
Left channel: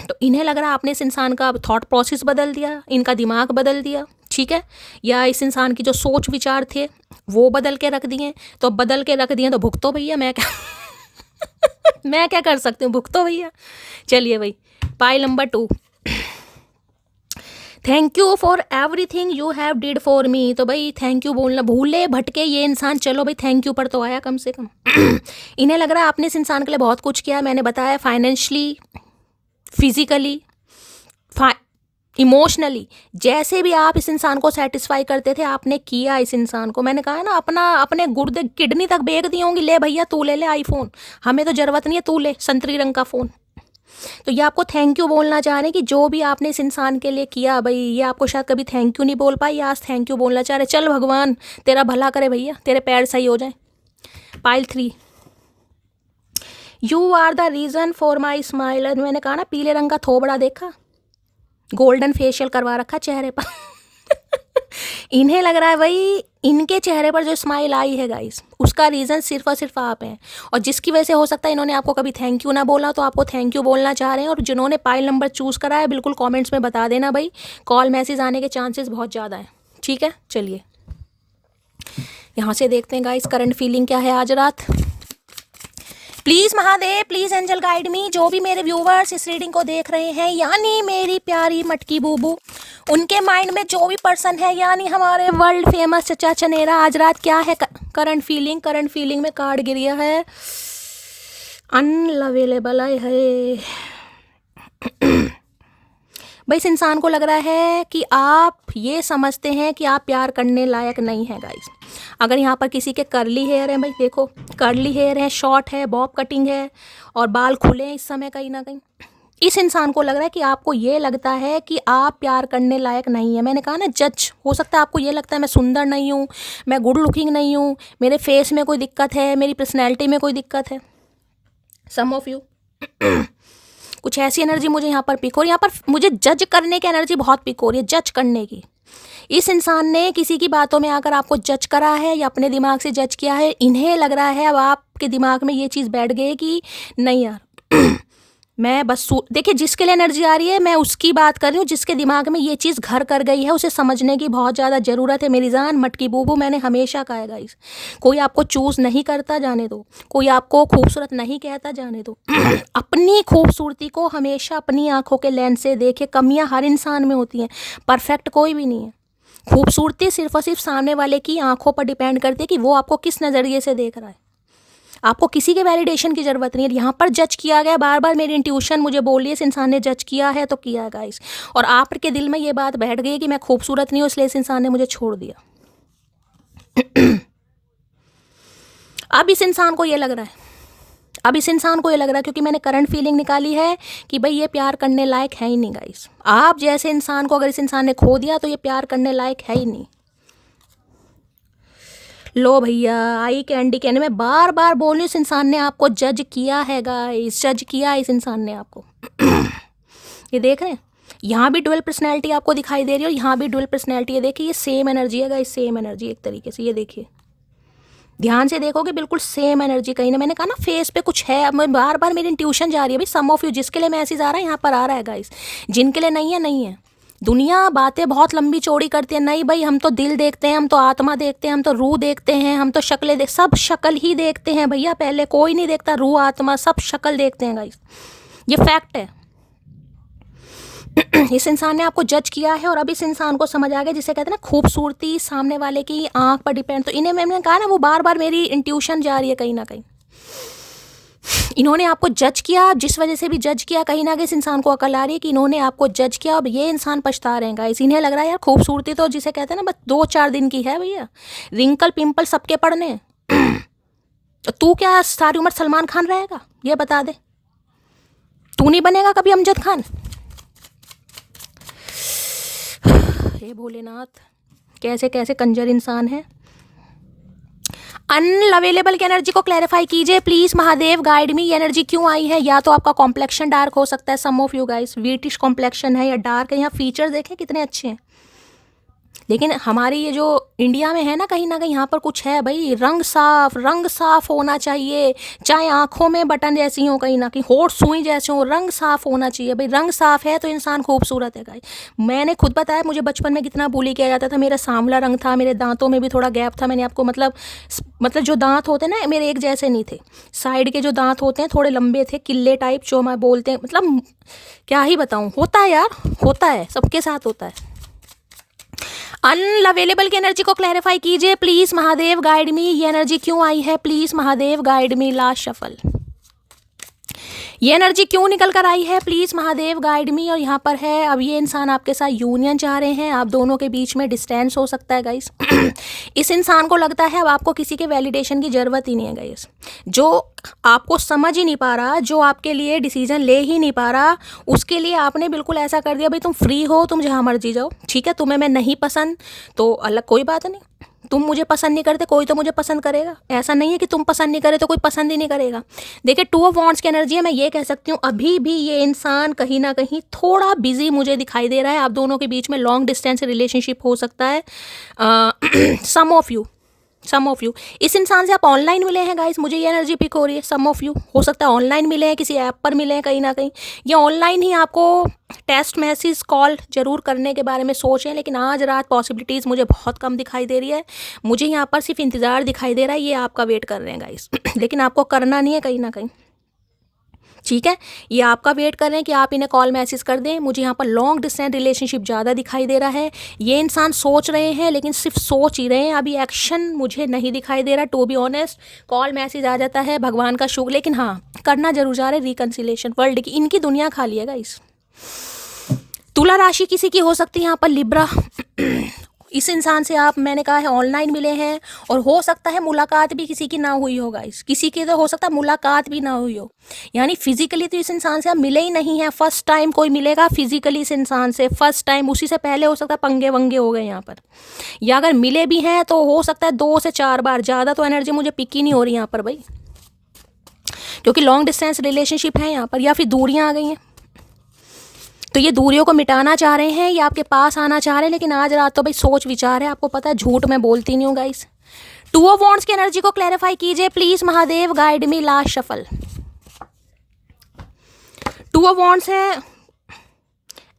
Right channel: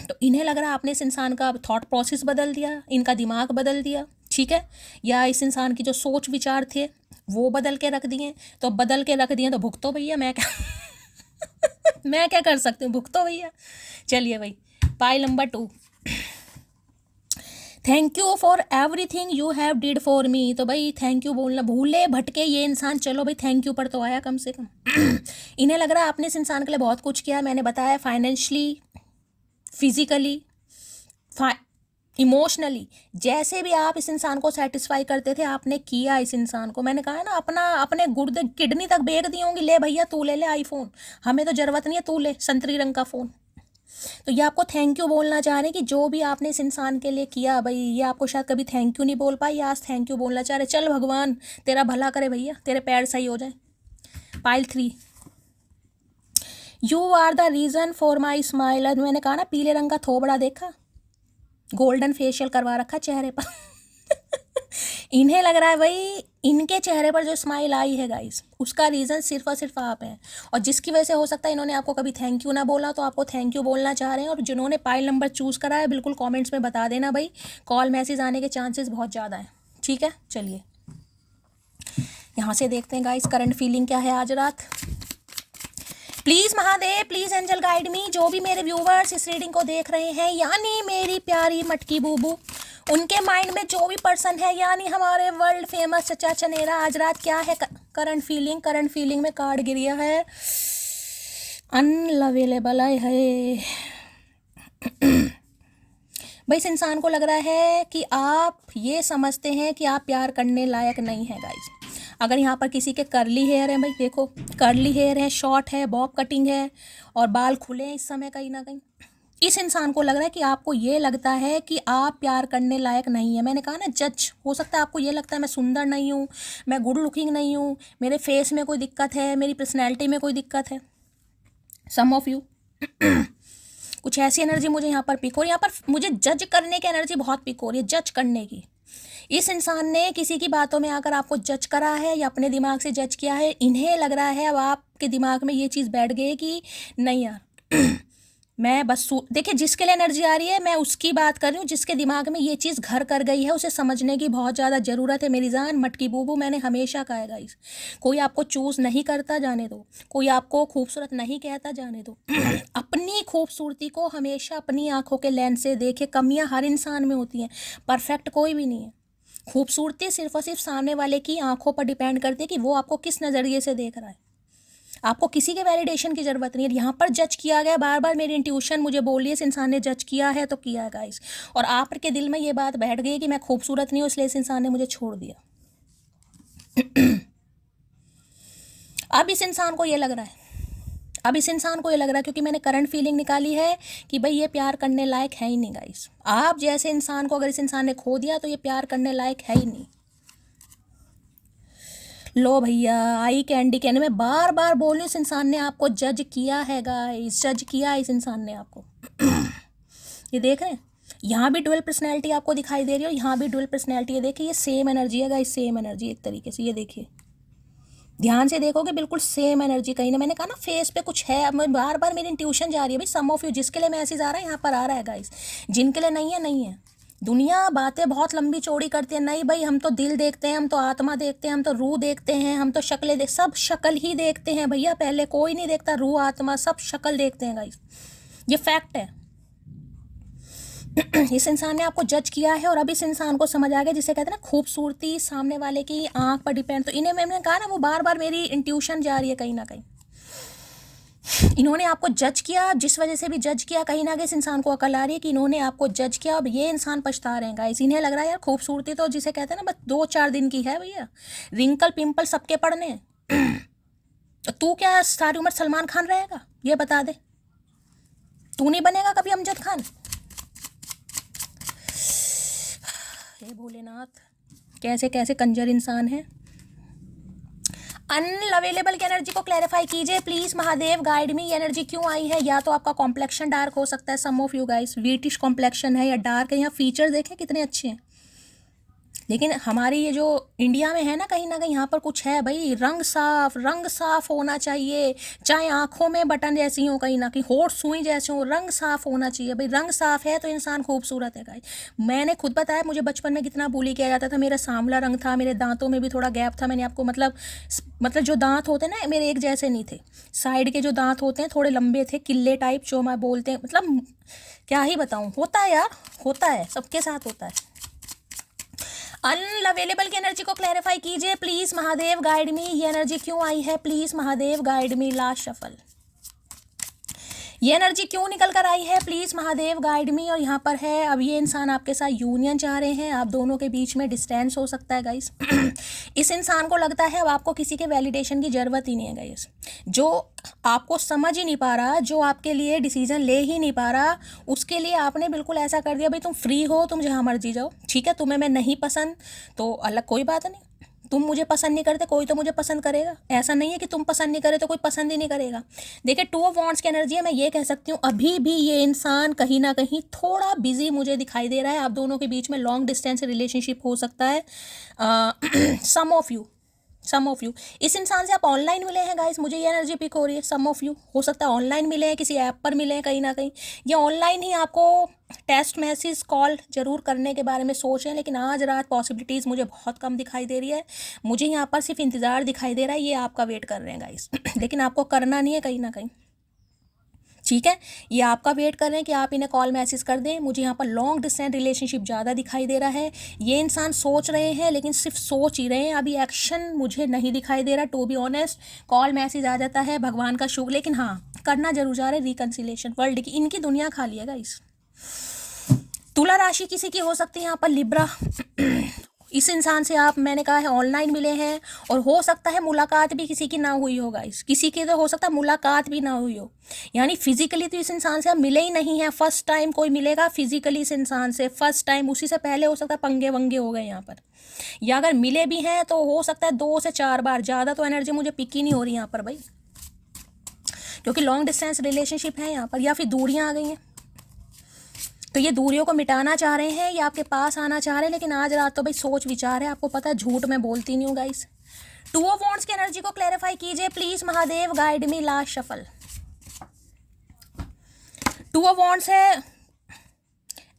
तो इन्हें लग रहा है आपने इस इंसान का थॉट प्रोसेस बदल दिया, इनका दिमाग बदल दिया। ठीक है, या इस इंसान की जो सोच विचार थे वो बदल के रख दिए। तो बदल के रख दिए तो भुगतो भैया, मैं क्या मैं क्या कर सकती हूँ, भुगतो भैया। चलिए भाई, pile number 2। Thank you for everything you have did for me. तो भाई थैंक यू बोलना भूले भटके ये इंसान, चलो भाई थैंक यू पर तो आया कम से कम। इन्हें लग रहा है आपने इस इंसान के लिए बहुत कुछ किया है। मैंने बताया फाइनेंशियली, फिजिकली, इमोशनली, जैसे भी आप इस इंसान को सेटिस्फाई करते थे आपने किया इस इंसान को। मैंने कहा ना अपने गुर्दे किडनी तक बेच दी होंगी, ले भैया तू ले आईफोन, हमें तो ज़रूरत नहीं है, तू ले संतरी रंग का फ़ोन। तो ये आपको थैंक यू बोलना चाह रहे हैं कि जो भी आपने इस इंसान के लिए किया भाई, ये आपको शायद कभी थैंक यू नहीं बोल पाई, आज थैंक यू बोलना चाह रहे। चल भगवान तेरा भला करे भैया, तेरे पैर सही हो जाए। Pile 3, you are the reason for my smile. मैंने कहा ना पीले रंग का थोबड़ा देखा, गोल्डन फेशियल करवा रखा चेहरे पर। इन्हें लग रहा है भाई इनके चेहरे पर जो स्माइल आई है गाइस, उसका रीज़न सिर्फ और सिर्फ आप हैं। और जिसकी वजह से हो सकता है इन्होंने आपको कभी थैंक यू ना बोला, तो आपको थैंक यू बोलना चाह रहे हैं। और जिन्होंने पाइल नंबर चूज़ करा है बिल्कुल कमेंट्स में बता देना भाई, कॉल मैसेज आने के चांसेस बहुत ज़्यादा हैं। ठीक है, चलिए यहाँ से देखते हैं गाइस करंट फीलिंग क्या है आज रात। Please Mahadev, please angel guide me. जो भी मेरे व्यूवर्स इस रीडिंग को देख रहे हैं, यानी मेरी प्यारी मटकी बूबू, उनके माइंड में जो भी पर्सन है, यानी हमारे वर्ल्ड फेमस चचा चनेरा, आज रात क्या है करंट फीलिंग। करंट फीलिंग में कार्ड गिरिया है अनअवेलेबल है। भाई इस इंसान को लग रहा है कि आप ये समझते हैं कि आप प्यार करने लायक नहीं है गाइज। अगर यहाँ पर किसी के कर्ली हेयर है, भाई देखो कर्ली हेयर है, शॉर्ट है, बॉब कटिंग है और बाल खुले हैं इस समय कहीं ना कहीं, इस इंसान को लग रहा है कि आपको ये लगता है कि आप प्यार करने लायक नहीं है। मैंने कहा ना जज, हो सकता है आपको ये लगता है मैं सुंदर नहीं हूँ, मैं गुड लुकिंग नहीं हूँ, मेरे फेस में कोई दिक्कत है, मेरी पर्सनैलिटी में कोई दिक्कत है। सम ऑफ यू कुछ ऐसी एनर्जी मुझे यहाँ पर पिक हो रही है, यहाँ पर मुझे जज करने की एनर्जी बहुत पिक हो रही है, जज करने की। इस इंसान ने किसी की बातों में आकर आपको जज करा है या अपने दिमाग से जज किया है। इन्हें लग रहा है अब आपके दिमाग में ये चीज़ बैठ गई कि नहीं यार मैं बस देखिए जिसके लिए एनर्जी आ रही है मैं उसकी बात कर रही हूँ, जिसके दिमाग में ये चीज़ घर कर गई है उसे समझने की बहुत ज़्यादा ज़रूरत है। मेरी जान मटकी बूबू, मैंने हमेशा कहा है गाइस, कोई आपको चूज़ नहीं करता जाने दो, कोई आपको खूबसूरत नहीं कहता जाने दो। अपनी खूबसूरती को हमेशा अपनी आंखों के लेंस से देखे। कमियाँ हर इंसान में होती हैं, परफेक्ट कोई भी नहीं है। खूबसूरती सिर्फ और सिर्फ सामने वाले की आंखों पर डिपेंड करती है कि वो आपको किस नज़रिए से देख रहा है। आपको किसी के वैलिडेशन की ज़रूरत नहीं है। यहाँ पर जज किया गया, बार बार मेरी इंट्यूशन मुझे बोल रही है इस इंसान ने जज किया है तो किया है गाइस, और आपके दिल में ये बात बैठ गई कि मैं खूबसूरत नहीं हूँ इसलिए इस इंसान ने मुझे छोड़ दिया। अब इस इंसान को ये लग रहा है, क्योंकि मैंने करंट फीलिंग निकाली है कि भाई ये प्यार करने लायक है ही नहीं गाइस। आप जैसे इंसान को अगर इस इंसान ने खो दिया तो ये प्यार करने लायक है ही नहीं। लो भैया आई कैंडी कहने में बार बार बोल रही, इस इंसान ने आपको जज किया है गाइस, जज किया इस इंसान ने आपको। ये देख रहे हैं, यहाँ भी डुअल पर्सनैलिटी आपको दिखाई दे रही है और यहाँ भी डुअल पर्सनैलिटी है। देखिए ये सेम एनर्जी है गाइस, सेम एनर्जी एक तरीके से। ये देखिए ध्यान से देखोगे बिल्कुल सेम एनर्जी। कहीं ना मैंने कहा ना फेस पे कुछ है, अब मैं बार बार मेरी इंट्यूशन जा रही है भाई। सम ऑफ यू जिसके लिए मैसेज आ रहा है यहाँ पर आ रहा है गाइस, जिनके लिए नहीं है नहीं है। दुनिया बातें बहुत लंबी चौड़ी करती है, नहीं भाई हम तो दिल देखते हैं, हम तो आत्मा देखते हैं, हम तो रूह देखते हैं, हम तो शक्लें देख, सब शक्ल ही देखते हैं भैया। पहले कोई नहीं देखता रूह आत्मा, सब शक्ल देखते हैं गाइस, ये फैक्ट है। इस इंसान ने आपको जज किया है और अब इस इंसान को समझ आ गया, जिसे कहते हैं ना खूबसूरती सामने वाले की आंख पर डिपेंड। तो इन्हें मैंने कहा ना वो बार बार मेरी इंट्यूशन जा रही है कहीं ना कहीं। इन्होंने आपको जज किया, जिस वजह से भी जज किया, कहीं ना कहीं इस इंसान को अकल आ रही है कि इन्होंने आपको जज किया। अब ये इंसान पछता रहे हैं गाइस। इन्हें लग रहा है यार खूबसूरती तो जिसे कहते हैं ना बस 2-4 दिन की है भैया, रिंकल पिंपल सबके पड़ने। तो तू क्या सारी उम्र सलमान खान रहेगा, ये बता दे। तू नहीं बनेगा कभी अमजद खान। हे भोलेनाथ, कैसे कैसे कंजर इंसान है। अनअवेलेबल की एनर्जी को क्लैरिफाई कीजिए प्लीज महादेव, गाइड मी। ये एनर्जी क्यों आई है? या तो आपका कॉम्प्लेक्शन डार्क हो सकता है, some of you guys wheatish complexion है या डार्क है। यहाँ फीचर देखें कितने अच्छे हैं, लेकिन हमारी ये जो इंडिया में है ना कहीं यहाँ पर कुछ है भाई। रंग साफ होना चाहिए, चाहे आंखों में बटन जैसी हो, कहीं ना कहीं होठ सुई जैसे हो, रंग साफ होना चाहिए भाई। रंग साफ है तो इंसान खूबसूरत है गाइस। मैंने खुद बताया मुझे बचपन में कितना बुली किया जाता था। मेरा सांवला रंग था, मेरे दांतों में भी थोड़ा गैप था। मैंने आपको मतलब जो दांत होते हैं ना मेरे एक जैसे नहीं थे, साइड के जो दांत होते हैं थोड़े लंबे थे, किले टाइप जो मैं बोलते हैं। मतलब क्या ही बताऊँ, होता है यार, होता है, सबके साथ होता है। अनअवेलेबल की एनर्जी को क्लैरिफाई कीजिए प्लीज महादेव, गाइड मी। ये एनर्जी क्यों आई है please Mahadev, guide me. Last shuffle, ये एनर्जी क्यों निकल कर आई है प्लीज महादेव, गाइड मी। और यहाँ पर है, अब ये इंसान आपके साथ यूनियन चाह रहे हैं, आप दोनों के बीच में डिस्टेंस हो सकता है गाइस। इस इंसान को लगता है अब आपको किसी के वैलिडेशन की जरूरत ही नहीं है गाइस। जो आपको समझ ही नहीं पा रहा, जो आपके लिए डिसीजन ले ही नहीं पा रहा, उसके लिए आपने बिल्कुल ऐसा कर दिया भाई तुम फ्री हो, तुम जहाँ मर्जी जाओ, ठीक है। तुम्हें मैं नहीं पसंद तो अलग कोई बात नहीं, तुम मुझे पसंद नहीं करते, कोई तो मुझे पसंद करेगा। ऐसा नहीं है कि तुम पसंद नहीं करे तो कोई पसंद ही नहीं करेगा। देखिए 2 ऑफ वॉन्ड्स की एनर्जी है, मैं ये कह सकती हूँ अभी भी ये इंसान कहीं ना कहीं थोड़ा बिजी मुझे दिखाई दे रहा है। आप दोनों के बीच में लॉन्ग डिस्टेंस रिलेशनशिप हो सकता है। सम ऑफ यू इस इंसान से आप ऑनलाइन मिले हैं गाइस, मुझे ये एनर्जी पिक हो रही है। सम ऑफ यू हो सकता है ऑनलाइन मिले हैं, किसी ऐप पर मिले हैं कहीं ना कहीं, या ऑनलाइन ही आपको टेक्स्ट मैसेज कॉल जरूर करने के बारे में सोचें। लेकिन आज रात पॉसिबिलिटीज़ मुझे बहुत कम दिखाई दे रही है। मुझे यहाँ पर सिर्फ इंतज़ार दिखाई दे रहा है, ये आपका वेट कर रहे हैं गाइस। लेकिन आपको करना नहीं है कहीं ना कहीं, ठीक है। ये आपका वेट कर रहे हैं कि आप इन्हें कॉल मैसेज कर दें। मुझे यहाँ पर लॉन्ग डिस्टेंस रिलेशनशिप ज़्यादा दिखाई दे रहा है। ये इंसान सोच रहे हैं लेकिन सिर्फ सोच ही रहे हैं, अभी एक्शन मुझे नहीं दिखाई दे रहा। To be honest, call message आ जाता है, भगवान का शुक्र, लेकिन हाँ करना जरूर जा रहे हैं रिकन्सिलेशन। वर्ल्ड की इनकी दुनिया खाली है गाइस। तुला राशि किसी की हो सकती है यहाँ पर, लिब्रा। इस इंसान से आप, मैंने कहा है ऑनलाइन मिले हैं, और हो सकता है मुलाकात भी किसी की ना हुई हो गाइस। किसी की तो हो सकता है मुलाकात भी ना हुई हो, यानी फिजिकली तो इस इंसान से आप मिले ही नहीं हैं। फर्स्ट टाइम कोई मिलेगा फिजिकली इस इंसान से, फर्स्ट टाइम। उसी से पहले हो सकता है पंगे वंगे हो गए यहाँ पर, या अगर मिले भी हैं तो हो सकता है 2 से 4 बार, ज़्यादा तो एनर्जी मुझे पिक ही नहीं हो रही यहाँ पर भाई, क्योंकि लॉन्ग डिस्टेंस रिलेशनशिप है यहाँ पर, या फिर दूरियाँ आ गई हैं। तो ये दूरियों को मिटाना चाह रहे हैं, ये आपके पास आना चाह रहे हैं। लेकिन आज रात तो भाई सोच विचार है, आपको पता है झूठ मैं बोलती नहीं हूँ गाइस। 2 ऑफ वॉन्ड्स की एनर्जी को क्लैरिफाई कीजिए please Mahadev, guide me. Last shuffle, 2 of wands है,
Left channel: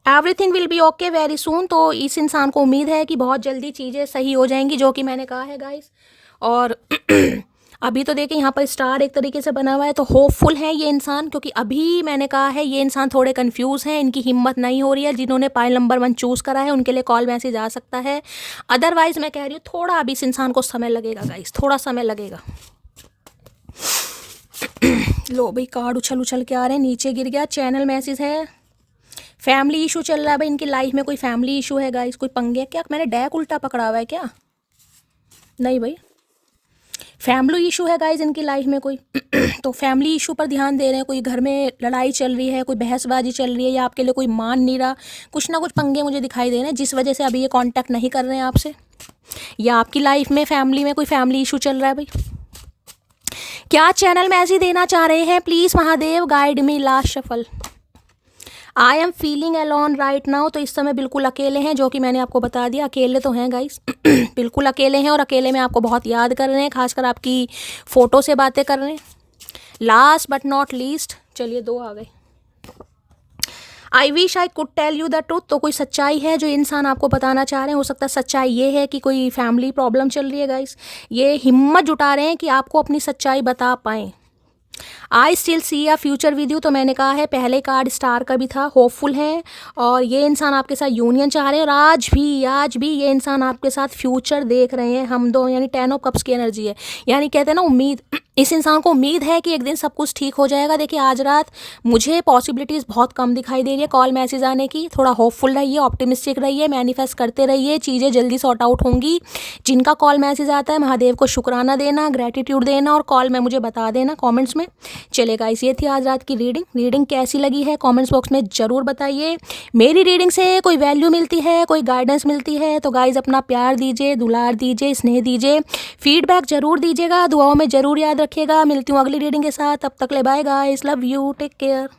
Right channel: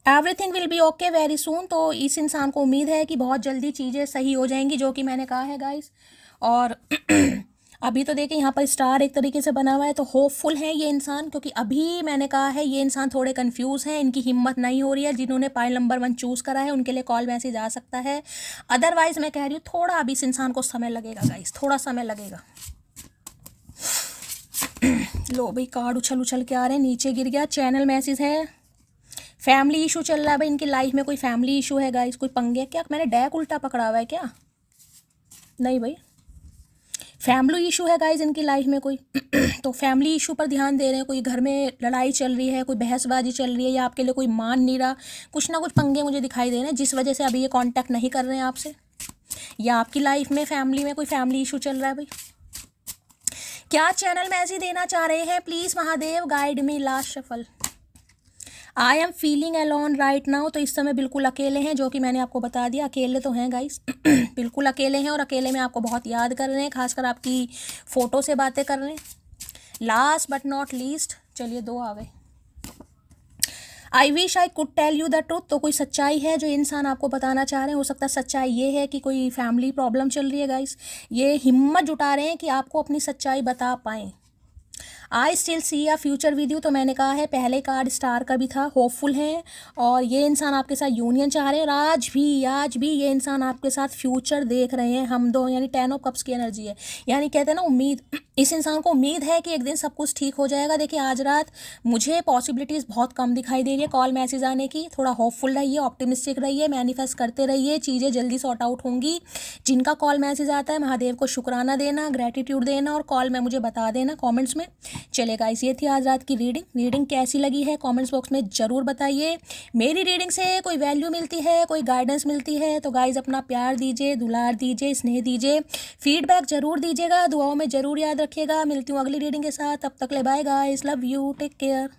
everything will be okay very soon. तो इस इंसान को उम्मीद है कि बहुत जल्दी चीज़ें सही हो जाएंगी, जो कि मैंने कहा है गाइस। और अभी तो देखिए यहाँ पर स्टार एक तरीके से बना हुआ है, तो होपफुल है ये इंसान, क्योंकि अभी मैंने कहा है ये इंसान थोड़े कंफ्यूज हैं, इनकी हिम्मत नहीं हो रही है। जिन्होंने पाइल नंबर 1 चूज़ करा है उनके लिए कॉल मैसेज आ सकता है। अदरवाइज मैं कह रही हूँ थोड़ा अभी इस इंसान को समय लगेगा गाइस, थोड़ा समय लगेगा। लो भाई कार्ड उछल उछल के आ रहे हैं, नीचे गिर गया। चैनल मैसेज है, फैमिली इशू चल रहा है भाई, इनकी लाइफ में कोई फैमिली इशू है गाइस, कोई पंगे। क्या मैंने डेक उल्टा पकड़ा हुआ है क्या? नहीं भाई, फैमिली इशू है गाइज इनकी लाइफ में कोई। तो फैमिली इशू पर ध्यान दे रहे हैं, कोई घर में लड़ाई चल रही है, कोई बहसबाजी चल रही है, या आपके लिए कोई मान नहीं रहा, कुछ ना कुछ पंगे मुझे दिखाई दे रहे हैं, जिस वजह से अभी ये कांटेक्ट नहीं कर रहे हैं आपसे। या आपकी लाइफ में फैमिली में कोई फैमिली इशू चल रहा है भाई। क्या चैनल मैसेज देना चाह रहे हैं please Mahadev, guide me. Last shuffle, I am feeling alone right now. तो इस समय बिल्कुल अकेले हैं, जो कि मैंने आपको बता दिया, अकेले तो हैं गाइस। बिल्कुल अकेले हैं, और अकेले में आपको बहुत याद कर रहे हैं, खासकर आपकी फ़ोटो से बातें कर रहे हैं। लास्ट बट नॉट लीस्ट, चलिए 2 आ गए। I wish I could tell you the truth. तो कोई सच्चाई है जो इंसान आपको बताना चाह रहे हैं। हो सकता है सच्चाई ये है कि कोई फैमिली प्रॉब्लम चल रही है गाइस। ये हिम्मत जुटा रहे हैं कि आपको अपनी सच्चाई बता पाएँ। I still see a future with you. तो मैंने कहा है पहले कार्ड स्टार का भी था, होपफुल है, और ये इंसान आपके साथ यूनियन चाह रहे हैं, और आज भी ये इंसान आपके साथ फ्यूचर देख रहे हैं। हम दो, यानी 10 ऑफ कप्स की एनर्जी है, यानी कहते हैं ना उम्मीद। इस इंसान को उम्मीद है कि एक दिन सब कुछ ठीक हो जाएगा। देखिए आज रात मुझे पॉसिबिलिटीज़ बहुत कम दिखाई दे रही है कॉल मैसेज आने की। थोड़ा होपफुल रहिए, ऑप्टिमिस्टिक रहिए, मैनिफेस्ट करते रहिए, चीज़ें जल्दी सॉर्ट आउट होंगी। जिनका कॉल मैसेज आता है महादेव को शुक्राना देना, ग्रेटिट्यूड देना, और कॉल में मुझे बता देना कॉमेंट्स में। चलेगा, इस ये थी आज रात की रीडिंग कैसी लगी है कमेंट्स बॉक्स में ज़रूर बताइए। मेरी रीडिंग से कोई वैल्यू मिलती है, कोई गाइडेंस मिलती है तो गाइज अपना प्यार दीजिए, दुलार दीजिए, स्नेह दीजिए, फीडबैक ज़रूर दीजिएगा, दुआओं में ज़रूर याद रखिएगा। मिलती हूँ अगली रीडिंग के साथ, तब तक ले bye guys, love you, take care.